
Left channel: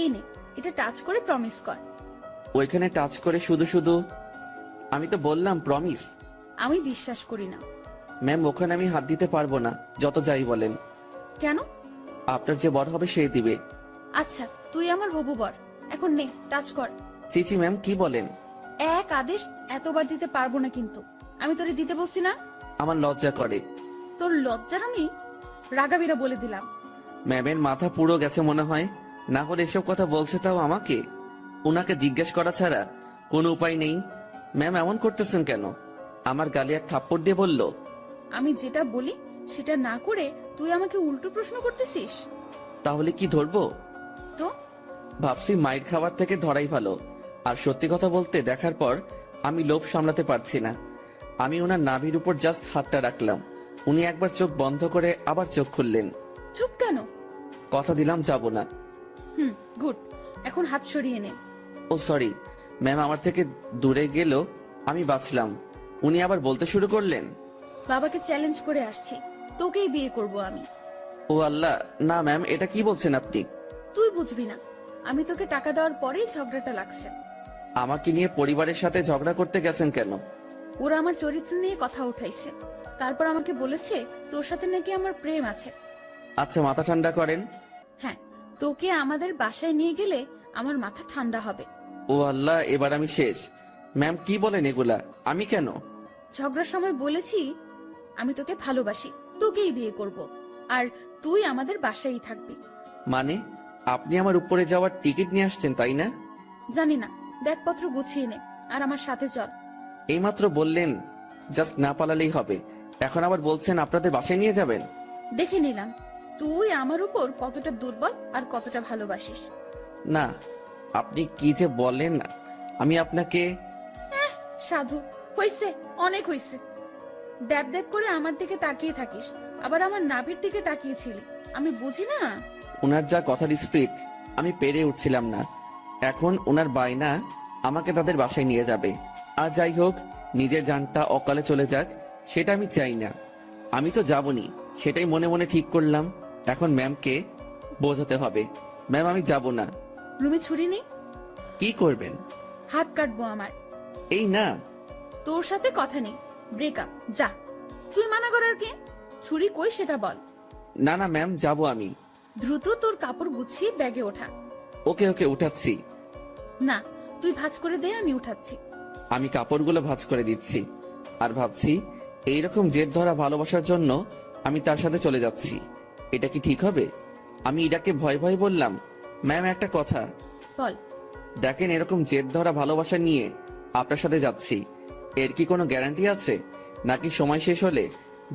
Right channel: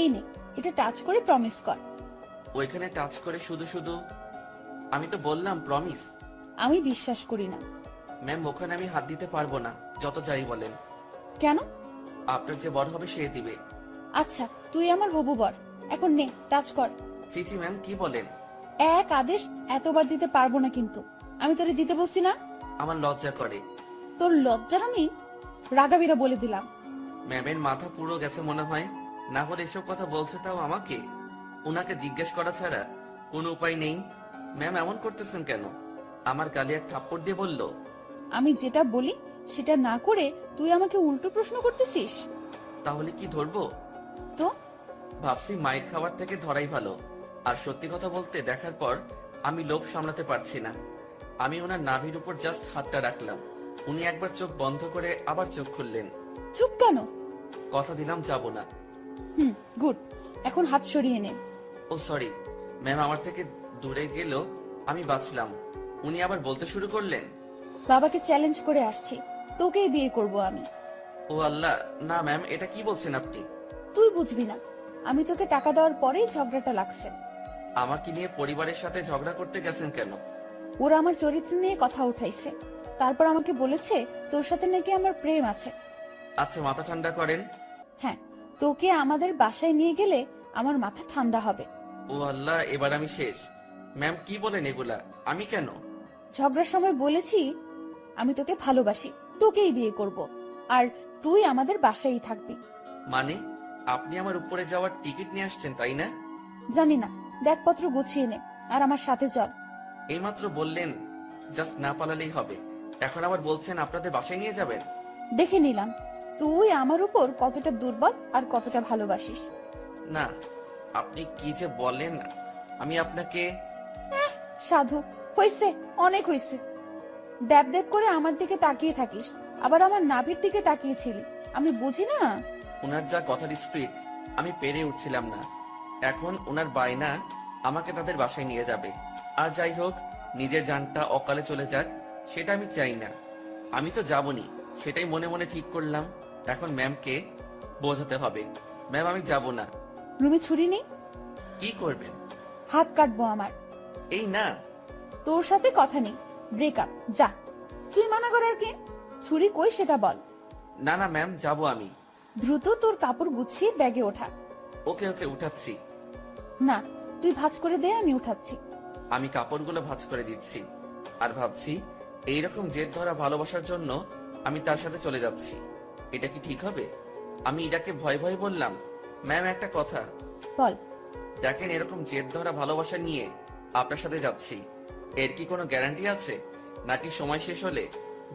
এই নে, এটা টাচ করে প্রমিস কর। ওইখানে টাচ করে শুধু শুধু? আমি তো বললাম প্রমিস। আমি বিশ্বাস করি না। ম্যাম, ওখানে আমি হাত দিতে পারবো না, যত যাই বলেন। কেন? আপনার যে বর হবে সে দিবে। আচ্ছা, তুই আমার হবু বর, এখন নে টাচ কর। চিচি ম্যাম, কি বলেন? এক আদেশ এতবার দিতে পারবো না, কিন্তু আমি তোরে দিতে বলছি না। আমার লজ্জা করে। তোর লজ্জার আমি রাগাবিরা বলে দিলাম। ম্যামের মাথা পুরো গেছে মনে হয়, না হলে এসব কথা বলছে তাও আমাকে। ওনাকে জিজ্ঞেস করা ছাড়া কোনো উপায় নেই। ম্যাম এমন করতেছেন কেন? আমার গালে এক থাপ্পড় দিয়ে বলল। আমি যেটা বলি সেটা না করে তুই আমাকে উল্টো প্রশ্ন করতেছিস। তাহলে কি ধরবো? তো ভাবছি মাইর খাবার থেকে ধরাই ভালো। আর সত্যি কথা বলতে দেখার পর আমি লোভ সামলাতে পারছি না। আমি ওনার নাভির উপর জাস্ট হাতটা রাখলাম। উনি একবার চোখ বন্ধ করে আবার চোখ খুললেন। চুপ কেন? কথা দিলাম যাব না। গুড, এখন হাত সরিয়ে নে। ও সরি ম্যাম, আমার থেকে দূরে গেল আমি বাঁচলাম। উনি আবার বলতে শুরু করলেন, বাবাকে চ্যালেঞ্জ করে আসছি, তোকেই বিয়ে করব আমি। ও আল্লাহ, না ম্যাম, এটা কি বলছেন আপনি? তুই বুঝবি না, আমি তোকে টাকা দেওয়ার পরেই ঝগড়াটা লাগছে। আমাকে নিয়ে পরিবারের সাথে ঝগড়া করতে গেছেন কেন? ওরা আমার চরিত্র নিয়ে কথা উঠাইছে, তারপর আমাকে বলেছে তোর সাথে নাকি আমার প্রেম আছে। আচ্ছা, মাথা ঠান্ডা করেন। হ্যাঁ, তোকে আমাদের বাসায় নিয়ে গেলে আমার মাথা ঠান্ডা হবে। ও আল্লাহ, এবার আমি শেষ। ম্যাম কি বলেন এগুলা? আমি কেন? ঝগড়ার সময় বলেছি আমি তোকে ভালোবাসি, তোকেই বিয়ে করব, আর তুই আমাদের বাসায়ই থাকবি। মানে আপনি আমার উপরে যাওয়ার টিকিট নিয়ে আসছেন, তাই না? জানি না, ব্যাগপত্র গুছিয়ে নে আর আমার সাথে চল। এইমাত্র বললেন জাস্ট না পালালেই হবে, এখন আবার বলছেন আপনাদের বাসায় নিয়ে যাবেন। দেখে নিলাম তুই আমার উপর কতটা দুর্বল আর কতটা ভালোবাসিস। না, আপনি কি যে বলেন। আমি আপনাকে সাধু, হইছে, অনেক হইছে। ড্যাব ড্যাব করে আমার দিকে তাকিয়ে থাকিস, আবার আমার নাভির দিকে তাকিয়েছিলি, আমি বুঝি না। ওনার যা কথার স্পিড আমি পেরে উঠছিলাম না। এখন ওনার বায়না আমাকে তাদের বাসায় নিয়ে যাবে। আর যাই হোক, নিজের জানটা অকালে চলে যাক সেটা আমি চাই না। আমি তো যাবনি, সেটাই মনে মনে ঠিক করলাম। এখন ম্যামকে বোঝাতে হবে, ম্যাম আমি যাব না। রুমে ছুরি নেই? কি করবেন? হাত কাটবো আমার। এই না, তোর সাথে কথা নেই, ব্রেকআপ, যা। তুই মানা করার কে? ছুরি কই সেটা বল। না না ম্যাম, যাব আমি। দ্রুত তোর কাপড় গুছিয়ে ব্যাগে ওঠা। ওকে ওকে, উঠাচ্ছি। না, তুই ভাঁজ করে দে, আমি উঠাচ্ছি। আমি কাপড়গুলো ভাঁজ করে দিচ্ছি আর ভাবছি এইরকম জেদ ধরা ভালোবাসার জন্য আমি তার সাথে চলে যাচ্ছি। এটা কি ঠিক হবে? আমি ইরাকে ভয় ভয় বললাম, ম্যাম একটা কথা, বল। দেখেন, এরকম জেদ ধরা ভালোবাসা নিয়ে আপনার সাথে যাচ্ছি, এর কি কোনো গ্যারান্টি আছে? নাকি সময় শেষ হলে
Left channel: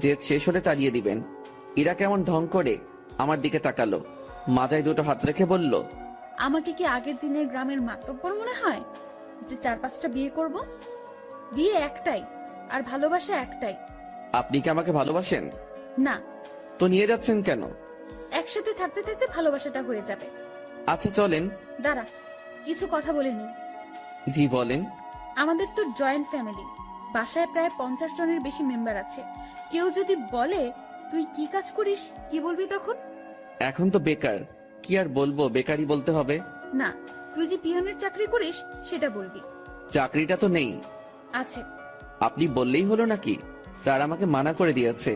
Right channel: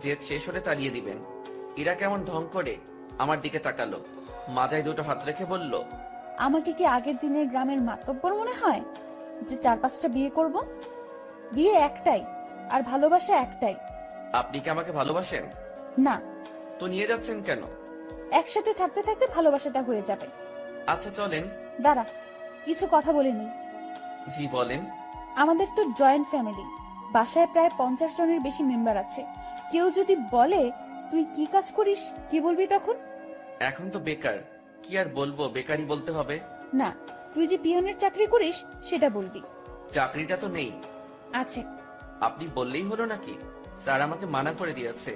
জেদ শেষ হলে তাড়িয়ে দিবেন? ইরা কেমন ঢং করে আমার দিকে তাকালো, মাথায় দুটো হাত রেখে বলল, আমাকে কি আগের দিনের গ্রামের মাতব্বর মনে হয় যে 4-5টা বিয়ে করব? বিয়ে একটাই, আর ভালোবাসা একটাই। আপনি কি আমাকে ভালোবাসেন? না, তো নিয়ে যাচ্ছেন কেন? একসাথে থাকতে থাকতে ভালোবাসাটা হয়ে যাবে। আচ্ছা চলেন। দাঁড়া, কিছু কথা বলে নি। জি বলেন। আমাদের তো জয়েন্ট ফ্যামিলি, বাসায় প্রায় 50 জনের বেশি মেম্বার আছে। কেউ যদি বলে তুই কি কাজ করিস, কি বলবি তখন? এখন তো বেকার, কি আর বলবো, বেকারই বলতে হবে। না, তুই যে পিয়নের চাকরি করিস সেটা বলবি। চাকরিটা তো নেই। আছে। আপনি বললেই হলো নাকি? স্যার আমাকে মানা করে দিয়েছে।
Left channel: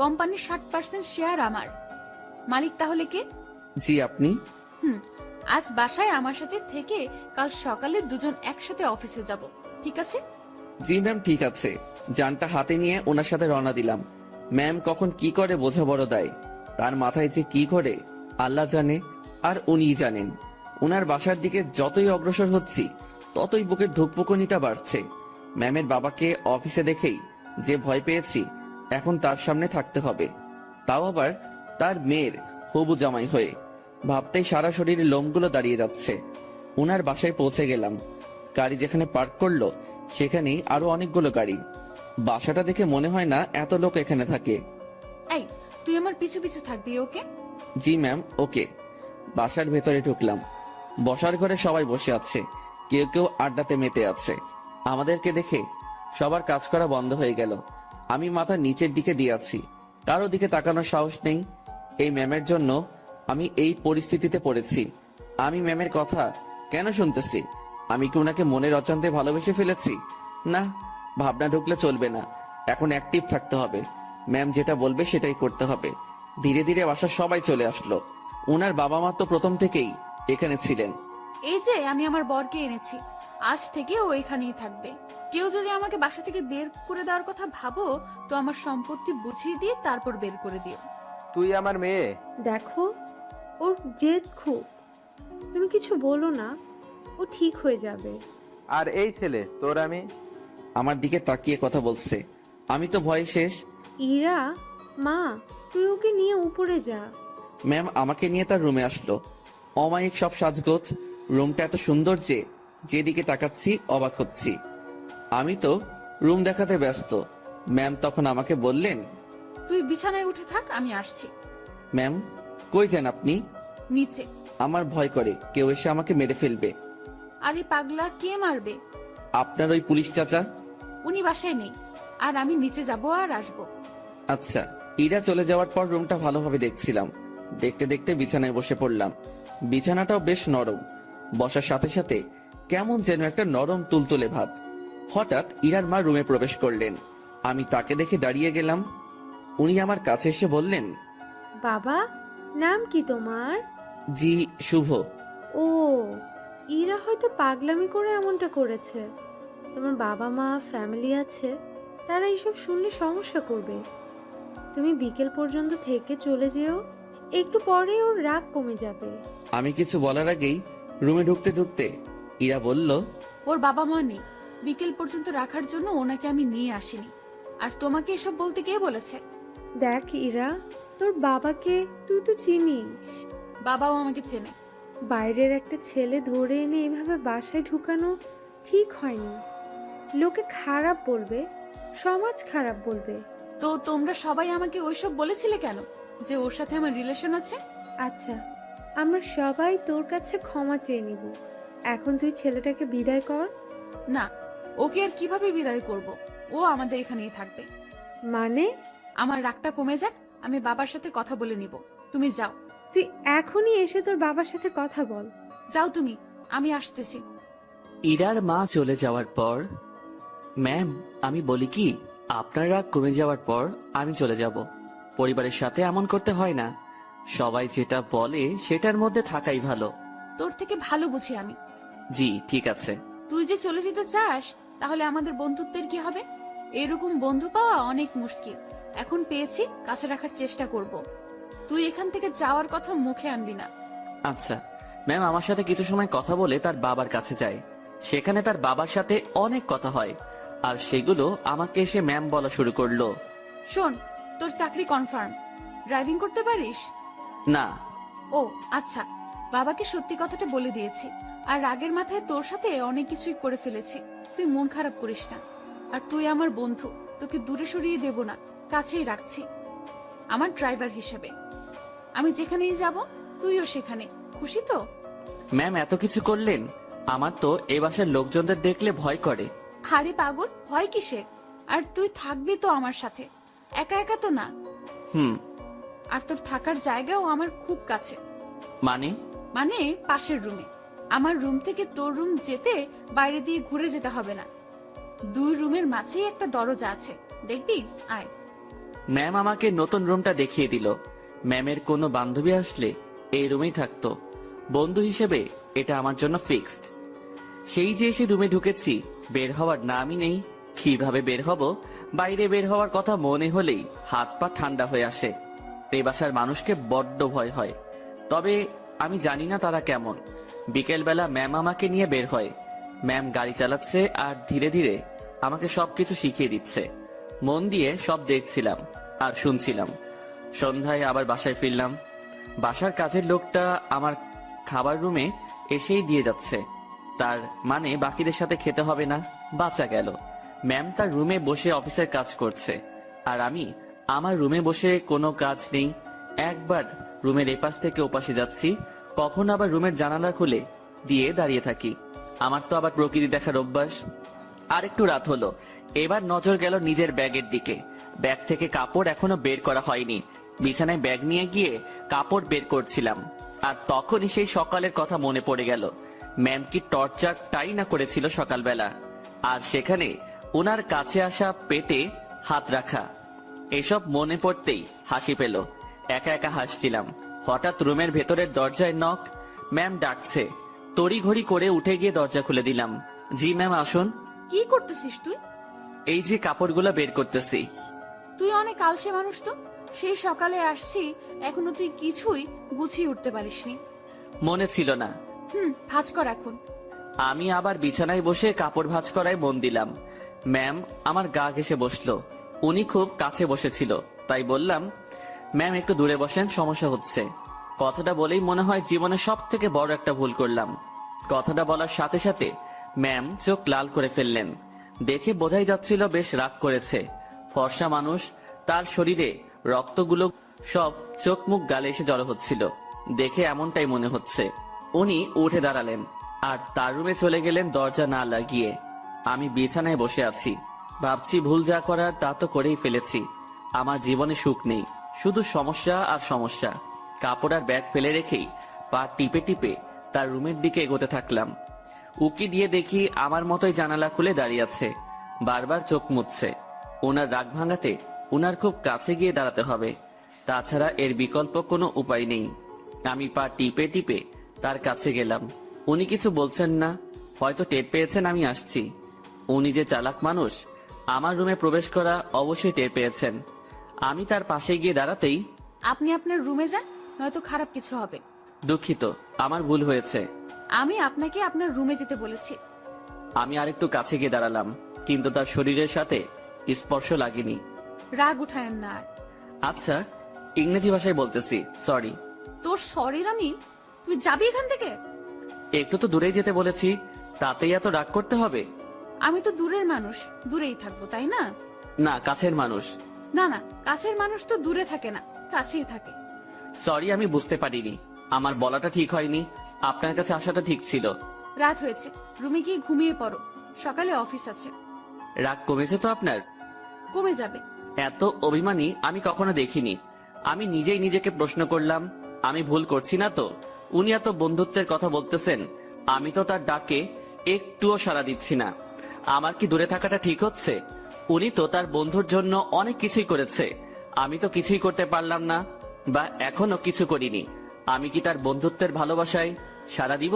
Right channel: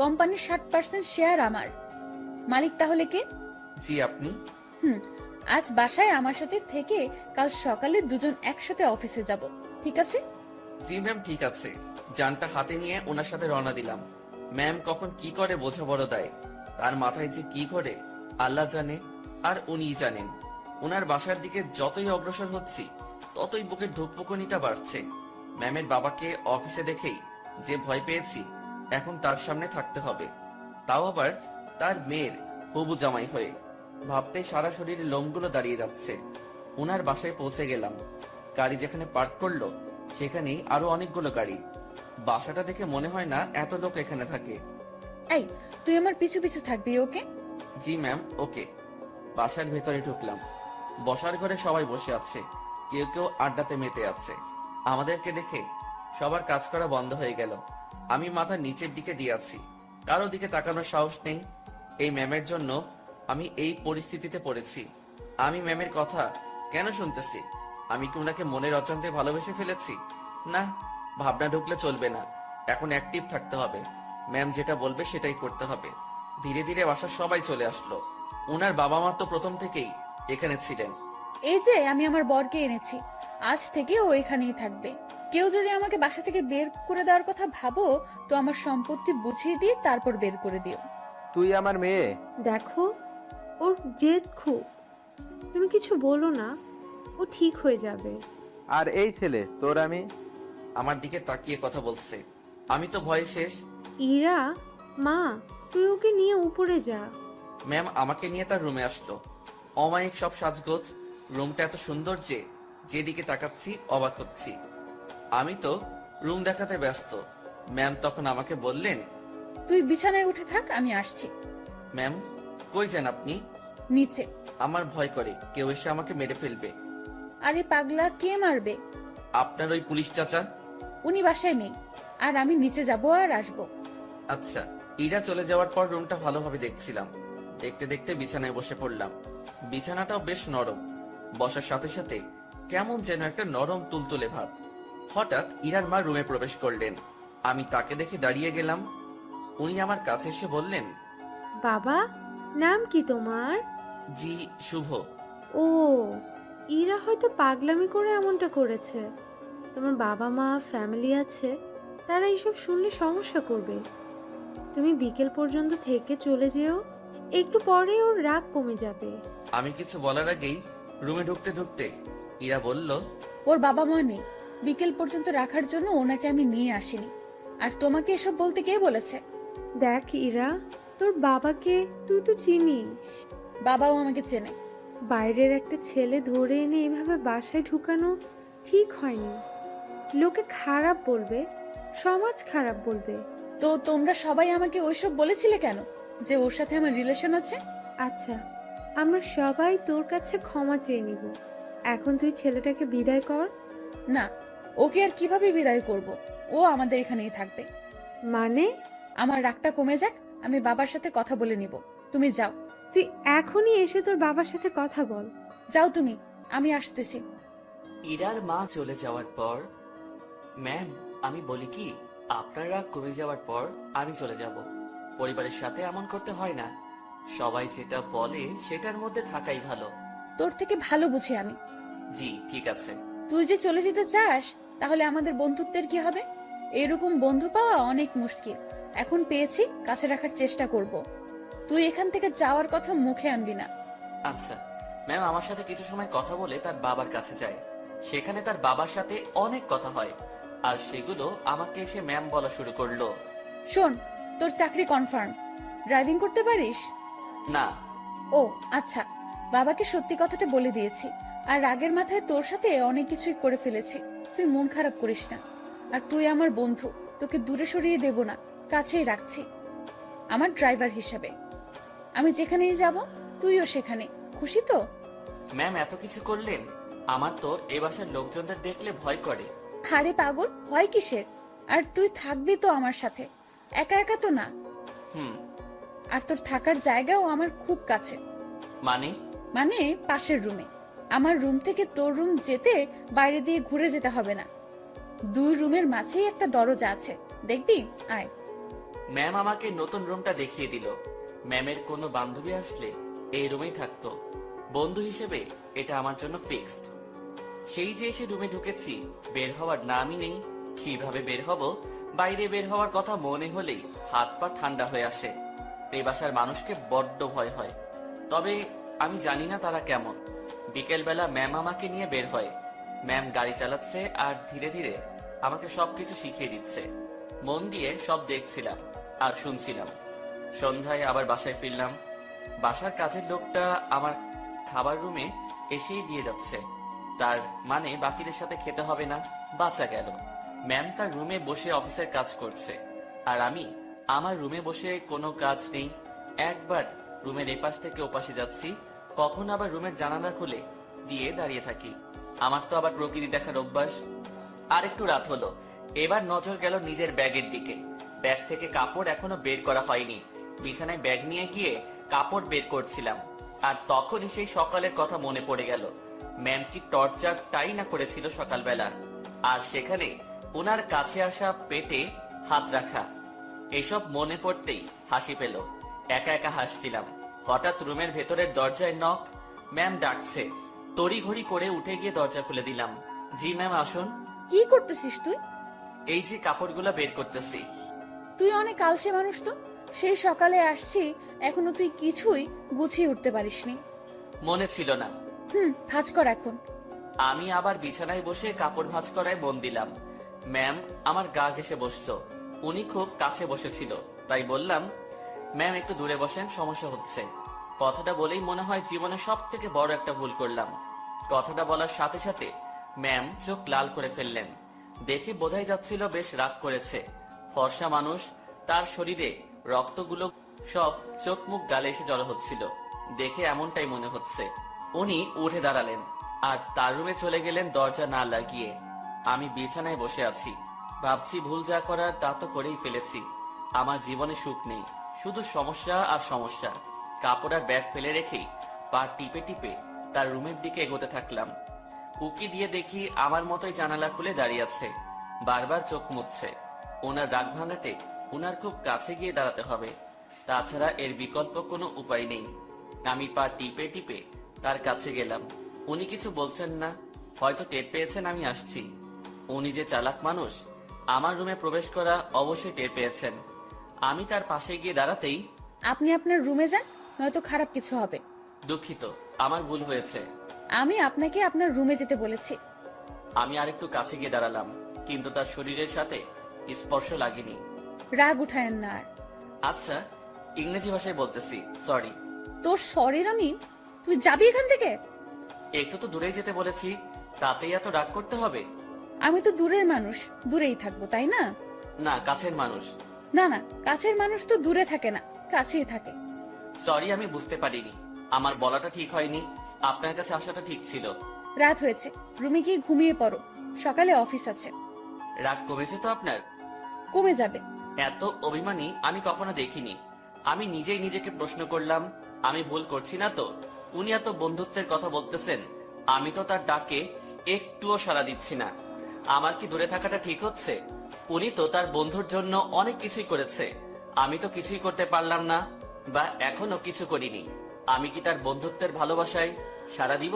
কোম্পানির 60% শেয়ার আমার। মালিক তাহলে কে? জি আপনি। আজ বাসায় আমার সাথে থেকে কাল সকালে দুজন একসাথে অফিসে যাব, ঠিক আছে? জি ম্যাম, ঠিক আছে। যানটা হাতে নিয়ে ওনার সাথে রওনা দিলাম। ম্যাম কখন কি করে বোঝা বড় দায়, তার মাথায় যে কি করে আল্লাহ জানে, আর উনিই জানেন। ওনার বাসার দিকে যতই অগ্রসর হচ্ছি ততই বুকের ধুকপুকুনিটা বাড়ছে। ম্যামের বাবাকে অফিসে দেখেই যে ভয় পেয়েছি, এখন তার সামনে থাকতে হবে, তাও আবার তার মেয়ের হবু জামাই হয়ে। ভাবতেই সারা শরীরের লোমগুলো দাঁড়িয়ে যাচ্ছে। ওনার বাসায় পৌঁছে গেলাম। গাড়ি যেখানে পার্ক করলো সেখানেই আরো অনেকগুলো গাড়ি। বাসাটা দেখে মনে হয় না এত লোক এখানে থাকে। এই, তুই আমার পিছু পিছু থাকবি, ওকে? জি ম্যাম, ওকে। বাসার ভেতরে ঢুকলাম। বসার ঘরে সবাই বসে আছে, কেউ কেউ আড্ডাতে মেতে আছে। আমাদেরকে দেখে সবার কাজ করা বন্ধ হয়ে গেল। আমি মাথা নিচের দিকে দিয়ে আছি, কারো দিকে তাকানোর সাহস নেই। এই ম্যামের জন্য আমি এই পরিস্থিতিতে পড়েছি। আমি ম্যামের কথা কেন শুনতেছি? আমি কি ওনাকে মনের অজান্তে ভালোবেসে ফেলেছি? না, ভাবনা ঢুকলে চলবে না, এখন অ্যাক্টিভ থাকতে হবে। ম্যাম যেটা বলবে সেটাই করতে হবে। ধীরে ধীরে বাসার সবাই চলে আসলো। ওনার বাবা মা তো প্রথম থেকেই এখানে ছিলেন। এই যে আমি আমার বরকে এনেছি, আজ থেকে ও এখানেই থাকবে। কেউ যদি আমাকে বাসা থেকে বের করে দেওয়ার কথা ভাবো তো আমার সম্পত্তি বুঝিয়ে দিয়ে তারপর বের করে দিও। তুই আমার মেয়ে। দেখো, ওর জেদ খুব। তুমি কিছু বলো না, ও ঠিক হয়ে যাবে। আর এই ছেলে তোর আমি। আমার দিকে তাকিয়ে কথা বলছে। আমি তো ভয়ে শেষ। ইরা, মা, তুই ওকে নিয়ে উপরে যা। ম্যাম আমাকে নিয়ে তার রুমে আসলো। অমায়িক সব সাজগোজ, রুমটা এত সুন্দর যে যেদিকে তাকাচ্ছি অবাক হচ্ছি। আমি তো রুম দেখাতে ব্যস্ত। ম্যাম তখন আমাকে বললেন, তুই বিছানায় উঠে থাক, আমি আসছি। ম্যাম কই যান আপনি? নিচে। আমার ভয় করে কেউ এসে আমাকে মেরে ফেলবে। আরে পাগলা, কে মারবে? আপনার ওই পুলিশ চাচা। উনি বাসায় নেই, আর আমি নিচে যাব আর আসবো। আচ্ছা। ইরা চলে যাওয়ার পর রুমটা ভালোভাবে দেখছিলাম। দেখতে দেখতে বিছানায় বসে পড়লাম। বিছানাটাও বেশ নরম। বসার সাথে সাথে কেমন যেন একটা নরম তুলতুলে ভাব। হঠাৎ ইরার মা রুমে প্রবেশ করলেন। আমি তাকে দেখে দাঁড়িয়ে গেলাম। উনি আমার কাছে এসে বললেন, বাবা, নাম কি তোমার? জি শুভ। ও, ইরা হয়তো পাগলামি করে এমনটা করেছে। তোমার বাবা মা, ফ্যামিলি আছে, তারা এইসব শুনলে সমস্যা করবে। তুমি বিকেল পর্যন্ত থেকে চলে যেও, একটু পরে ওর রাগ কমে যাবে। আমি কিছু বলার আগেই রুমে ঢুকতে ঢুকতে ইরা বলল, ওর বাবা মা নেই, বিকেল পর্যন্ত রাখার জন্য ওনাকে আমি নিয়ে আসিনি। আর তোমাকে এসব বলতে কে বলেছে? দেখ ইরা, তোর বাবাকে তুই তো চিনিস। বাবাও আমাকে চেনে। বাইরের একটা ছেলে ধরে এনে এভাবে বাসায় ঢুকানো ঠিক হয়নি। লোকে খারাপ বলবে, সমাজ খারাপ বলবে। তো তোমরা সবাই আমাকে ওইসব বলেছিলে কেন, যে ওর সাথে আমার রিলেশন আছে? আচ্ছা, আমরা সবাই তোর কাছে ক্ষমা চেয়ে নিব। এখন তুই ছেলেটাকে বিদায় কর। না, ওকে আর কিভাবে বিদায় করব? ও আমাদের এখানেই থাকবে। মানে? আমার রাগটা কমে যাক, আমি বাবার সাথে কথা বলে নিব। তুমি যাও। তুই এখনই এসে তোর বাবার সাথে কথা বল। যাও তুমি, আমি আসতেছি। ইরার মা চলে যাওয়ার পর, ম্যাম আমি বলি কি, আপনার রাগ কমে যাওয়ার পর আমি চলে যাব। পরিবারের সাথে এমন করতে হয় না। সবাই যেটা বলে সেটার মধ্যে থাকাই ভালো। তোর থেকে ভালো বুঝি আমি। জি ঠিক আছে। তুই যে চলে যেতে চাস, তাহলে আমাদের বন্ধুত্বের কি হবে? এরকম বন্ধু পাওয়া অনেক মুশকিল। এখন পেয়েছি, কাছে রাখার চেষ্টা করব। তুই এখান থেকে যাওয়ার কথা মুখে আনবি না। আচ্ছা ম্যাম আমার সাথে কিছু সময় কথা বলে তার বাবার কাছে যায়। সেখানে তার বাবার সাথে অনেক কথা হয়, আর সেগুলো আমাকে এসে ম্যাম বলা শুরু করলো। শোন, তোর চাকরি কনফার্ম। ড্রাইভিং করতে পারিস? না। ও আচ্ছা, বাবাকে সত্যি কথাটা বলে দিয়েছি। আর রাগের মাথায় তোর সাথে অনেক কিছুই করে ফেলেছি। তুই মন খারাপ করিস না। আর তুই আমার বন্ধু, তোকে দূরে সরিয়ে দেব না, কাছেই রাখছি আমার ড্রাইভার হিসেবে। আমি যেখানেই যাব তুইও সেখানে। খুশি তো? ম্যাম এত কিছু করলেন, আমার তো এ বাসার লোকজনদের দেখলে ভয় করে। আরে পাগল, ভয় কিসের? আর তুই থাকবি তো আমার সাথে, একা একা তো না। হুম। আর তোর থাকার জায়গাও আমার খুব কাছে। মানে? মানে পাশের রুমে। আমার রুম থেকে তোর রুম যেতে বাইরে দিয়ে ঘুরে যেতে হবে না। 2 রুমের মাঝেই একটা দরজা আছে, দেখবি? আয়। ম্যাম আমাকে নতুন রুমটা দেখিয়ে দিল। ম্যামের কোনো বান্ধবী আসলে এই রুমেই থাকতো। বন্ধু হিসেবে এটা আমার জন্য ফিক্সড। সেই যে এসে রুমে ঢুকেছি, বের হওয়ার নামই নেই। কিভাবে বের হব? বাইরে বের হওয়ার কথা মনে হলেই হাত পা ঠান্ডা হয়ে আসে। এই বাসার মানুষকে বড্ড ভয় হয়। তবে আমি জানি না তারা কেমন। বিকেলবেলা ম্যাম আমাকে নিয়ে বের হয়। ম্যাম গাড়ি চালাচ্ছে আর ধীরে ধীরে আমাকে সবকিছু শিখিয়ে দিচ্ছে। মন দিয়ে সব দেখছিলাম আর শুনছিলাম। সন্ধ্যায় আবার বাসায় ফিরলাম। বাসার কাজের লোকটা আমার খাবার রুমে এসেই দিয়ে যাচ্ছে। তার মানে বাকিদের সাথে খেতে হবে না, বাঁচা গেল। ম্যাম তার রুমে বসে অফিসের কাজ করছে, আর আমি আমার রুমে বসে কোনো কাজ নেই। একবার রুমের এপাশ থেকে ওপাশে যাচ্ছি, কখন আবার রুমের জানালা খুলে দিয়ে দাঁড়িয়ে থাকি। আমার তো আবার প্রকৃতি দেখার অভ্যাস। আর একটু রাত হলো, এবার নজর গেল নিজের ব্যাগের দিকে। ব্যাগ থেকে কাপড় এখনো বের করা হয়নি। বিছানায় ব্যাগ নিয়ে গিয়ে কাপড় বের করছিলাম, আর তখনই সেই সকালের কথা মনে পড়ে গেল। ম্যাম কি টর্চারটাই না করেছিল সকালবেলা, আর সেখানে ওনার কাছে আসা পেটে হাত রাখা। এসব মনে পড়তেই হাসি পেল। একা একা হাসছিলাম। হঠাৎ রুমের ভেতরের দরজায় নক। ম্যাম ডাকছে। তড়িঘড়ি করে উঠে গিয়ে দরজা খুলে দিলাম। জি ম্যাম আসুন। কি করতেছিস তুই? এই যে কাপড়গুলো বের করতেছি। তুই অনেক আলসে মানুষ তো। সেই সকালে আসছি, এখনো তুই কিছুই গুছিয়ে উঠতে পারিসনি। মনে ছিল না। ভাঁজ কর এখন। আমি আবার বিছানায় বসে কাপড় ভাঁজ করায় মন দিলাম। ম্যাম আমার গা ঘেঁষে বসলো। উনি খুব কাছে বসেছিল, তাই বললাম, ম্যাম একটু দূরে বসেন, সমস্যা হচ্ছে। কথাটা বলেই মনে হয় জীবনে সব থেকে বড় একটা ভুল করলাম। কথাটা বলার সাথে সাথে ম্যাম চোখ লাল করে ফেললেন। দেখে বোঝাই যাচ্ছিল বেশ রাগ করেছে। ফর্সা মানুষ, তার শরীরে রক্তগুলো সব চোখ মুখ গালে এসে জড়ো হচ্ছিল। দেখে এমনটাই মনে হচ্ছে। উনি উঠে দাঁড়ালেন আর তার রুমে চলে গেলেন দরজা না লাগিয়ে। আমি বিছানায় বসে আছি, ভাবছি ভুল যা করার তা তো করেই ফেলেছি। আমার জীবনে সুখ নেই, শুধু সমস্যা আর সমস্যা। কাপড় আর ব্যাগ ফেলে রেখেই পা টিপে টিপে তার রুমের দিকে এগোতে থাকলাম। উকি দিয়ে দেখি আমার মতোই জানালা খুলে দাঁড়িয়ে আছে, বারবার চোখ মুছছে। ওনার রাগ ভাঙাতে ওনার খুব কাছে গিয়ে দাঁড়াতে হবে, তাছাড়া এর বিকল্প কোনো উপায় নেই। আমি পা টিপে টিপে তার কাছে গেলাম। উনি কিছু বলছেন না, হয়তো টের পেয়েছেন আমি আসছি। উনি যে চালাক মানুষ, আমার রুমে প্রবেশ করা অবশ্যই টের পেয়েছেন। আমি তার পাশে গিয়ে দাঁড়াতেই, আপনি আপনার রুমে যান, নয়তো খারাপ কিছু হবে। দুঃখিত, আমার ভুল হয়েছে। আমি আপনাকে আপনার রুমে যেতে বলেছি। আমি আরেকটু কাছে গিয়ে দাঁড়ালাম, কিন্তু তার শরীরের সাথে স্পর্শ লাগেনি। রাগ উঠায়েন না আর। আচ্ছা, ইংরেজি ভাষায় বলতেছি, সরি। তোর সরির আমি? তুই যাবি এখান থেকে? একটু তো দূরেই যেতে বলেছি, তাতেই এত রাগ করতে হবে? আমি তো দূরের মানুষ, দূরেই থাকবো, তাই না? না, কাছের মানুষ। না না, কাছের মানুষ তো দূরে থাকে না, কাছেই থাকে। সরি, আমি বুঝতে পারিনি। আমার বলাটা ঠিক হয়নি। আপনার কাছে আসাটা ঠিক ছিল। রাত হয়েছে, রুমে গিয়ে ঘুমিয়ে পড়ো, সকালে অফিস আছে। রাগ কমেছে তো আপনার? কমে যাবে। এত অভিমানী আমি কখনো দেখিনি। আমি নিজেই নিজেকে প্রশ্ন করলাম, আমি ভুল করছি না তো? উনি এত বন্ধুত্বের কথা বলতেছেন, আমি তো তার ডাকে একটুও সাড়া দিচ্ছি না। আমার কি দূরে থাকাটা ঠিক হচ্ছে? উনি তো তার বন্ধুর জন্য অনেক কিছুই করেছে, আমি তো কিছুই করতে পারলাম না, বা এখনো কিছু করিনি। আমি কি তার বন্ধুত্বের ভালোবাসায় সাড়া দিব?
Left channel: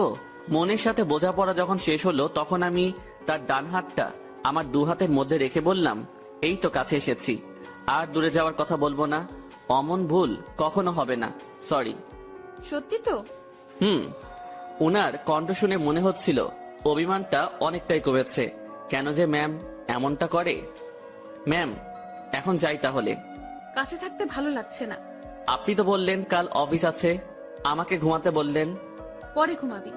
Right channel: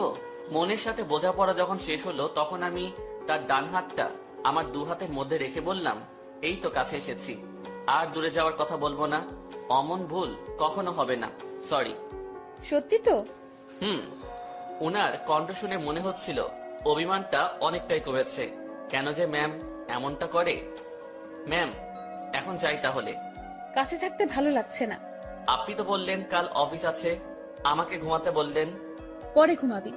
মনের সাথে বোঝাপড়া যখন শেষ হলো, তখন আমি তার ডান হাতটা আমার 2 হাতের মধ্যে রেখে বললাম, এই তো কাছে এসেছি, আর দূরে যাওয়ার কথা বলবো না। অমন ভুল কখনো হবে না, সরি। সত্যি তো? ওনার কণ্ঠ শুনে মনে হচ্ছিল অভিমানটা অনেকটাই কমেছে। কেন যে ম্যাম এমনটা করে? ম্যাম, এখন যাই তাহলে। কাছে থাকতে ভালো লাগছে না। আপনি তো বললেন কাল অফিস আছে, আমাকে ঘুমাতে বললেন। পরে ঘুমাবি।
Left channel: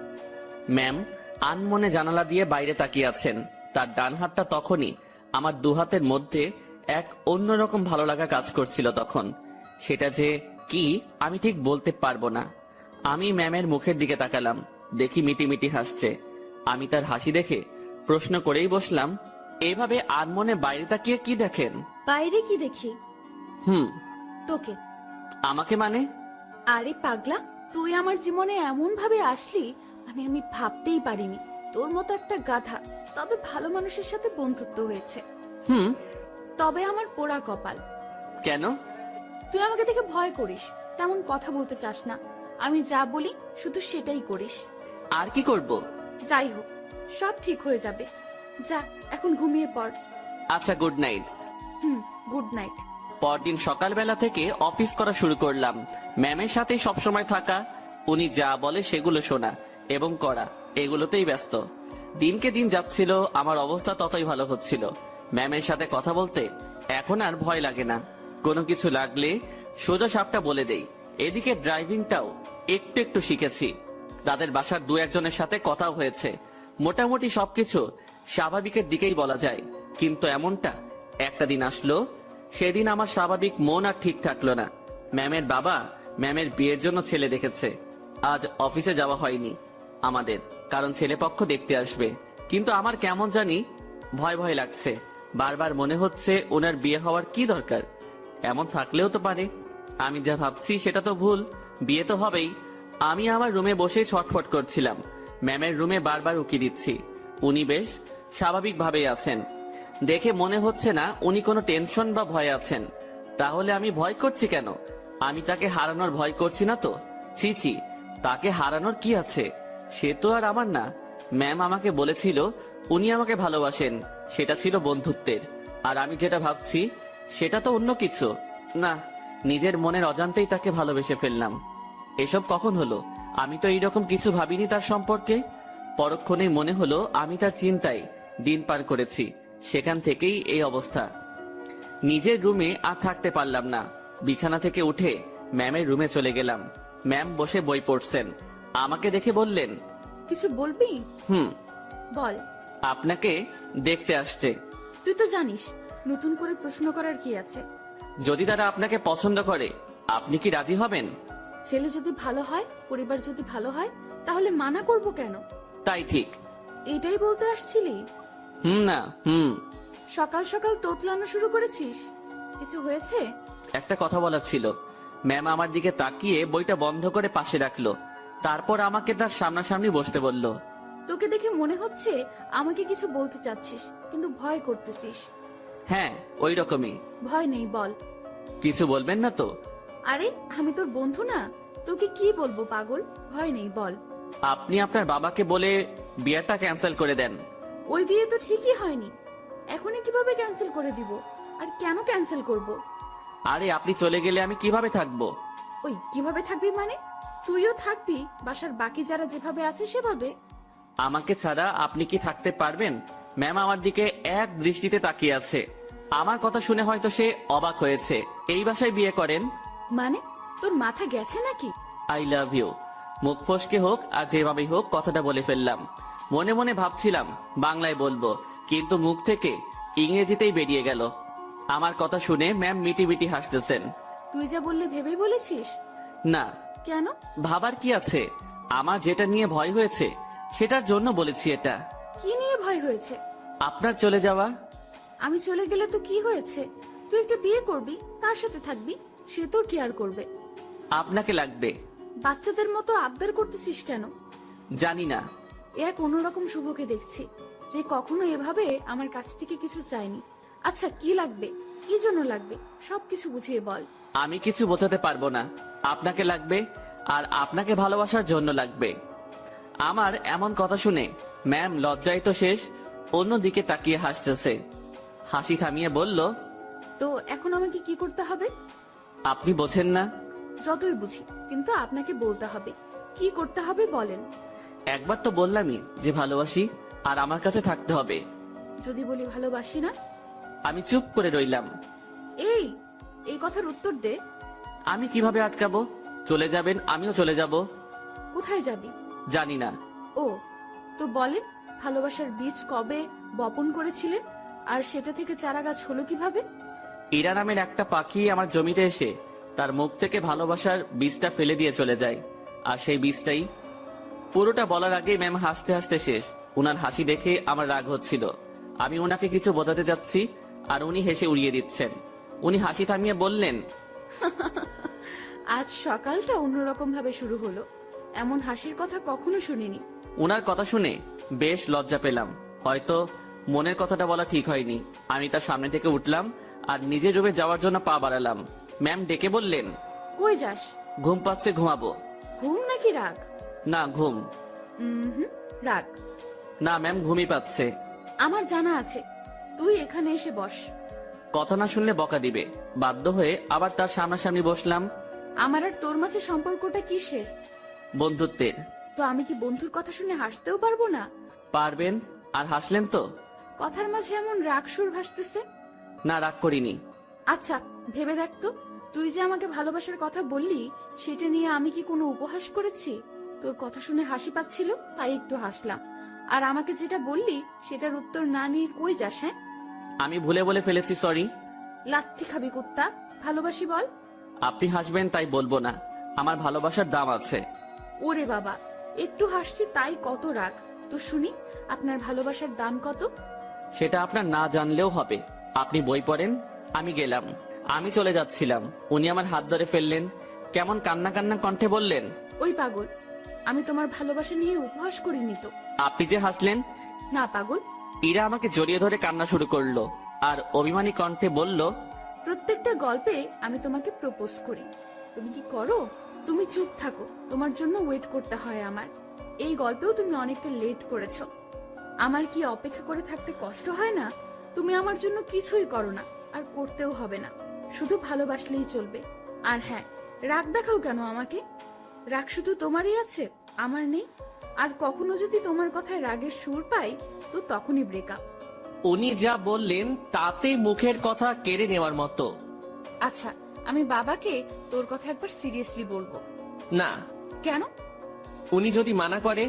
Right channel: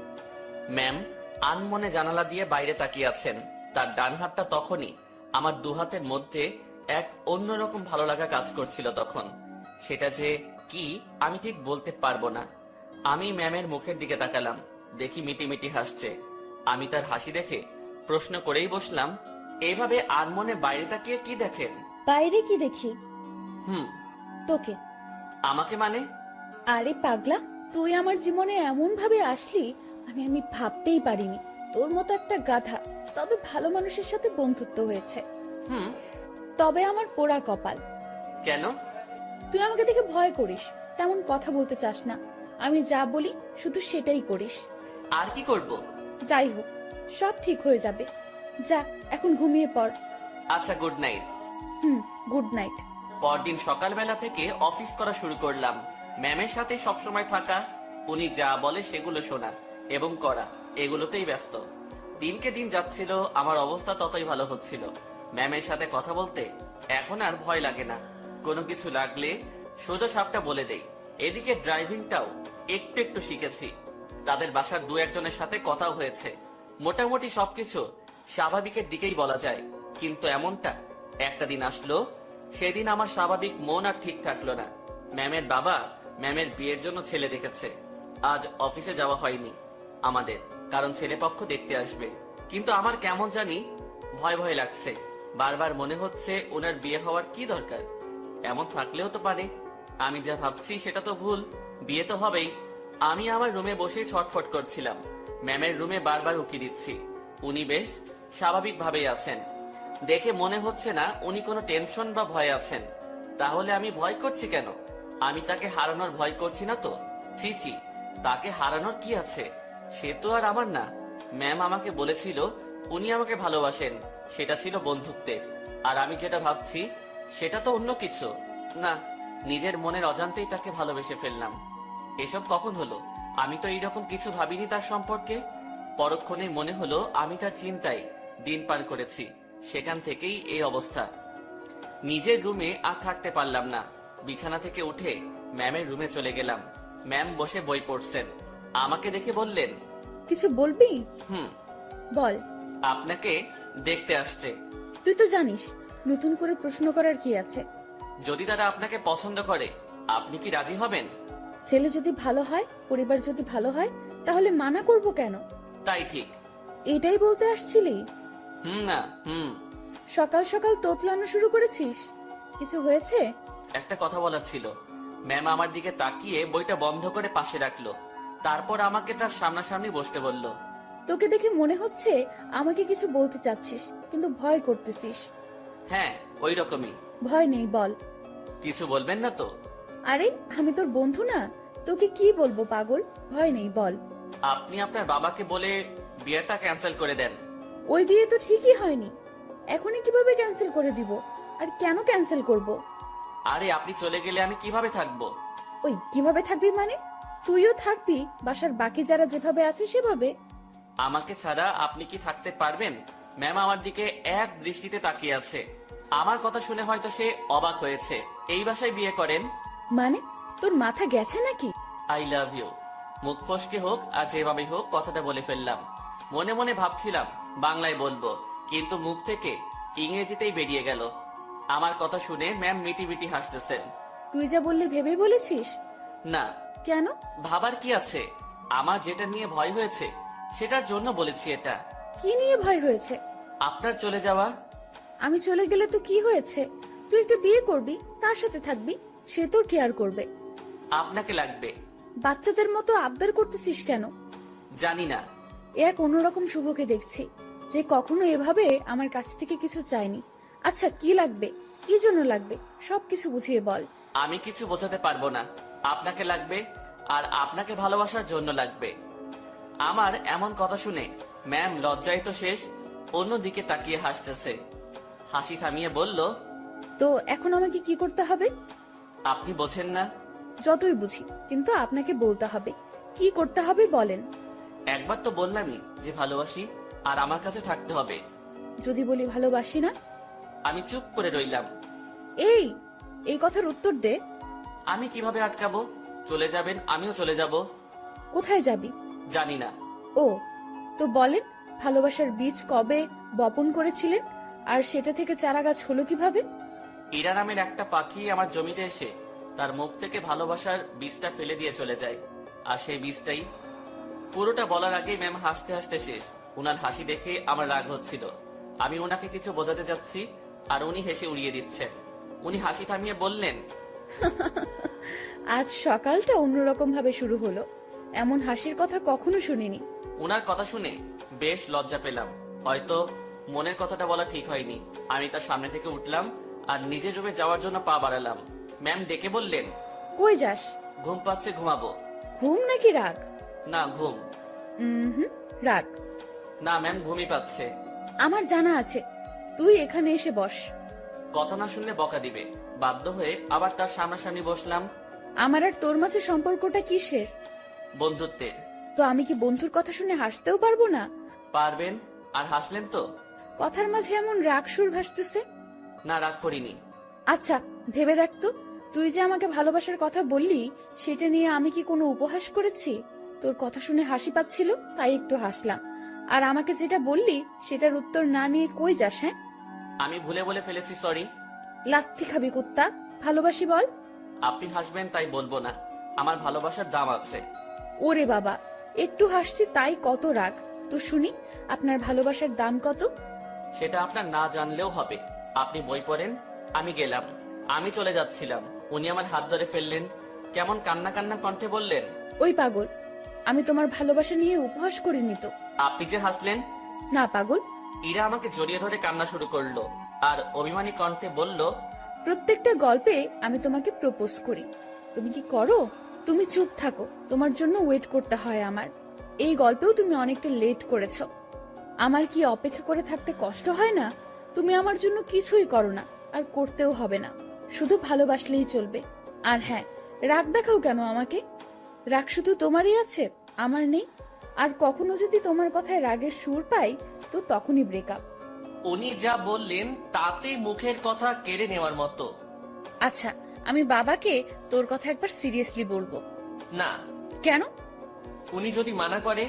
ম্যাম আনমনে জানালা দিয়ে বাইরে তাকিয়ে আছেন। তার ডান হাতটা তখনই আমার দু হাতের মধ্যে এক অন্যরকম ভালো লাগা কাজ করছিল তখন। সেটা যে কি আমি ঠিক বলতে পারবো না। আমি ম্যামের মুখের দিকে তাকালাম, দেখি মিটিমিটি হাসছে। আমি তার হাসি দেখে প্রশ্ন করেই বসলাম, এভাবে আনমনে বাইরে তাকিয়ে কি দেখেন? বাইরে কি দেখি? তোকে। আমাকে মানে? আরে পাগলা, তুই আমার জীবনে এমন ভাবে আসলি, মানে আমি ভাবতেই পারিনি। তোর মতো একটা গাধা, তবে ভালো মানুষের সাথে বন্ধুত্ব হয়েছে। তবে আমার পোড়া কপাল। কেন? তুই আমাকে দেখে ভয় করিস, তেমন কথা বলতে চাস না। আমি যা বলি শুধু সেটাই করিস। আর কি করব? যাই হোক, সব ঠিক হয়ে যাবে। যা এখন ঘুমিয়ে পড়। আচ্ছা, গুড নাইট। Good night. পরদিন সকালবেলা থেকে অফিস করা শুরু করলাম। ম্যামের সাথে সবসময় থাকা, উনি যা বলে সেগুলো শোনা এবং করা, এগুলোতেই ব্যস্ত। দিনকে দিন যাচ্ছিল, আমার অবস্থা ততই ভালো হচ্ছিল। ম্যামের সাথে কথা বলতে এখন আর ভয় লাগে না। কোনো কিছু লাগলে সোজা সাপটা বলে দেই। এদিকে ড্রাইভিংটাও একটু একটু শিখেছি। তাদের বাসার দু একজনের সাথে কথাও হয়েছে। মোটামুটি সবকিছু স্বাভাবিকের দিকেই বলা যায়। কিন্তু এমনটা একটা দিন আসলো, সেদিন আমার স্বাভাবিক মন আর ঠিক থাকলো না। ম্যামের বাবা ম্যামের বিয়ের জন্য ছেলে দেখেছে। আজ অফিসে যাওয়া হয়নি আমাদের, কারণ ছেলেপক্ষ দেখতে আসবে। কিন্তু আমার কেমন জানি ভয় ভয় লাগছে। বারবার মনে হচ্ছে ওনার বিয়ে হওয়ার কি দরকার? এমন থাকলেও তো পারে। আমি যা ভাবছি সেটা তো ভুল, বিয়ে তো হবেই। আমি আমার রুমে বসেই ছটফট করছিলাম। ম্যামের রুমে বারবার উকি দিচ্ছি। উনি বেশ স্বাভাবিকভাবেই আছেন। দেখে মনে হচ্ছে না উনি কোনো টেনশন বা ভয় আছেন। তাহলে আমি ভয় করছি কেন? আমি তাকে হারানোর ভয় করছি না তো। ছি ছি, তাকে হারানোর কি আছে? সে তো আর আমার না। ম্যাম আমাকে বলেছিল উনি আমাকে ভালোবাসেন, সেটা ছিল বন্ধুত্বের। আর আমি যেটা ভাবছি সেটা তো অন্য কিছু। না, নিজের মনের অজান্তেই তাকে ভালোবেসে ফেললাম। এসব কখন হলো? আমি তো এইরকম কিছু ভাবিনি তার সম্পর্কে। পরক্ষণেই মনে হলো আমি তার চিন্তায় দিন পার করেছি। সেখান থেকেই এই অবস্থা। নিজের রুমে আর থাকতে পারলাম না। বিছানা থেকে উঠে ম্যামের রুমে চলে গেলাম। ম্যাম বসে বই পড়ছেন। আমাকে দেখে বললেন, কিছু বলবি? বল। আপনাকে দেখতে আসছে। তুই তো জানিস নতুন করে প্রশ্ন করার কি আছে। যদি তারা আপনাকে পছন্দ করে, আপনি কি রাজি হবেন? ছেলে যদি ভালো হয়, পরিবার যদি ভালো হয়, তাহলে মানা করব কেন? তাই ঠিক। এটাই বলতে আসছিলি? না। সকাল সকাল তোতলানো শুরু করেছিস। কিছু হয়েছে? একটা কথা বলার ছিল। ম্যাম আমার দিকে তাকিয়ে বইটা বন্ধ করে পাশে রাখলো। তারপর আমাকে তার সামনাসামনি বসতে বলল। তোকে দেখে মনে হচ্ছে আমাকে কিছু বলতে চাচ্ছিস, কিন্তু ভয় করতেছিস। হ্যাঁ, ওই রকমই। ভয় নেই, বল। কিছু বলবেন না তো? আরে আমি তোর বন্ধু না, তোকে কি বলবো পাগল। ভয় নেই, বল। আপনি আপনার বাবাকে বলে বিয়েটা ক্যান্সেল করে দেন। ওই বিয়ে তো ঠিকই হয়নি, এখনই কিভাবে ক্যান্সেল করে দিব? আর কেন ক্যান্সেল করব? আরে আপনি চলে গেলে আমি কিভাবে থাকবো? ওই কিভাবে থাকবি মানে? তুইও থাকবি বাসার বাকি যারা যেভাবে আছে সেভাবে। আমাকে ছাড়া আপনি কি থাকতে পারবেন? ম্যাম আমার দিকে এক দৃষ্টিতে তাকিয়ে আছে। আমার কথা শুনে হয়তো সে অবাক হয়েছে। এই বাসায় বিয়ে করেন মানে? তোর মাথা গেছে নাকি? I love you. মুখ ফসকে হোক আর যেভাবে হোক কথাটা বলে ফেললাম। মনে মনে ভাবছিলাম বাংলায় বলবো, কিন্তু মুখ থেকে ইংরেজিতেই বেরিয়ে গেল। আমার কথা শুনে ম্যাম মিটি মিটি হাসতেছেন। তুই যা বললে ভেবে বলেছিস? না। কেন? ভাবার কি আছে? আমার যেটা নিয়ে ভয় হয়েছে সেটার জন্য বলেছি এটা। কি নিয়ে ভয় হয়েছে? আপনার চলে যাওয়া। আমি চলে গেলে তো কি হয়েছে? তুই একটা বিয়ে করবি, তার সাথে থাকবি, সে তোর কেয়ার করবে। আপনাকে লাগবে। বাচ্চাদের মতো আবদার করতেছিস কেন? জানি না। এক অন্যরকম শুভকে দেখছি, যে কখনো এভাবে আমার কাছ থেকে কিছু চায়নি। আচ্ছা কি লাগবে, কি জন্য লাগবে, সবকিছু বুঝিয়ে বল। আমি কিছু বোঝাতে পারবো না। আপনাকে লাগবে, আর আপনাকে ভালোবাসার জন্য লাগবে। আমার এমন কথা শুনে ম্যাম লজ্জায় তো শেষ, অন্যদিকে তাকিয়ে হাসতেছে। হাসি থামিয়ে বলল, তো এখন আমাকে কি করতে হবে? আপনি বোঝেন না? যতই বুঝি, কিন্তু আপনাকে বলতে হবে। কি করতে হবে বলেন। একবার তো বললামই যে ভালোবাসি আর আমার কাছে থাকতে হবে। যদি বলি ভালোবাসি না? আমি চুপ করে রইলাম। এই এই কথার উত্তর দে। আমি কিভাবে আটকাবো? চলে যাবেন, আমিও চলে যাব। কোথায় যাবি? জানি না। ও, তো বলেন, ভালোবাসার বীজ কবে বপন করেছিলেন আর সেটা থেকে চারা গাছ হলো কিভাবে? ইরা নামের একটা পাখি আমার জমিতে এসে তার মুখ থেকে ভালোবাসার বীজটা ফেলে দিয়ে চলে যায়। আর সেই বীজটাই। পুরোটা বলার আগেই ম্যাম হাসতে হাসতে শেষ। উনার হাসি দেখে আমার রাগ হচ্ছিল। আমি ওনাকে কিছু বোঝাতে যাচ্ছি আর উনি হেসে উড়িয়ে দিচ্ছেন। উনি হাসি থামিয়ে বললেন, আজ সকালটা অন্যরকম ভাবে শুরু হলো। এমন হাসির কথা কখনো শুনিনি। উনার কথা শুনে বেশ লজ্জা পেলাম। হয়তো মনের কথাটা বলা ঠিক হয়নি। আমি তার সামনে থেকে উঠলাম আর নিজের রুমে যাওয়ার জন্য পা বাড়ালাম। ম্যাম ডেকে বললেন, কই যাস? ঘুম পাচ্ছে, ঘুমাবো। ঘুম নাকি রাগ? না, ঘুম। হুম, রাগ। না ম্যাম, ঘুমই পাচ্ছে। আমার জানা আছে, তুই এখানে এসে বস। কথা না শুনলে বকা দিবে। বাধ্য হয়ে আবার তার সামনাসামনি বসলাম। আমার আর তোর মাঝে সম্পর্কটা কিসের? বন্ধুত্বের। তো আমি কি বন্ধুর কথা শুনে হাসতেও পারবো না? পারবেন। আর হাসলেন তো? কথার মাঝে এমন রাগ সুর ভাসতেছে। না, রাগ করিনি। আচ্ছা, ভেবে দেখ তো, তুই যে আমাকে ভালোবাসার কথা বললি, সেটা নিয়ে আমি কি কোনো উপহাস করেছি? তোর কথা শুনে হাসি পাচ্ছিল তাই একটু হাসলাম। আর আমাকে যেটা বললি সেটার উত্তর না নিয়ে কই যাস? হ্যাঁ, আমি ভুলে বলে ফেলেছি, সরি। লাত্তি খাবি কুত্তা। ভালোবাসি বল। আপনি হাসবেন তাই বলবো না। আমার ভালোবাসার দাম আছে। ওরে বাবা, একটু হাসছি তাই কত রাগ? তো শুনি, আপনার ভালোবাসার দাম কত? সেটা আপনার না জানলেও হবে। আপনি বই পড়েন। আমি গেলাম। আমি চলে যাচ্ছিলাম, উনি আমার হাত ধরে ফেললেন। কেমন কান্না কান্না কণ্ঠে বললেন, ওই পাগল, আমি তোমার ভালোবাসা নিয়ে উপহাস করিনি তো। আপনি যে হাসলেন। না পাগল। ইরা আমাকে জড়িয়ে ধরে কান্না শুরু করলো আর অভিমানী কণ্ঠে বলল, প্রত্যেকটা গল্পে আমি তোমাকে প্রপোজ করি, তুমি কি করো? তুমি চুপ থাকো, তোমার জন্য ওয়েট করতে হয় আমার। এই গল্পেও তুমি অনেকটা লেট করেছো। আমার কি অপেক্ষা করে থাকতে কষ্ট হয় না? তুমি আমার জন্য কিছুই করো না, আর করতেও হবে না। শুধু ভালোবাসলেই চলবে। আর হ্যাঁ, রাগ দেখাও কেন আমাকে? রাগ শুধু তোমারই আছে, আমার নেই। আর কখনো যদি তোমার কথায় রাগের সুর পাই, তো তখনই ব্রেকআপ। উনি যা বললেন তাতে মুখের কথা কেড়ে নেওয়ার মতো। আচ্ছা, আমি বাবাকে তোর কথা একবার সিরিয়াসলি বলবো। না, কেন? উনি যদি মানা করে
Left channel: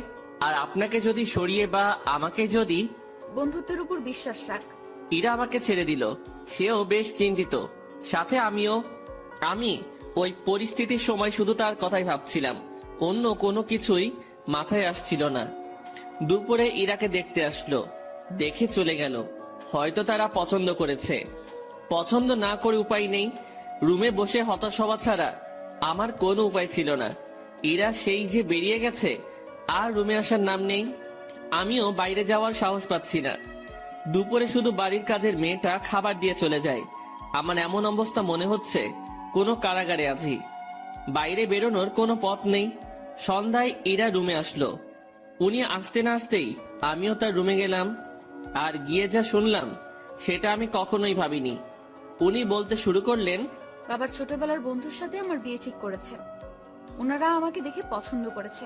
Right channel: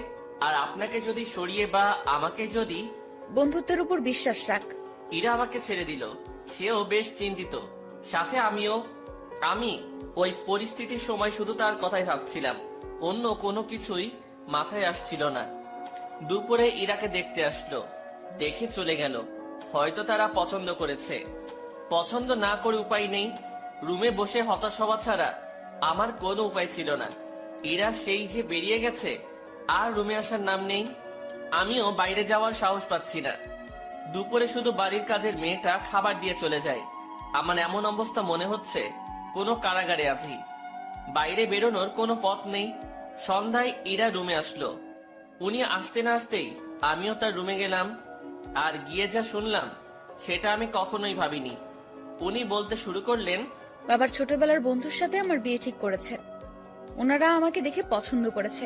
আর আপনাকে যদি সরিয়ে বা আমাকে যদি। বন্ধুত্বের উপর বিশ্বাস রাখ। ইরা আমাকে ছেড়ে দিল, সেও বেশ চিন্তিত, সাথে আমিও। আমি ওই পরিস্থিতির সময় শুধু তার কথাই ভাবছিলাম, অন্য কোনো কিছুই মাথায় আসছিল না। দুপুরে ইরাকে দেখতে আসলো, দেখে চলে গেল। হয়তো তারা পছন্দ করেছে। পছন্দ না করে উপায় নেই। রুমে বসে হতাশ হওয়া ছাড়া আমার কোনো উপায় ছিল না। ইরা সেই যে বেরিয়ে গেছে, আর রুমে আসার নাম নেই। আমিও বাইরে যাওয়ার সাহস পাচ্ছি না। দুপুরে শুধু বাড়ির কাজের মেয়েটা খাবার দিয়ে চলে যায়। আমার এমন অবস্থা মনে হচ্ছে কোনো কারাগারে আছি। বাইরে বেরোনোর কোনো পথ নেই। সন্ধ্যায় ইরা রুমে আসলো। উনি আসতে না আসতেই আমিও তার রুমে গেলাম। আর গিয়ে যা শুনলাম সেটা আমি কখনোই ভাবিনি। উনি বলতে শুরু করলেন, বাবার ছোটবেলার বন্ধুর সাথে আমার বিয়ে ঠিক করেছে। ওনারা আমাকে দেখে পছন্দ করেছে।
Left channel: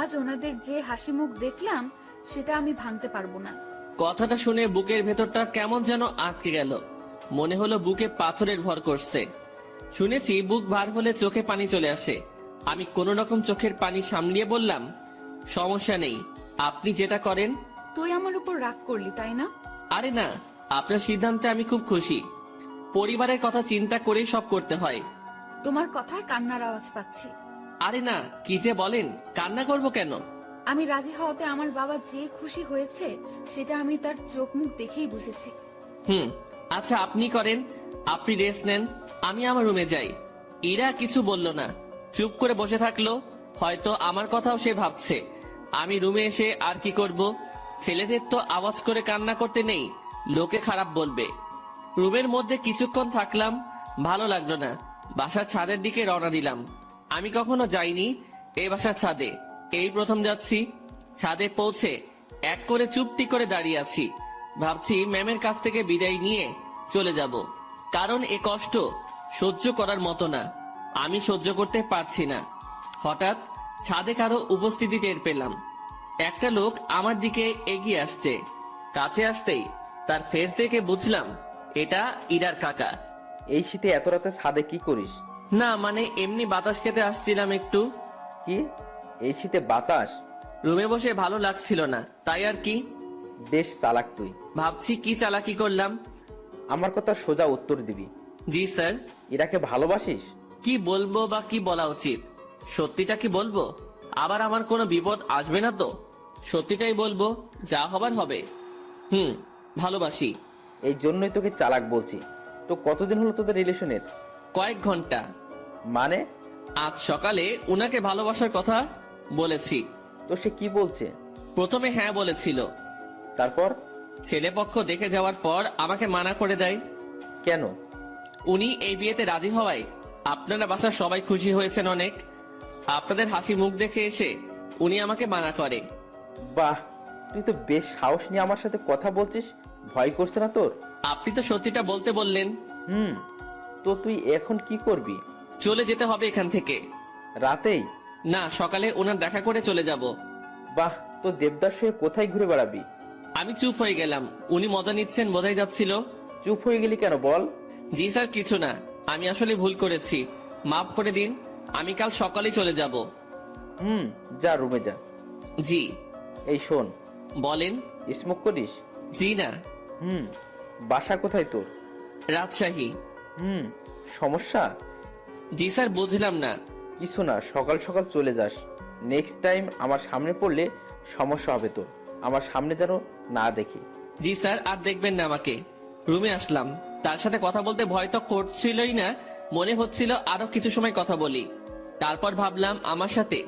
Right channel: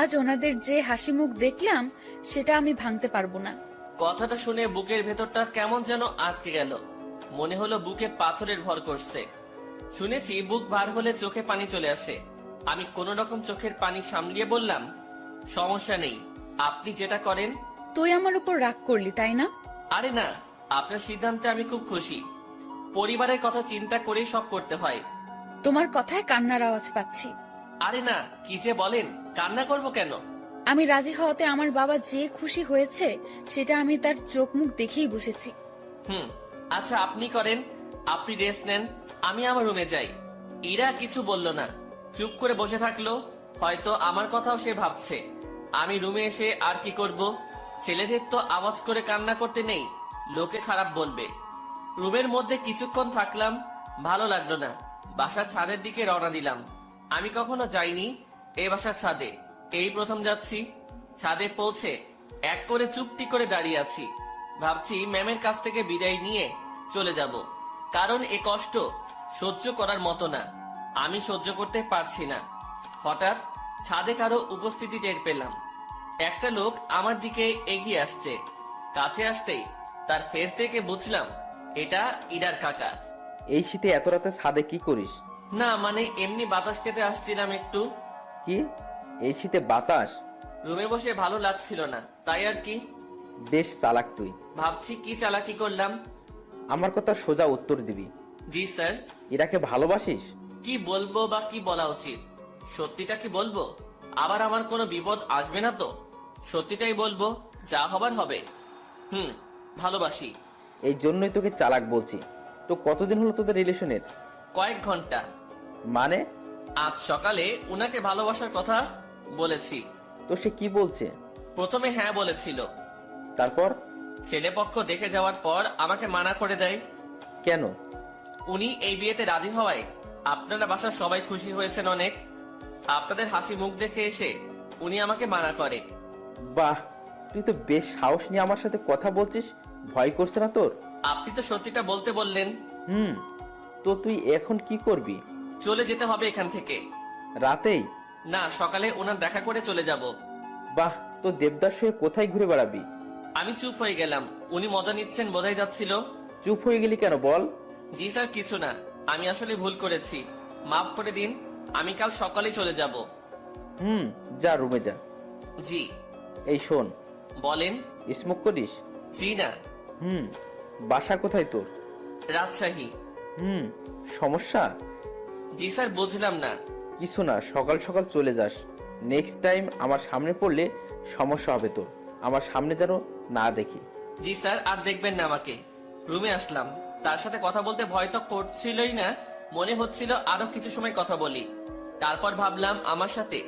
আজ ওনাদের যে হাসি মুখ দেখলাম, সেটা আমি ভাঙতে পারবো না। কথাটা শুনে বুকের ভেতরটা কেমন যেন আটকে গেল। মনে হলো বুকে পাথরের ভর করছে। শুনেছি বুক ভার হলে চোখে পানি চলে আসে। আমি কোনো রকম চোখের পানি সামলিয়ে বললাম, সমস্যা নেই, আপনি যেটা করেন। তুই আমার উপর রাগ করলি, তাই না? আরে না, আপনার সিদ্ধান্তে আমি খুব খুশি। পরিবারের কথা চিন্তা করে সব করতে হয়। তোমার কথায় কান্নার আওয়াজ পাচ্ছি। আরে না, কি যে বলেন, কান্না করব কেন? আমি রাজি হওয়াতে আমার বাবা যে খুশি হয়েছে, সেটা আমি তার চোখ মুখ দেখেই বুঝেছি। আচ্ছা, আপনি করেন, আপনি রেস্ট নেন, আমি আমার রুমে যাই। ইরা কিছু বলল না, চুপ করে বসে থাকলো। হয়তো আমার কথাও সে ভাবছে। আমি রুমে এসে আর কি করব? ছেলেদের তো আওয়াজ করে কান্না করতে নেই, লোকে খারাপ বলবে। রুমের মধ্যে কিছুক্ষণ থাকলাম, ভালো লাগলো না। বাসার ছাদের দিকে রওনা দিলাম। আমি কখনো যাইনি এ বাসার ছাদে, এই প্রথম যাচ্ছি। ছাদে পৌঁছে এক করে চুপটি করে দাঁড়িয়ে আছি। ভাবছি ম্যামের কাছ থেকে বিদায় নিয়ে চলে যাব, কারণ এ কষ্ট সহ্য করার মতো না। আমি সহ্য করতে পারছি না। হঠাৎ ছাদে কারো উপস্থিতি টের পেলাম। একটা লোক আমার দিকে এগিয়ে আসছে। কাছে আসতেই তার ফেস দেখে বুঝলাম এটা ইরার কাকা। এই শীতে এত রাতে ছাদে কি করিস? না মানে এমনি বাতাস খেতে আসছিলাম একটু। কি, এই শীতে বাতাস? রুমে বসে ভালো লাগছিল না, তাই আর কি। বেশ চালাক তুই। ভাবছি কি চালাকি করলাম। আমার কথা সোজা উত্তর দিবি। জি স্যার। ইরাকে ভালোবাসিস? কি বলবো বা কি বলা উচিত? সত্যিটা কি বলবো? আবার আমার কোনো বিপদ আসবে না তো? সত্যিটাই বলবো, যা হবার হবে। ভালোবাসি। এই জন্যই তোকে চালাক বলছি। তো কতদিন হলো তোদের রিলেশনের? কয়েক ঘন্টা। মানে? আজ সকালে উনাকে ভালোবাসার কথা বলেছি। তো সে কি বলছে? প্রথমে হ্যাঁ বলেছিল, তারপর? ছেলেপক্ষ দেখে যাওয়ার পর আমাকে মানা করে দেয়। কেন? উনি এই বিয়েতে রাজি হওয়ায় আপনারা বাসার সবাই খুশি হয়েছেন অনেক। আপনাদের হাসি মুখ দেখে এসে উনি আমাকে মানা করে। বাহ, তুই তো বেশ সাহস নিয়ে আমার সাথে কথা বলছিস। ভয় করছে না তোর? আপনি তো সত্যিটা বলতে বললেন। তো তুই এখন কি করবি? চলে যেতে হবে এখান থেকে। রাতেই? না, সকালে ওনার দেখা করে চলে যাব। বাহ, তো দেবদাস হয়ে কোথায় ঘুরে বেড়াবি? আমি চুপ হয়ে গেলাম। উনি মজা নিচ্ছেন বোঝাই যাচ্ছিল। চুপ হয়ে গেলি কেন বল? জি স্যার, কিছু না, আমি আসলে ভুল করেছি, মাফ করে দিন। আমি কাল সকালে চলে যাব। যা রুমে যা। জি। এই শোন। বলেন। স্মোক করিস? জি না। বাসা কোথায় তোর? রাজশাহী। সমস্যা? জি স্যার, বুঝলাম না। কিছু না, সকাল সকাল চলে যাস। নেক্সট টাইম আমার সামনে পড়লে সমস্যা হবে তোর। আমার সামনে যেন না দেখি। জি স্যার, আর দেখবেন না আমাকে। রুমে আসলাম, তার সাথে কথা বলতে ভয় তো করছিলই না, মনে হচ্ছিল আরো কিছু সময় কথা বলি। তারপর ভাবলাম আমার সাথে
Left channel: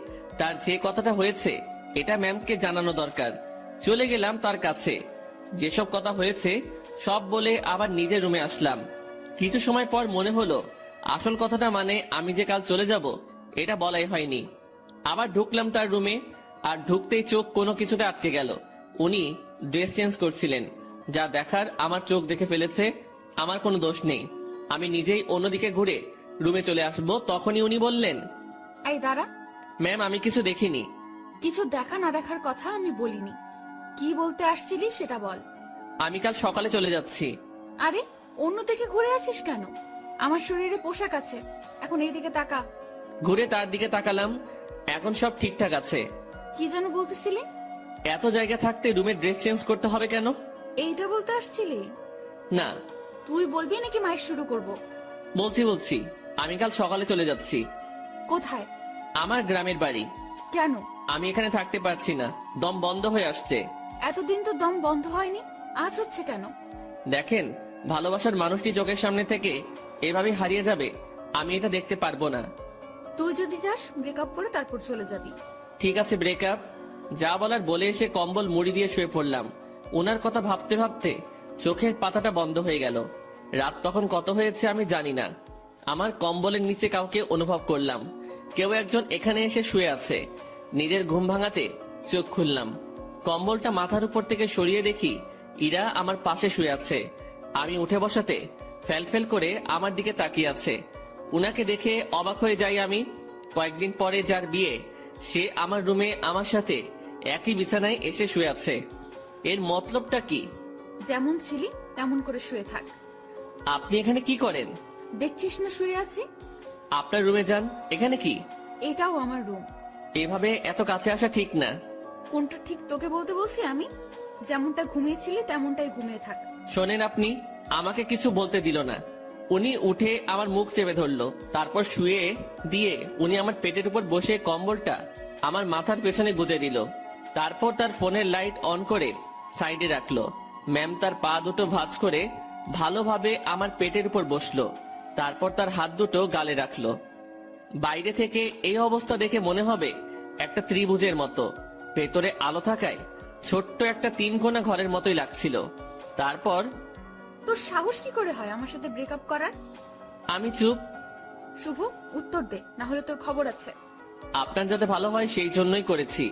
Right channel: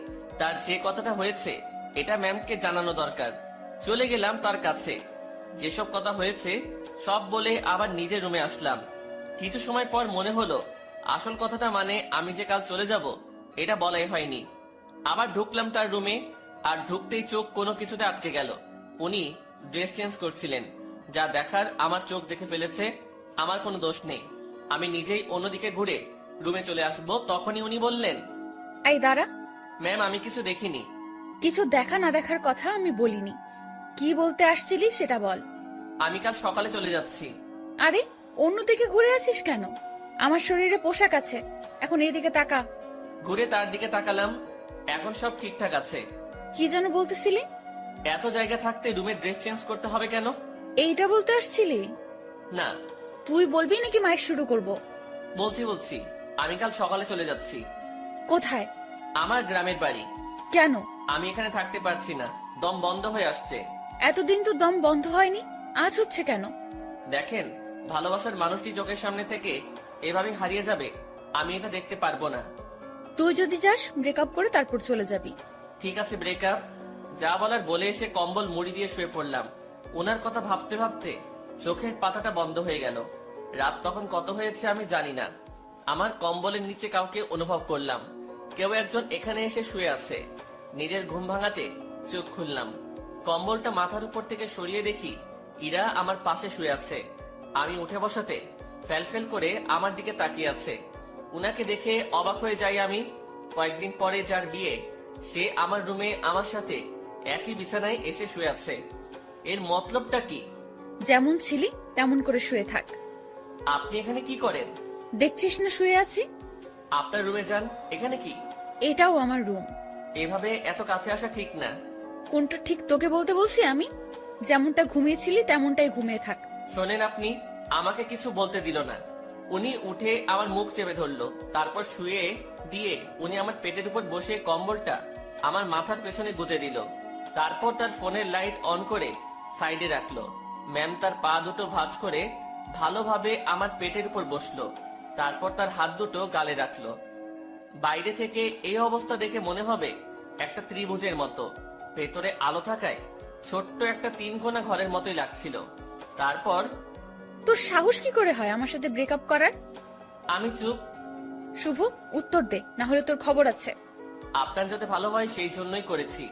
তার যে কথাটা হয়েছে এটা ম্যামকে জানানো দরকার। চলে গেলাম তার কাছে, যেসব কথা হয়েছে সব বলে আবার নিজের রুমে আসলাম। কিছু সময় পর মনে হলো আসল কথাটা মানে আমি যে কাল চলে যাব এটা বলাই হয়নি। আবার ঢুকলাম তার রুমে, আর ঢুকতেই চোখ কোনো কিছুতে আটকে গেল। উনি ড্রেস চেঞ্জ করছিলেন, যা দেখার আমার চোখ দেখে ফেলেছে। আমার কোনো দোষ নেই। আমি নিজেই অন্যদিকে ঘুরে রুমে চলে আসবো, তখনই উনি বললেন, এই দাঁড়া। ম্যাম আমি কিছু দেখিনি। কিছু দেখা না দেখার কথা আমি বলিনি। কি বলতে আসছিলি সেটা বল। আমি কাল সকালে চলে যাচ্ছি। আরে, অন্যদিকে ঘুরে আছিস কেন? আমার শরীরে পোশাক আছে, এখন এইদিকে তাকা। ঘুরে তার দিকে তাকালাম, এখন সব ঠিকঠাক আছে। কি যেন বলতেছিলি? এত জায়গা থাকতে রুমে ড্রেস চেঞ্জ করতে হবে কেন? এইটা বলতে আসছিলি? না। তুই বলবি নাকি মাইক শুরু করব? বলছি আমি কাল সকালে চলে যাচ্ছি। কোথায়? আমার গ্রামের বাড়ি। কেন? আমি এখানে থাকতে পারছি না, দম বন্ধ হয়ে আসছে। এতদিন তো দম বন্ধ হয়নি, আজ হচ্ছে কেন? দেখেন, ভালোবাসার মানুষটি চোখের সামনে থেকে এভাবে হারিয়ে যাবে, আমি এটা দেখতে পারবো না। তুই যদি যাস ব্রেকআপ করে তারপর চলে যাবি। ঠিক আছে, ব্রেকআপ। যা বলার বলে এসে কম্বল মুড়ি দিয়ে শুয়ে পড়লাম। ওনার কথা ভাবতে ভাবতে চোখের পাতাটা বন্ধ হয়ে গেল। রাত তখন কত হয়েছে আমি জানি না। আমার কম্বলের নিচে কাউকে অনুভব করলাম। কেউ একজন এখানে এসে শুয়ে আছে। নিজের ঘুম ভাঙাতে চোখ খুললাম। কম্বলটা মাথার উপর থেকে সরিয়ে দেখি ইরা আমার পাশে শুয়ে আছে। আমি উঠে বসাতে ফেলফেল করে আমার দিকে তাকিয়ে আছে। উনাকে দেখে অবাক হয়ে যাই আমি। কয়েকদিন পরে যার বিয়ে, সে আমার রুমে আমার সাথে একই বিছানায় এসে শুয়ে আছে। এর মতলবটা কি? যেমন ছিলি তেমন করে শুয়ে থাক। আপনি এখানে কি করেন? দেখছিস না শুয়ে আছি? আপনার রুমে যান। এখানে কি? এটাও আমার রুম। এভাবে এত কাছে আসা ঠিক না। কোনটা ঠিক তোকে বলতে বলছি আমি? যেমনটা ঘুমিয়েছিলি তেমনটাই ঘুমিয়ে থাক। শোনেন, আপনি আমাকে কিছু বলতে দিল না। উনি উঠে আমার মুখ চেপে ধরলো, তারপর শুয়ে দিয়ে উনি আমার পেটের উপর বসে কম্বলটা আমার মাথার পেছনে গুজে দিল। তারপর তার ফোনের লাইট অন করে সাইডে রাখলো। ম্যাম তার পা দুটো ভাঁজ করে ভালোভাবে আমার পেটের উপর বসলো। তারপর তার হাত দুটো গালে রাখলো। বাইরে থেকে এই অবস্থা দেখে মনে হবে একটা ত্রিভুজের মতো। ভেতরে আলো থাকায় ছোট্ট একটা 3 কোণা ঘরের মতোই লাগছিল। তারপর তোর সাহস কি করে হয় আমার সাথে ব্রেকআপ করার? আমি চুপ। শুভ, উত্তর দে, না হলে তোর খবর আছে। আপনার যাতে ভালো হয় সেই জন্যই করেছি।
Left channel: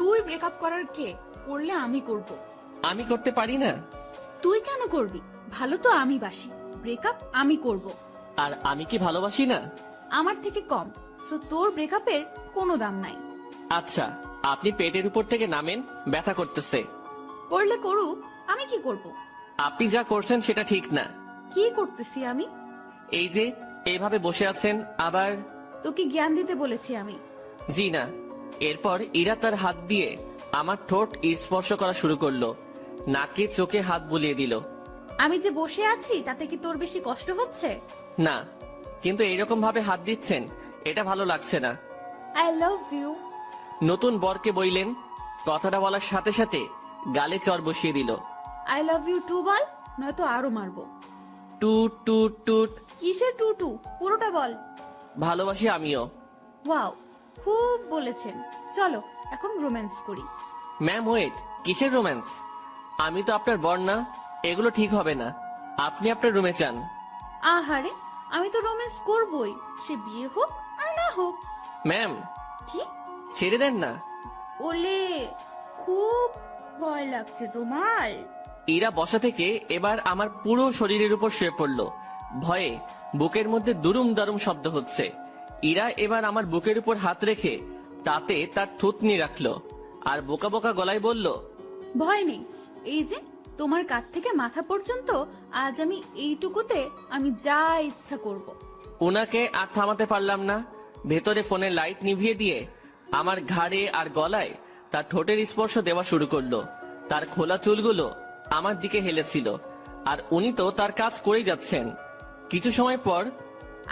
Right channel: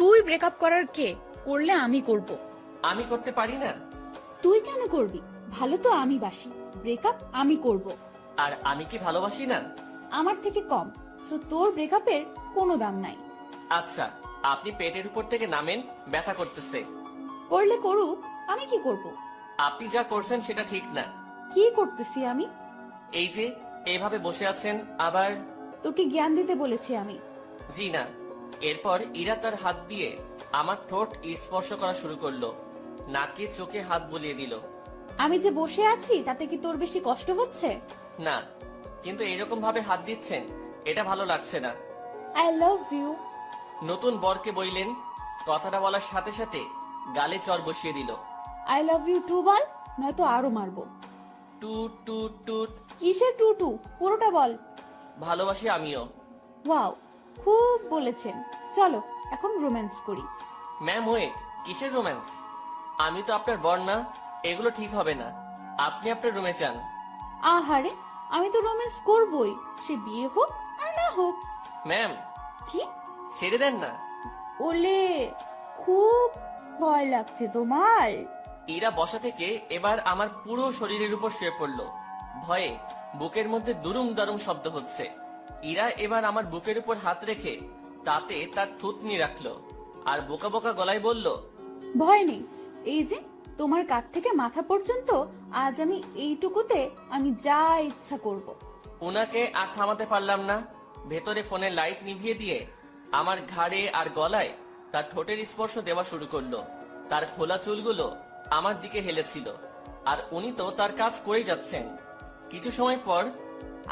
তুই ব্রেকআপ করার কে? করলে আমি করব। আমি করতে পারি না। তুই কেন করবি? ভালো তো আমি বাসি, ব্রেকআপ আমি করব। আর আমি কি ভালোবাসি না? আমার থেকে কম, সো তোর ব্রেকআপের কোনো দাম নাই। আচ্ছা, আপনি পেটের উপর থেকে নামেন, ব্যথা করতেছে। করলে করুক, আমি কি করব? আপনি যা করছেন সেটা ঠিক না। কি করতেছি আমি? এই যে এইভাবে বসে আছেন, আবার তোকে জ্ঞান দিতে বলেছি আমি। জি না। এরপর ইরা তার হাত দিয়ে আমার ঠোঁট স্পর্শ করা শুরু করলো, নাকে চোখে হাত বুলিয়ে দিল। আমি যে বসে আছি তাতে কি তোর বেশি কষ্ট হচ্ছে? না, কিন্তু এইরকম ভাবে হাত দিচ্ছেন, এটা ভালো লাগছে না। I love you. নতুন বরকে বইলেন, কথাটা বলার সাথে সাথে গালে চর বসিয়ে দিল। আই লাভ ইউ টু বল, নয়তো আরো মারবো। টুট টুট টুট। কিসের টুটু? পুরোটা বল। ভালোবাসি আমিও। ওয়াও, খুব বলেছেন। চলো এখন রোম্যান্স করি। ম্যাম ওয়েট, কিসের রোম্যান্স? আমি তো আপনার বর না, এগুলো ঠিক হবে না। আপনি আপনার রুমে যান। আহারে, আমি তো রোম্যান্স করবই, সে বিয়ে হোক আর না হোক। ম্যাম, কি? ছেড়ে দেন না। ওলে, খুব ভয় লাগছে তোমার? ইরা বসা থেকে এবার আমার পুরো শরীরের উপর শুয়ে পড়লো। ভয়ে বুকের মধ্যে দুরুম দারুম শব্দ হচ্ছে। ইরা এবার আমার বুকের উপর হাত রেখে তাতে তার থুতনি রাখলো আর বোকা বোকা গলায় বলল, ভয় নেই, এই যে তোমার কাঁধ থেকে মাথা পর্যন্ত আজ আমি এইটুকুতে আমি যা ইচ্ছা করব। ওনাকে আর থামাতে পারলাম না। ভেতরে ফোনের লাইট নিভিয়ে দিয়ে আমার ঘাড়ে আর গলায় তার ঠোঁটের স্পর্শ দেওয়া শুরু করলো। তার খোলা চুলগুলো আমার দিকে হেলেছিল, আর উনি তো তার কাজ করেই যাচ্ছেন। কিছু সময় পর,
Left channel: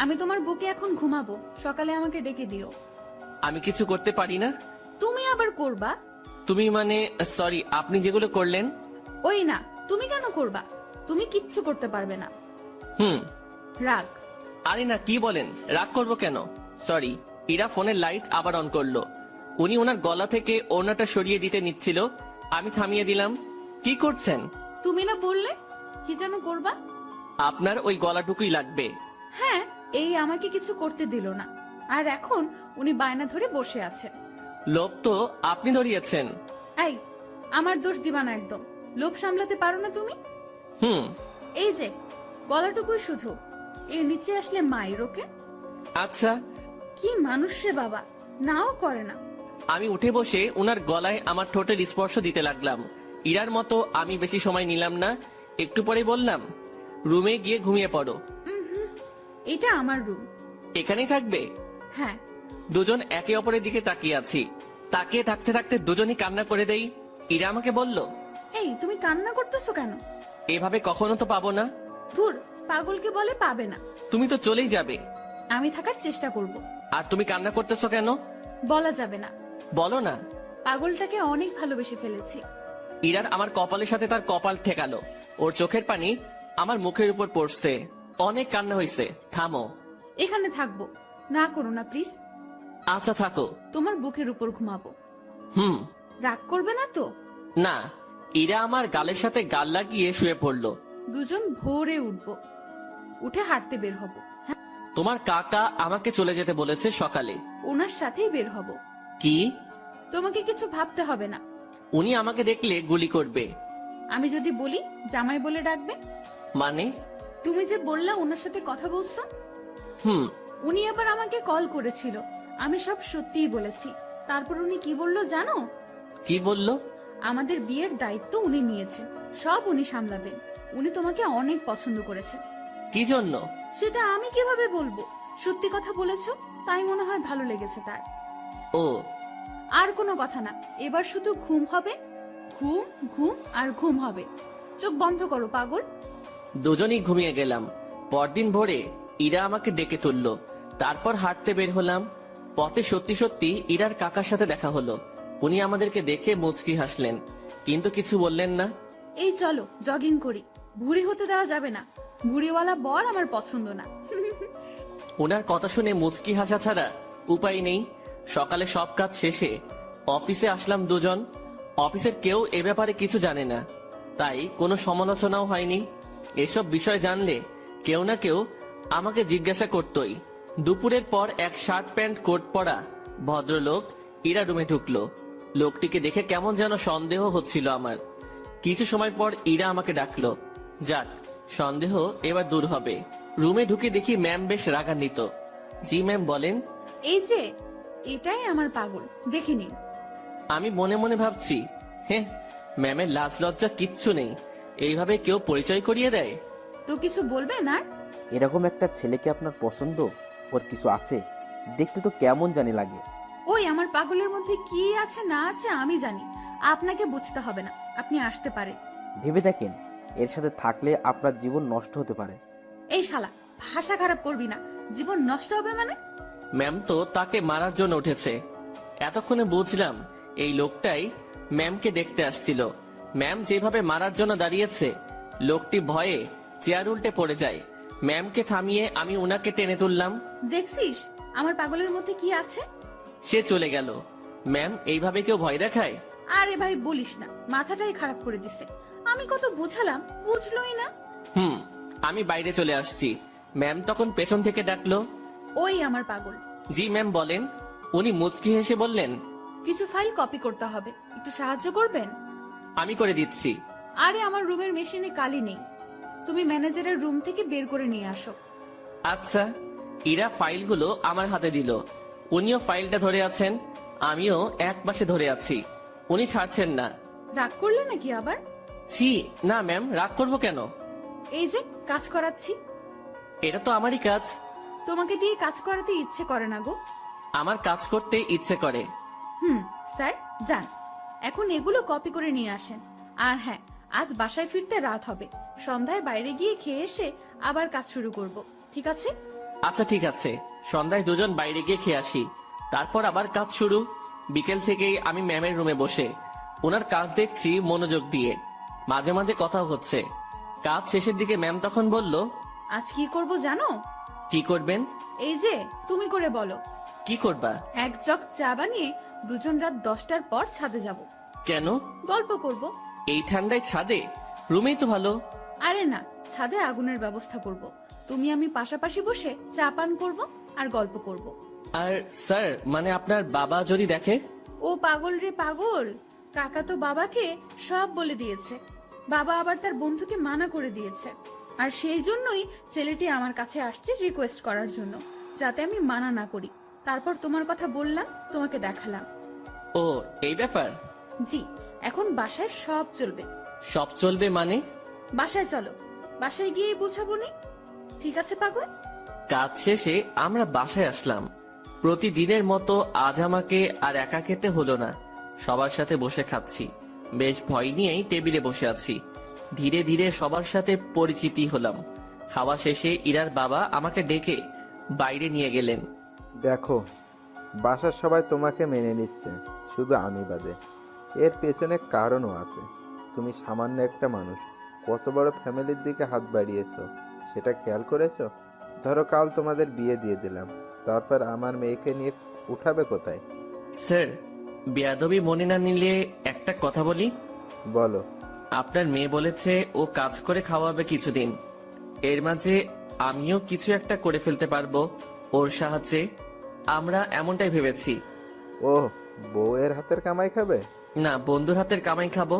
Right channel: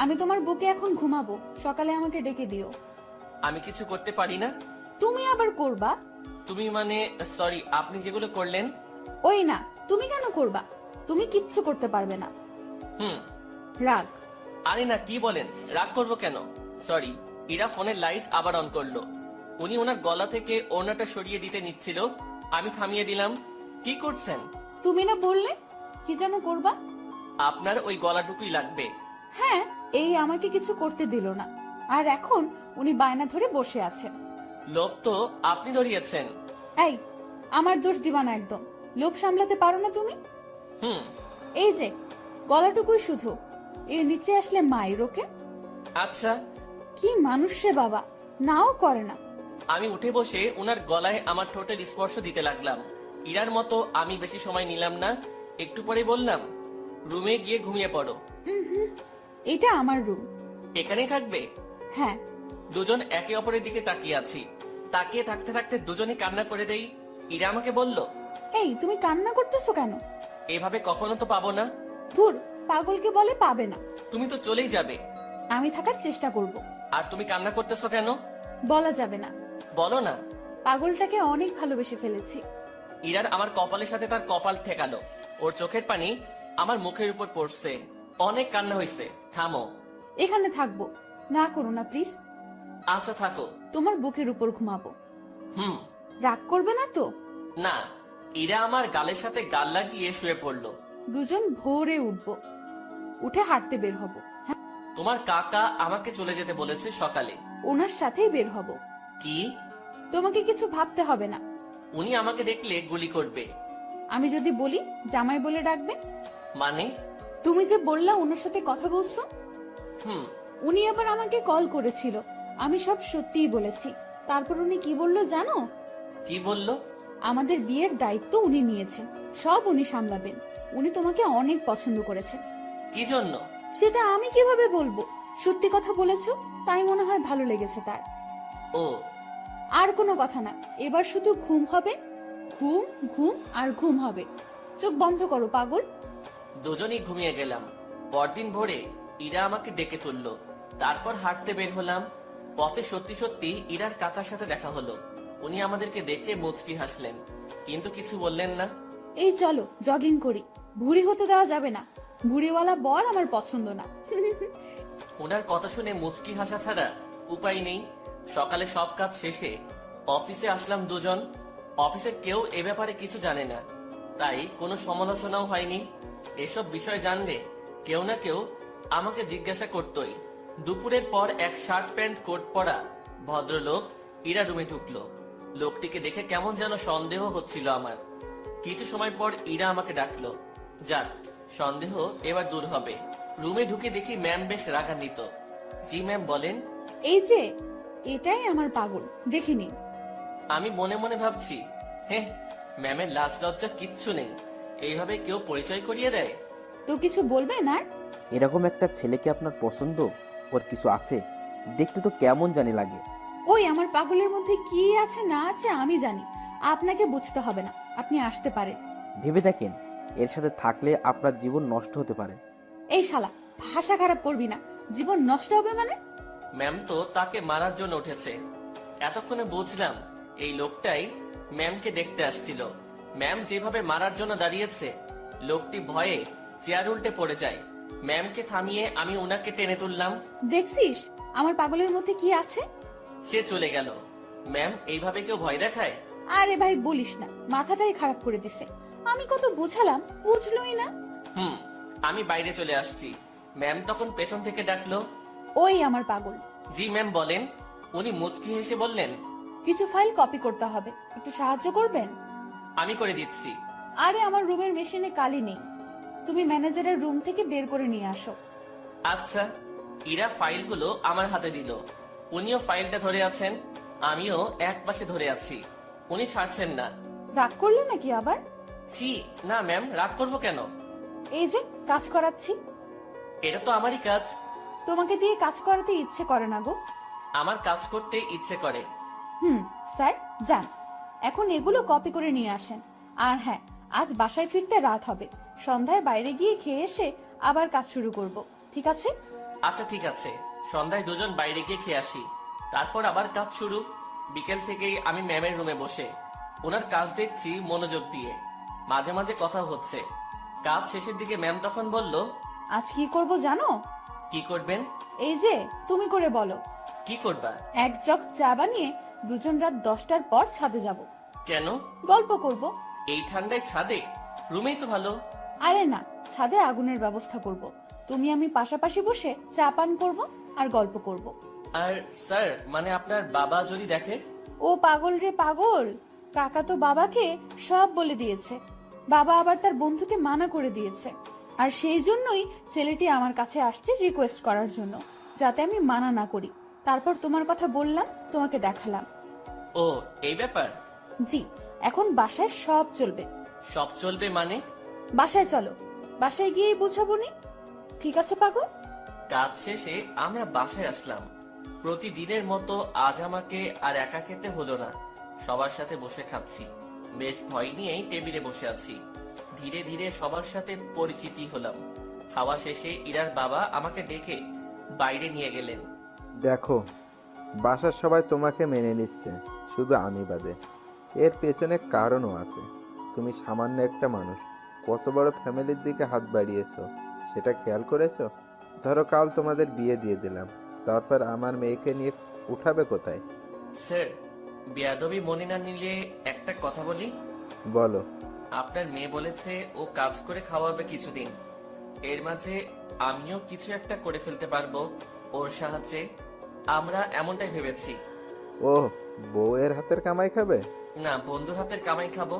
আমি তোমার বুকে এখন ঘুমাবো, সকালে আমাকে ডেকে দিও। আমি কিছু করতে পারি না। তুমি আবার করবা? তুমি মানে, সরি, আপনি যেগুলো করলেন। ওই না, তুমি কেন করবা? তুমি কিচ্ছু করতে পারবে না। হুম। রাগ। আরে না, কি বলেন, রাগ করবো কেন? সরি। ইরা ফোনের লাইট আবার অন করলো। উনি ওনার গলা থেকে ওড়নাটা সরিয়ে দিতে নিচ্ছিল, আমি থামিয়ে দিলাম। কি করছেন? তুমি না বললে কি যেন করবা? আপনার ওই গলাটুকুই লাগবে। হ্যাঁ, এই আমাকে কিছু করতে দিল না, আর এখন উনি বায়না ধরে বসে আছেন। লোভ তো আপনি ধরিয়েছেন। এই, আমার দোষ দিবা না একদম। লোভ সামলাতে পারো না তুমি? হুম। এই যে গলাটুকুই শুধু, এর নিচে আসলে মায়ের ওকে। আচ্ছা। কি মানুষ রে বাবা, নাও করে না। আমি উঠে বসে ওনার গলায় আমার ঠোঁটের স্পর্শ দিতে লাগলাম। ইরার মতো আমি বেশি সময় নিলাম না। একটু পরে বললাম, রুমে গিয়ে ঘুমিয়ে পড়ো। এটা আমার রুম। এখানেই থাকবে? হ্যাঁ। দুজন একে অপরের দিকে তাকিয়ে আছি। তাকিয়ে থাকতে থাকতে দুজনই কান্না করে দেই। ইরা আমাকে বলল, এই তুমি কান্না করতেছো কেন? এভাবে কখনো তো পাবো না। ধুর, পাগলকে বলে পাবে না। তুমি তো চলেই যাবে। আমি থাকার চেষ্টা করব। আর তুমি কান্না করতেছো কেন? বলা যাবে না। বলো না। পাগলটাকে অনেক ভালোবেসে ফেলেছি। ইরার আমার কপালের সাথে তার কপাল ঠেকালো। ওর চোখের পানি আমার মুখের উপর পড়ছে। অনেক কান্না হয়েছে, থামো। এখানে থাকবো, না করো না প্লিজ। আচ্ছা থাকো। তোমার বুকের উপর ঘুমাবো। হুম। রাগ করবে না তো? না। ইরা আমার গালের সাথে গাল লাগিয়ে শুয়ে পড়লো। দুজন ভোরে উঠবো, উঠে হাঁটতে বের হব। হ্যাঁ, তোমার কাকা আমাকে চলে যেতে বলেছে সকালে। ওনার সাথেই বের হব। কি? তোমাকে কিছু ভাবতে হবে না। উনি আমাকে দেখলে গুলি করবে। আমি যদি বলি জামাই বলে ডাকবে। মানে? তুমি যে বললা ওনার সাথে কথা বলছো, হুম। উনি আবার আমাকে কল করেছিল। আমি সব সত্যিই বলেছি। তারপর উনি কি বললো জানো? কি বললো? আমাদের বিয়ের দায়িত্ব উনি নিয়েছেন, সব উনি সামলাবেন। উনি তোমাকে অনেক পছন্দ করেছেন। কি জন্য? সেটা আমি কিভাবে বলবো? সত্যি কথা বলেছো, তাই মনে হয় ভালো লেগেছে তার। ও। আর কোনো কথা না, এবার শুধু ঘুম হবে, ঘুম ঘুম আর ঘুম হবে। চোখ বন্ধ করো পাগল। দুজনেই ঘুমিয়ে গেলাম। পরদিন ভোরে ইরা আমাকে ডেকে তুললো। তারপর হাঁটতে বের হলাম। পথে সত্যি সত্যি ইরার কাকার সাথে দেখা হলো। উনি আমাদেরকে দেখে মুচকি হাসলেন, কিন্তু কিছু বললেন না। এই চলো জগিং করি, ভুঁড়ি হতে দেওয়া যাবে না। ভুঁড়িওয়ালা বর আমার পছন্দ না। ওনার কথা শুনে মুচকি হাসা ছাড়া উপায় নেই। সকালে সব কাজ শেষে অফিসে আসলাম দুজন। অফিসের কেউ এ ব্যাপারে কিছু জানে না, তাই কোনো সমালোচনাও হয়নি। এসব বিষয় জানলে কেউ না কেউ আমাকে জিজ্ঞাসা করতই। দুপুরের পর এক শার্ট প্যান্ট কোট পরা ভদ্রলোক ইরা রুমে ঢুকলো। লোকটিকে দেখে কেমন যেন সন্দেহ হচ্ছিল আমার। কিছু সময় পর ইরা আমাকে ডাকলো। যাক, সন্দেহ এবার দূর হবে। রুমে ঢুকে দেখি ম্যাম বেশ রাগান্বিত। জি ম্যাম, বলেন। এই যে এটাই আমার পাগল, দেখে নিন। আমি মনে মনে ভাবছি, হ্যাঁ, ম্যামের লাজ লজ্জা কিচ্ছু নেই, এইভাবে কেউ পরিচয় করিয়ে দেয়। তো কিছু বলবেন আর? এরকম একটা ছেলেকে আপনার পছন্দ? ওর কিছু আছে? দেখতে তো কেমন জানি লাগে। ওই আমার পাগলের মধ্যে কি আছে না আছে আমি জানি, আপনাকে বুঝতে হবে না, আপনি আসতে পারেন। ভেবে দেখেন, এর সাথে থাকলে আপনার জীবন নষ্ট হতে পারে। এই শালা, ভাষা খারাপ করবি না। জীবন নষ্ট হবে মানে? ম্যাম তো তাকে মারার জন্য উঠেছে। এতক্ষণে বুঝলাম এই লোকটাই ম্যামকে দেখতে আসছিল। ম্যাম যেভাবে মারার জন্য দাঁড়িয়েছে, লোকটি ভয়ে চেয়ার উল্টে পড়ে যায়। ম্যামকে থামিয়ে আমি উনাকে টেনে তুললাম। দেখছিস আমার পাগলের মধ্যে কি আছে? সে চলে গেল। ম্যাম, এইভাবে কেউ ভয় দেখায়? আরে ভাই বলিস না, মাথাটাই খারাপ করে দিছে। আমি কত বুঝালাম, বুঝলোই না। আমি বাইরে চলে আসছি। ম্যাম তখন পেছন থেকে ডাকলো, ওই আমার পাগল। জি ম্যাম বলেন। উনি মুচকি হেসে বললেন, কিছু ফাইল কপি করতে হবে, একটু সাহায্য করবেন? আমি করে দিচ্ছি। আরে আমার রুমের মেশিনে কালি নেই, তুমি ম্যানেজারের রুম থেকে বের করে নিয়ে আসো। আচ্ছা। ইরা ফাইলগুলো আমার হাতে দিল। উনিও ফাইলটা ধরে আছেন, আমিও এক পাশে ধরে আছি। উনি ছাড়ছেন না। রাগ করলে নাকি আবার? ছি, না ম্যাম, রাগ করবো কেন? এই যে কাজ করাচ্ছি। এটা তো আমারই কাজ। তোমাকে দিয়ে কাজ করাতে ইচ্ছে করে না গো। আমার কাজ করতে ইচ্ছে করে। স্যার যান, এখন এগুলো কপি করে নিয়ে আসেন। আর হ্যাঁ, আজ বাসায় ফিরতে রাত হবে, সন্ধ্যায় বাইরে গিয়ে খেয়ে এসে আবার কাজ শুরু করব, ঠিক আছে? আচ্ছা ঠিক আছে, সন্ধ্যায় দুজন বাইরে গিয়ে খেয়ে আসি, তারপর আবার কাজ শুরু। বিকেল থেকেই আমি ম্যামের রুমে বসে ওনার কাজ দেখছি মনোযোগ দিয়ে। মাঝে মাঝে কথা হচ্ছে। কাজ শেষের দিকে ম্যাম তখন বলল, আজ কি করব জানো? কি করবেন? এই যে তুমি করে বলো। কি করবা? এক জগ চা বানিয়ে দুজন রাত 10টার পর ছাদে যাব। কেন? গল্প করব। এই ঠান্ডায় ছাদে? রুমেই তো ভালো। আরে না, ছাদে আগুনের ব্যবস্থা করব, তুমি আমি পাশাপাশি বসে চা পান করব আর গল্প করব। আর স্যার, মানে আপনার বাবা যদি দেখে? ও পাগল রে পাগল, কাকা তো বাবাকে সব বলে দিয়েছে। বাবা আবার তার বন্ধুকে মানা করে দিয়েছে। আর সেই জন্যই ছেলেটি আমার কাছে আসছে রিকোয়েস্ট করার জন্য, যাতে আমি মানা না করি। তারপর তোমার কথা বললাম, তোমাকে দেখালাম। ও, এই ব্যাপার? জি, এখন বাসায় সব চলবে। সব চলবে মানে? বাসায় চলো, বাসায় গিয়েই বুঝাবো নি, ঠিক আছে পাগল? কাজ শেষে আমরা বাসায় আসলাম। প্রতিদিনের মতো আজ আমাকে আর একা খেতে হলো না, সবার সাথে বসে খাচ্ছি। বেশ ভয় নিয়েই টেবিলে বসে আছি। ধীরে ধীরে সবার সাথে পরিচিতি হলাম। খাওয়া শেষে ইরার বাবা আমাকে ডেকে বাইরে নিয়ে গেলেন। দেখো, বাসার সবাই তোমাকে মেনে নিচ্ছে, শুধু আমি বাদে। এর পেছনে কারণও আছে। তুমি সামান্য একটা মানুষ, কত বড় ফ্যামিলির দিকে হাত বাড়িয়েছো সেটা খেয়াল করেছো? ধরো কাল তোমাদের বিয়ে দিয়ে দিলাম, তারপর আমার মেয়েকে নিয়ে উঠাবে কোথায়? স্যার, বেয়াদবি মনে না নিলে একটা কথা বলি। বলো। আপনার মেয়ে বলেছে ও কাজ করে খাওয়াবে কিছুদিন। এর মাঝে আমিও কিছু একটা করে ফেলতে পারবো ওর সাহায্যে। আমরা এমনটাই ভেবেছি। ও, বউয়ের হাতের কামাই খাবে? না, বন্ধুর হাতের কামাই খাবো।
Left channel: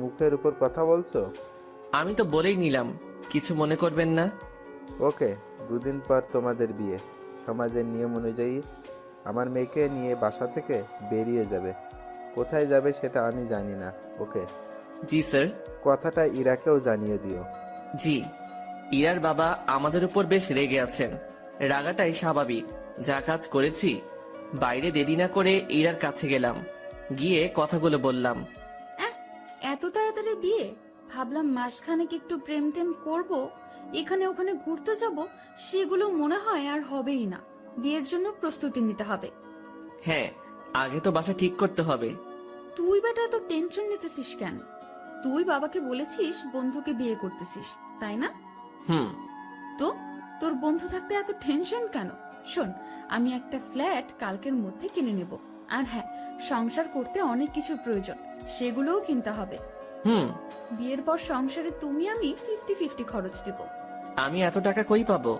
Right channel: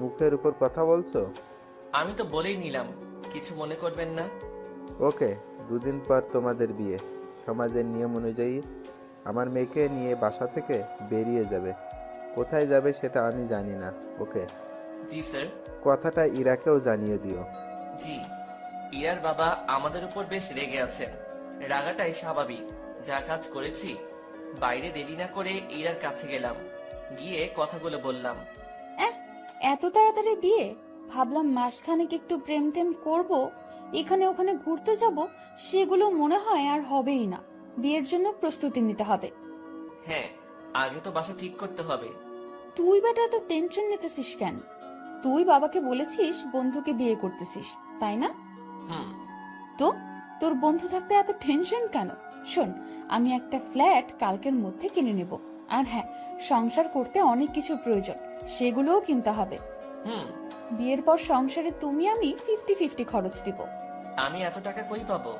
মুখের উপর কথা বলছো। আমি তো বলেই নিলাম, কিছু মনে করবেন না। ওকে, 2 দিন পর তোমাদের বিয়ে। সমাজের নিয়ম অনুযায়ী আমার মেয়েকে নিয়ে বাসা থেকে বেরিয়ে যাবে। কোথায় যাবে সেটা আমি জানি না। ওকে? জি স্যার। কথাটা ইরাকেও জানিয়ে দিও। জি। ইরার বাবা আমাদের উপর বেশ রেগে আছেন। রাগাটাই স্বাভাবিক, যা কাজ করেছি। বাইরে দেরি না করে ইরার কাছে গেলাম, গিয়ে কথাগুলো বললাম। এত তাড়াতাড়ি বিয়ে? ভাবলাম মাসখানেক একটু প্রেম টেম করবো, এখানে ওখানে ঘুরতে যাব, সেগুলো মনে হয় আর হবেই না। বিয়ের জন্য প্রস্তুতি নিতে হবে। হ্যাঁ, আগে তো বাসা ঠিক করতে হবে। তুই বেটা এত টেনশন নিতেছিস কেন? তুই বাবাকে বলেছিস বন্ধুকে বিয়ে করতেছিস, তাই না? তো তোর বন্ধু থাকতে এত টেনশন কেন? শোন, আমি একটা ফ্ল্যাট কালকের মধ্যে কিনে নেব। আর হ্যাঁ, সংসার করতে অনেক কিছু প্রয়োজন, সেগুলোও কিনতে হবে। বিয়ের পর সংসারে তুমি আমি 50-50 খরচ দিব। আমি এত টাকা কই পাবো?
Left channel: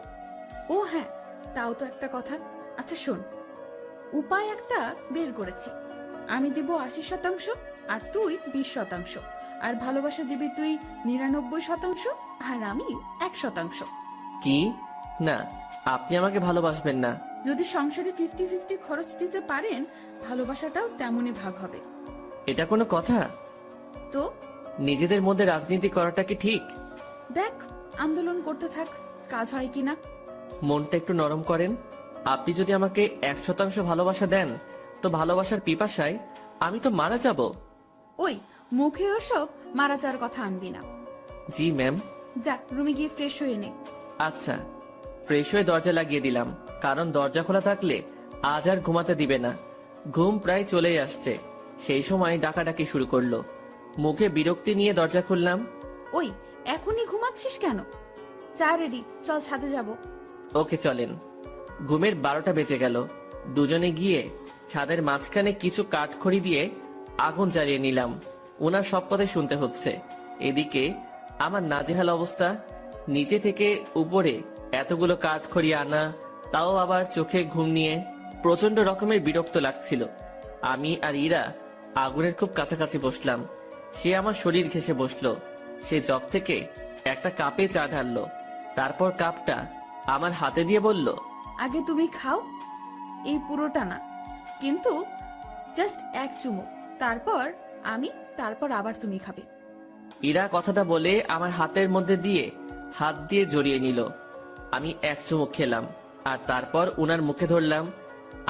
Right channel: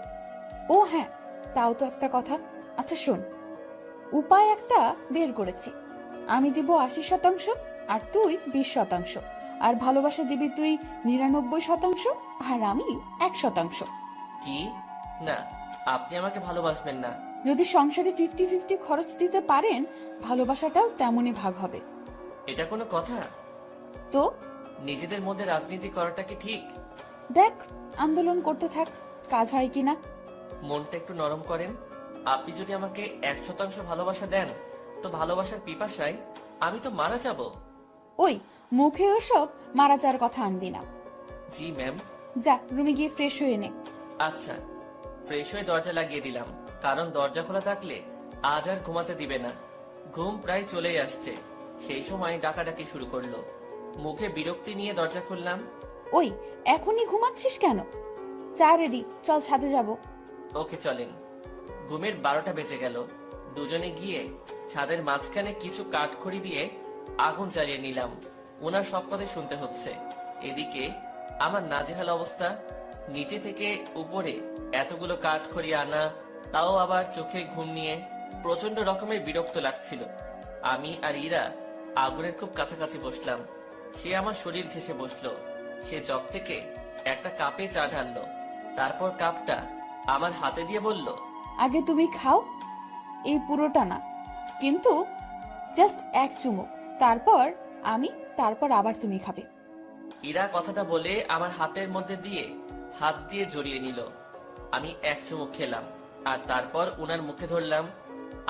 ও হ্যাঁ, তাও তো একটা কথা। আচ্ছা শোন, উপায় একটা বের করেছি। আমি দিব 80% আর তুই 20%। আর ভালোবাসা দিবি তুই 99% আর আমি 1%। কি? না, আপনি আমাকে ভালোবাসবেন না। যদি সংসারে 50-50 খরচ দিতে পারেন, ভালোবাসাটাও তেমনই ভাগ হবে। এটা কোনো কথা? তো নিজেদের মধ্যে রাজনীতি করাটা কি ঠিক? দেখ, আন্দোলন করতে থাক, কাজ হয় কিনা। মনটা একটু নরম করেন। আপনি যদি আমাকে 100% ভালোবাসা দেন, তো ভালোবাসার পিপাসায় আমি তো মারা যাব। ওই, মুখে ওসব মারা যাওয়ার কথা আনবি না। জি ম্যাম। যা, রুমে গিয়ে ফ্রেশ হয়ে নে। আচ্ছা। ফ্রেশ হয়ে দরজা লাগিয়ে দিলাম, কারণ দরজা খোলা থাকলে আজ আর ঘুমাতে দিবে না। ঘুম প্রায় চলেই আসছে, সেই সময় ডাকাডাকি শুরু করলো। মুখে বিরক্তি নিয়ে দরজা খুললাম। ওই, এখনই ঘুমাচ্ছিস কেন? চা রেডি, চল ছাদে যাব। ওকে চলেন। ঘুমের 12টা বেজে গেল। দুজনে গিয়ে ছাদের মাঝখানে কিছু কাঠখড়ি দিয়ে আগুন জ্বালিয়ে নিলাম। ওনার সব কথা শুনতে হচ্ছে। এদিকে আমার নাজেহাল অবস্থা। নিচে থেকে উপরে এতগুলো কাঠখড়ি আনা, তাও আবার চোখে ঘুম নিয়ে প্রচন্ড রকমের বিরক্ত লাগছিল। আমি আর ইরা আগুনের খুব কাছাকাছি বসলাম। সে আমার শরীর ঘেঁষে বসলো। সে জগ থেকে একটা কাপে চা ঢাললো, তারপর কাপটা আমার হাতে দিয়ে বলল, আগে তুমি খাও, এই পুরোটা না, কিন্তু জাস্ট এক চুমুক, তারপর আমি, তারপর আবার তুমি খাবে। ইরা কথাটা বলে আমার হাতের মধ্যে দিয়ে হাত দিয়ে জড়িয়ে নিল। আমি এক চুমুক খেলাম, আর তারপর উনার মুখে ধরলাম।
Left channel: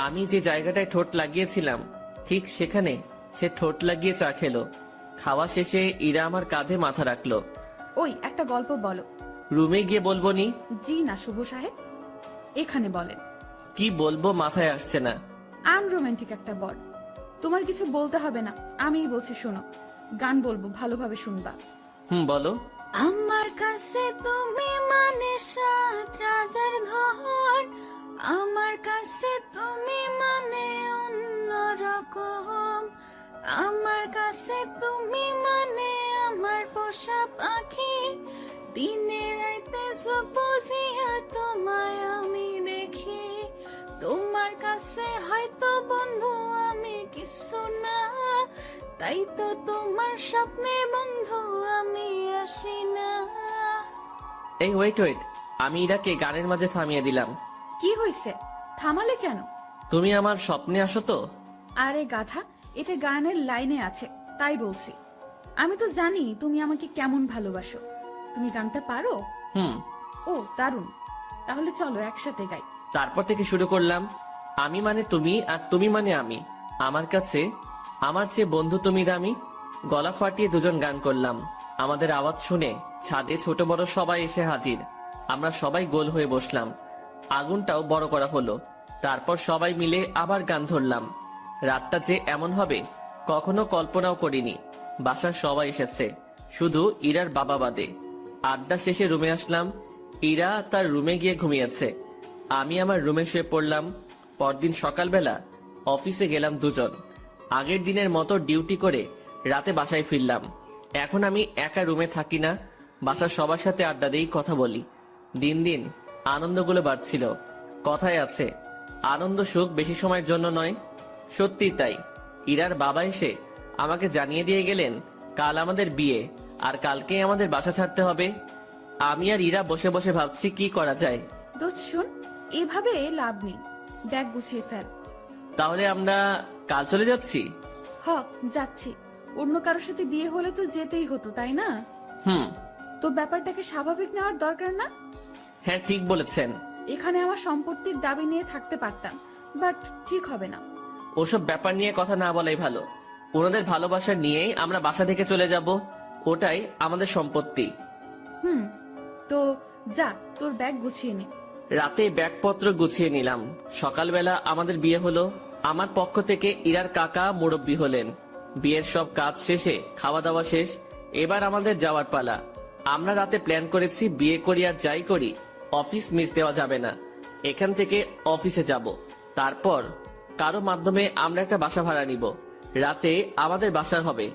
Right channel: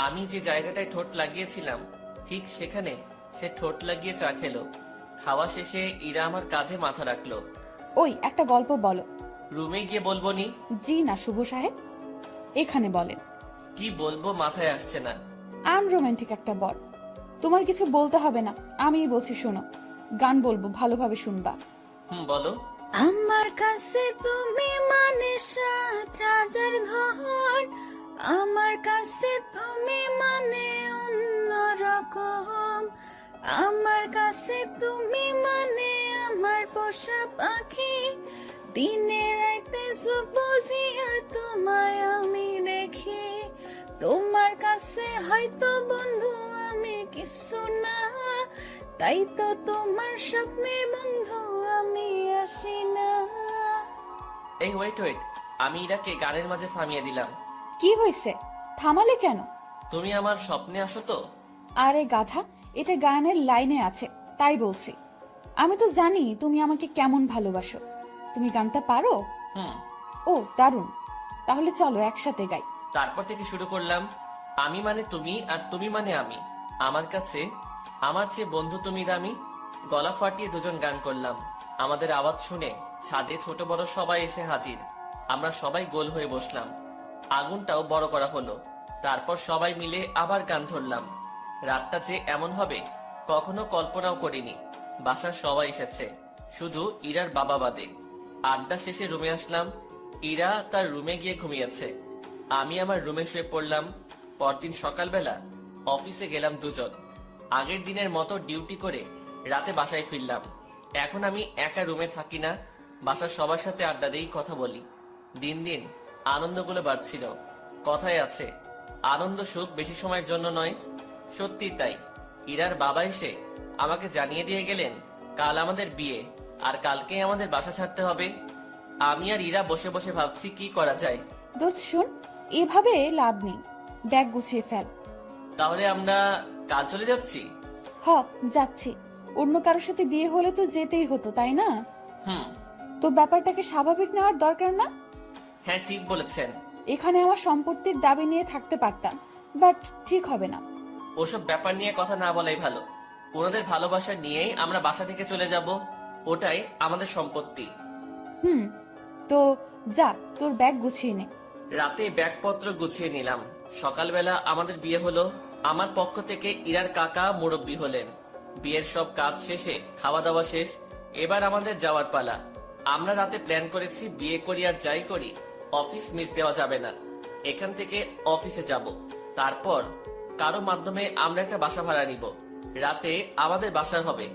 আমি যে জায়গাটায় ঠোঁট লাগিয়েছিলাম, ঠিক সেখানে সে ঠোঁট লাগিয়ে চা খেলো। খাওয়া শেষে ইরা আমার কাঁধে মাথা রাখলো। ওই, একটা গল্প বলো। রুমে গিয়ে বলবো নি? জি না শুভ সাহেব, এখানে বলেন। কি বলবো মাথায় আসছে না। আনরোমান্টিক একটা বর। তোমার কিছু বলতে হবে না, আমিই বলছি শোনো। গান বলবো, ভালোভাবে শুনবা। বলো। আমার কাছে তুমি মানে সাত রাজার ঘর, আমার কাছে তুমি মানে অন্যরকম, আমার কাছে তুমি মানে আমার পোষা পাখি, দিনে রাইতে চোখ বুজিয়া তোমায় আমি দেখি, তোমার কাছে হয়তো বন্ধু আমি কিছু না, তাই তো তোমার স্বপ্নে বন্ধু আমি আসি না। এই ওয়েট ওয়েট, আমি ইরাকে গানের মাঝে থামিয়ে দিলাম। কি হয়েছে, থামালে কেন? তুমি আমার স্বপ্নে আসো তো? আরে গাধা, এটা গানের লাইনে আছে, তাই বলছি। আমি তো জানি তুমি আমাকে কেমন ভালোবাসো। তুমি গানটা পারো? ও দারুণ, তাহলে চলো একসাথে গাই। তারপর থেকে শুরু করলাম। আমি মানে তুমি, আর তুমি মানে আমি। আমার কাছে আমার চেয়ে বন্ধু তুমি দামি। গলা ফাটিয়ে দুজন গান করলাম। আমাদের আওয়াজ শুনে ছাদে ছোট বড় সবাই এসে হাজির। আমরা সবাই গোল হয়ে বসলাম। আগুনটাও বড় করা হলো। তারপর সবাই মিলে আবার গান ধরলাম। রাতটা যে এমন হবে কখনো কল্পনাও করিনি। বাসার সবাই এসেছে, শুধু ইরার বাবা বাদে। আড্ডা শেষে রুমে আসলাম। ইরা তার রুমে গিয়ে ঘুমিয়েছে, আমি আমার রুমে শুয়ে পড়লাম। পরদিন সকালবেলা অফিসে গেলাম দুজন। আগের দিনের মতো ডিউটি করে রাতে বাসায় ফিরলাম। এখন আমি একা রুমে থাকি না, বাসার সবার সাথে আড্ডা দিই, কথা বলি। দিন দিন আনন্দগুলো বাড়ছিল। কথায় আছে, আনন্দ সুখ বেশি সময়ের জন্য নয়। সত্যি তাই। ইরার বাবা এসে আমাকে জানিয়ে দিয়ে গেলেন কাল আমাদের বিয়ে, আর কালকে আমাদের বাসা ছাড়তে হবে। আমি আর ইরা বসে বসে ভাবছি কি করা যায়। দোস্ত শুন, এভাবে লাভ নেই, ব্যাগ গুছিয়ে ফেল। তাহলে আমরা কাল চলে যাচ্ছি? হ, যাচ্ছি। অন্য কারোর সাথে বিয়ে হলে তো যেতেই হতো, তাই না? তো ব্যাপারটাকে স্বাভাবিক নেওয়ার দরকার না? হ্যাঁ, ঠিক বলেছেন। এখানে আমার সম্পত্তির দাবি নিয়ে থাকতে পারতাম, বাট ঠিক হবে না। ওসব ব্যাপার নিয়ে কথা না বলাই ভালো। ওনাদের ভালোবাসা নিয়েই আমরা বাসা থেকে চলে যাব, ওটাই আমাদের সম্পত্তি। তো যা, তোর ব্যাগ গুছিয়ে নে। রাতে ব্যাগপত্র গুছিয়ে নিলাম। সকালবেলা আমাদের বিয়ে হলো। আমার পক্ষ থেকে ইরার কাকা মুরব্বি হলেন। বিয়ের সব কাজ শেষে খাওয়া দাওয়া শেষ, এবার আমাদের যাওয়ার পালা। আমরা রাতে প্ল্যান করেছি বিয়ে করি আর যাই করি অফিস মিস দেওয়া যাবে না। এখান থেকে অফিসে যাব, তারপর কারো মাধ্যমে আমরা একটা বাসা ভাড়া নিব। রাতে আমাদের বাসা হবে।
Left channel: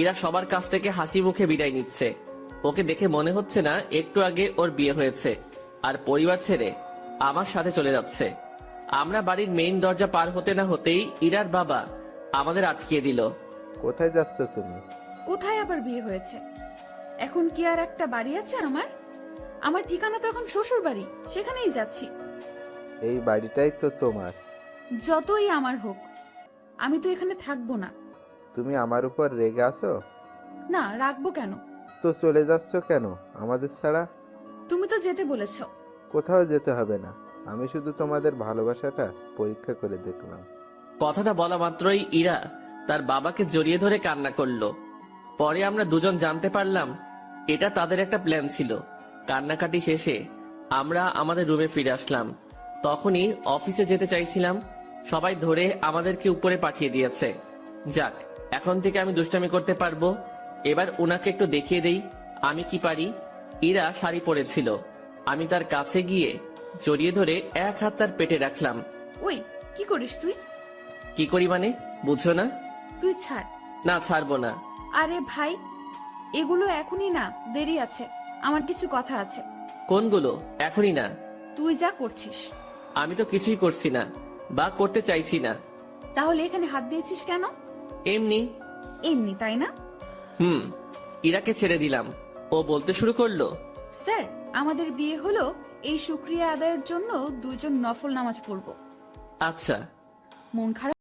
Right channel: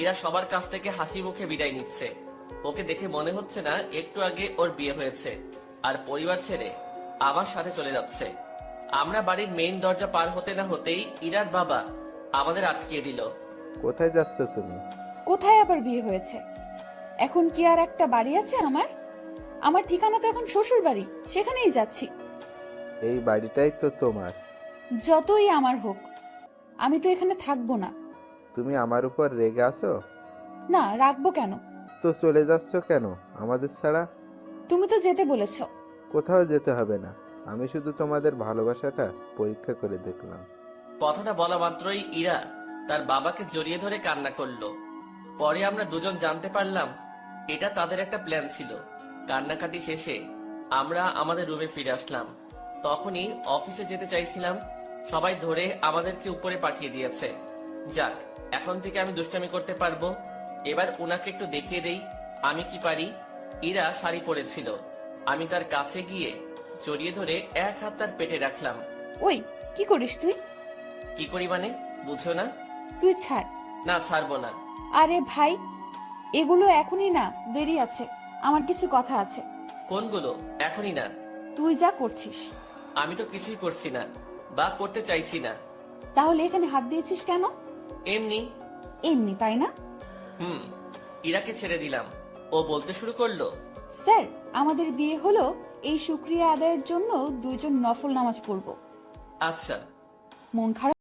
ইরা সবার কাছ থেকে হাসি মুখে বিদায় নিচ্ছে। ওকে দেখে মনে হচ্ছে না একটু আগে ওর বিয়ে হয়েছে, আর পরিবার ছেড়ে আমার সাথে চলে যাচ্ছে। আমরা বাড়ির মেইন দরজা পার হতে না হতেই ইরার বাবা আমাদের আটকিয়ে দিল। কোথায় যাচ্ছ তুমি? কোথায় আবার বিয়ে হয়েছে? এখন কি আর একটা বাড়ি আছে আমার? আমার ঠিকানা তো এখন শ্বশুর বাড়ি, সেখানেই যাচ্ছি। এই বাড়িটাই তো তোমার। যতই আমার হোক, আমি তো এখানে থাকবো না। তুমি আমার উপর রেগে আছো? না, রাখবো কেন? তো চলে যাচ্ছ কেন আমাদের ছাড়া? তুমি তো যেতে বলেছো। কোথাও যেতে হবে না, আমি শুধু তোমাদের ভালোবাসাটা পরীক্ষা করে দেখলাম। কথাটা বলা মাত্রই ইরা তার বাবাকে জড়িয়ে ধরে কান্না করলো। পরে আমরা দুজন জানতে পারলাম এটা তাদের একটা প্ল্যান ছিল। কান্নাকাটি শেষে আমরা আমাদের রুমে ফিরে আসলাম। তখনই অফিসে যেতে চাইছিলাম, সবাই ধরে আমাদেরকে উপরে পাঠিয়ে দিয়েছে। যাক, এখন থেকে আমি দুষ্টামি করতে পারবো। এবার ওনাকে একটু দেখিয়ে দেই আমি কি পারি। ইরা শাড়ি পরেছিল, আমি তার কাছে গিয়ে জড়িয়ে ধরে এক হাত তার পেটে রাখলাম। ওই, কি করিস তুই? কি করি মানে, বুঝছো না? তুই ছাড়। না, ছাড়বো না। আরে ভাই, এগুলো এখনই না, দেরি আছে। আমার কিছু কথা আছে। কোনগুলো? এখনই না। তুই যা করছিস। আমি তো কিছুই করছি না বা করতে চাইছি না। তাহলে এখানে হাত দিয়েছিস কেন? এমনি। এমনি, তাই না? ইরাকে ছেড়ে দিলাম, ও বলতে শুরু করলো। স্যার, আমাদের বিয়ে হলো এই শুকরিয়া আদায়ের জন্য দুইজন নফল নামাজ পড়ব। আচ্ছা। মন খারাপ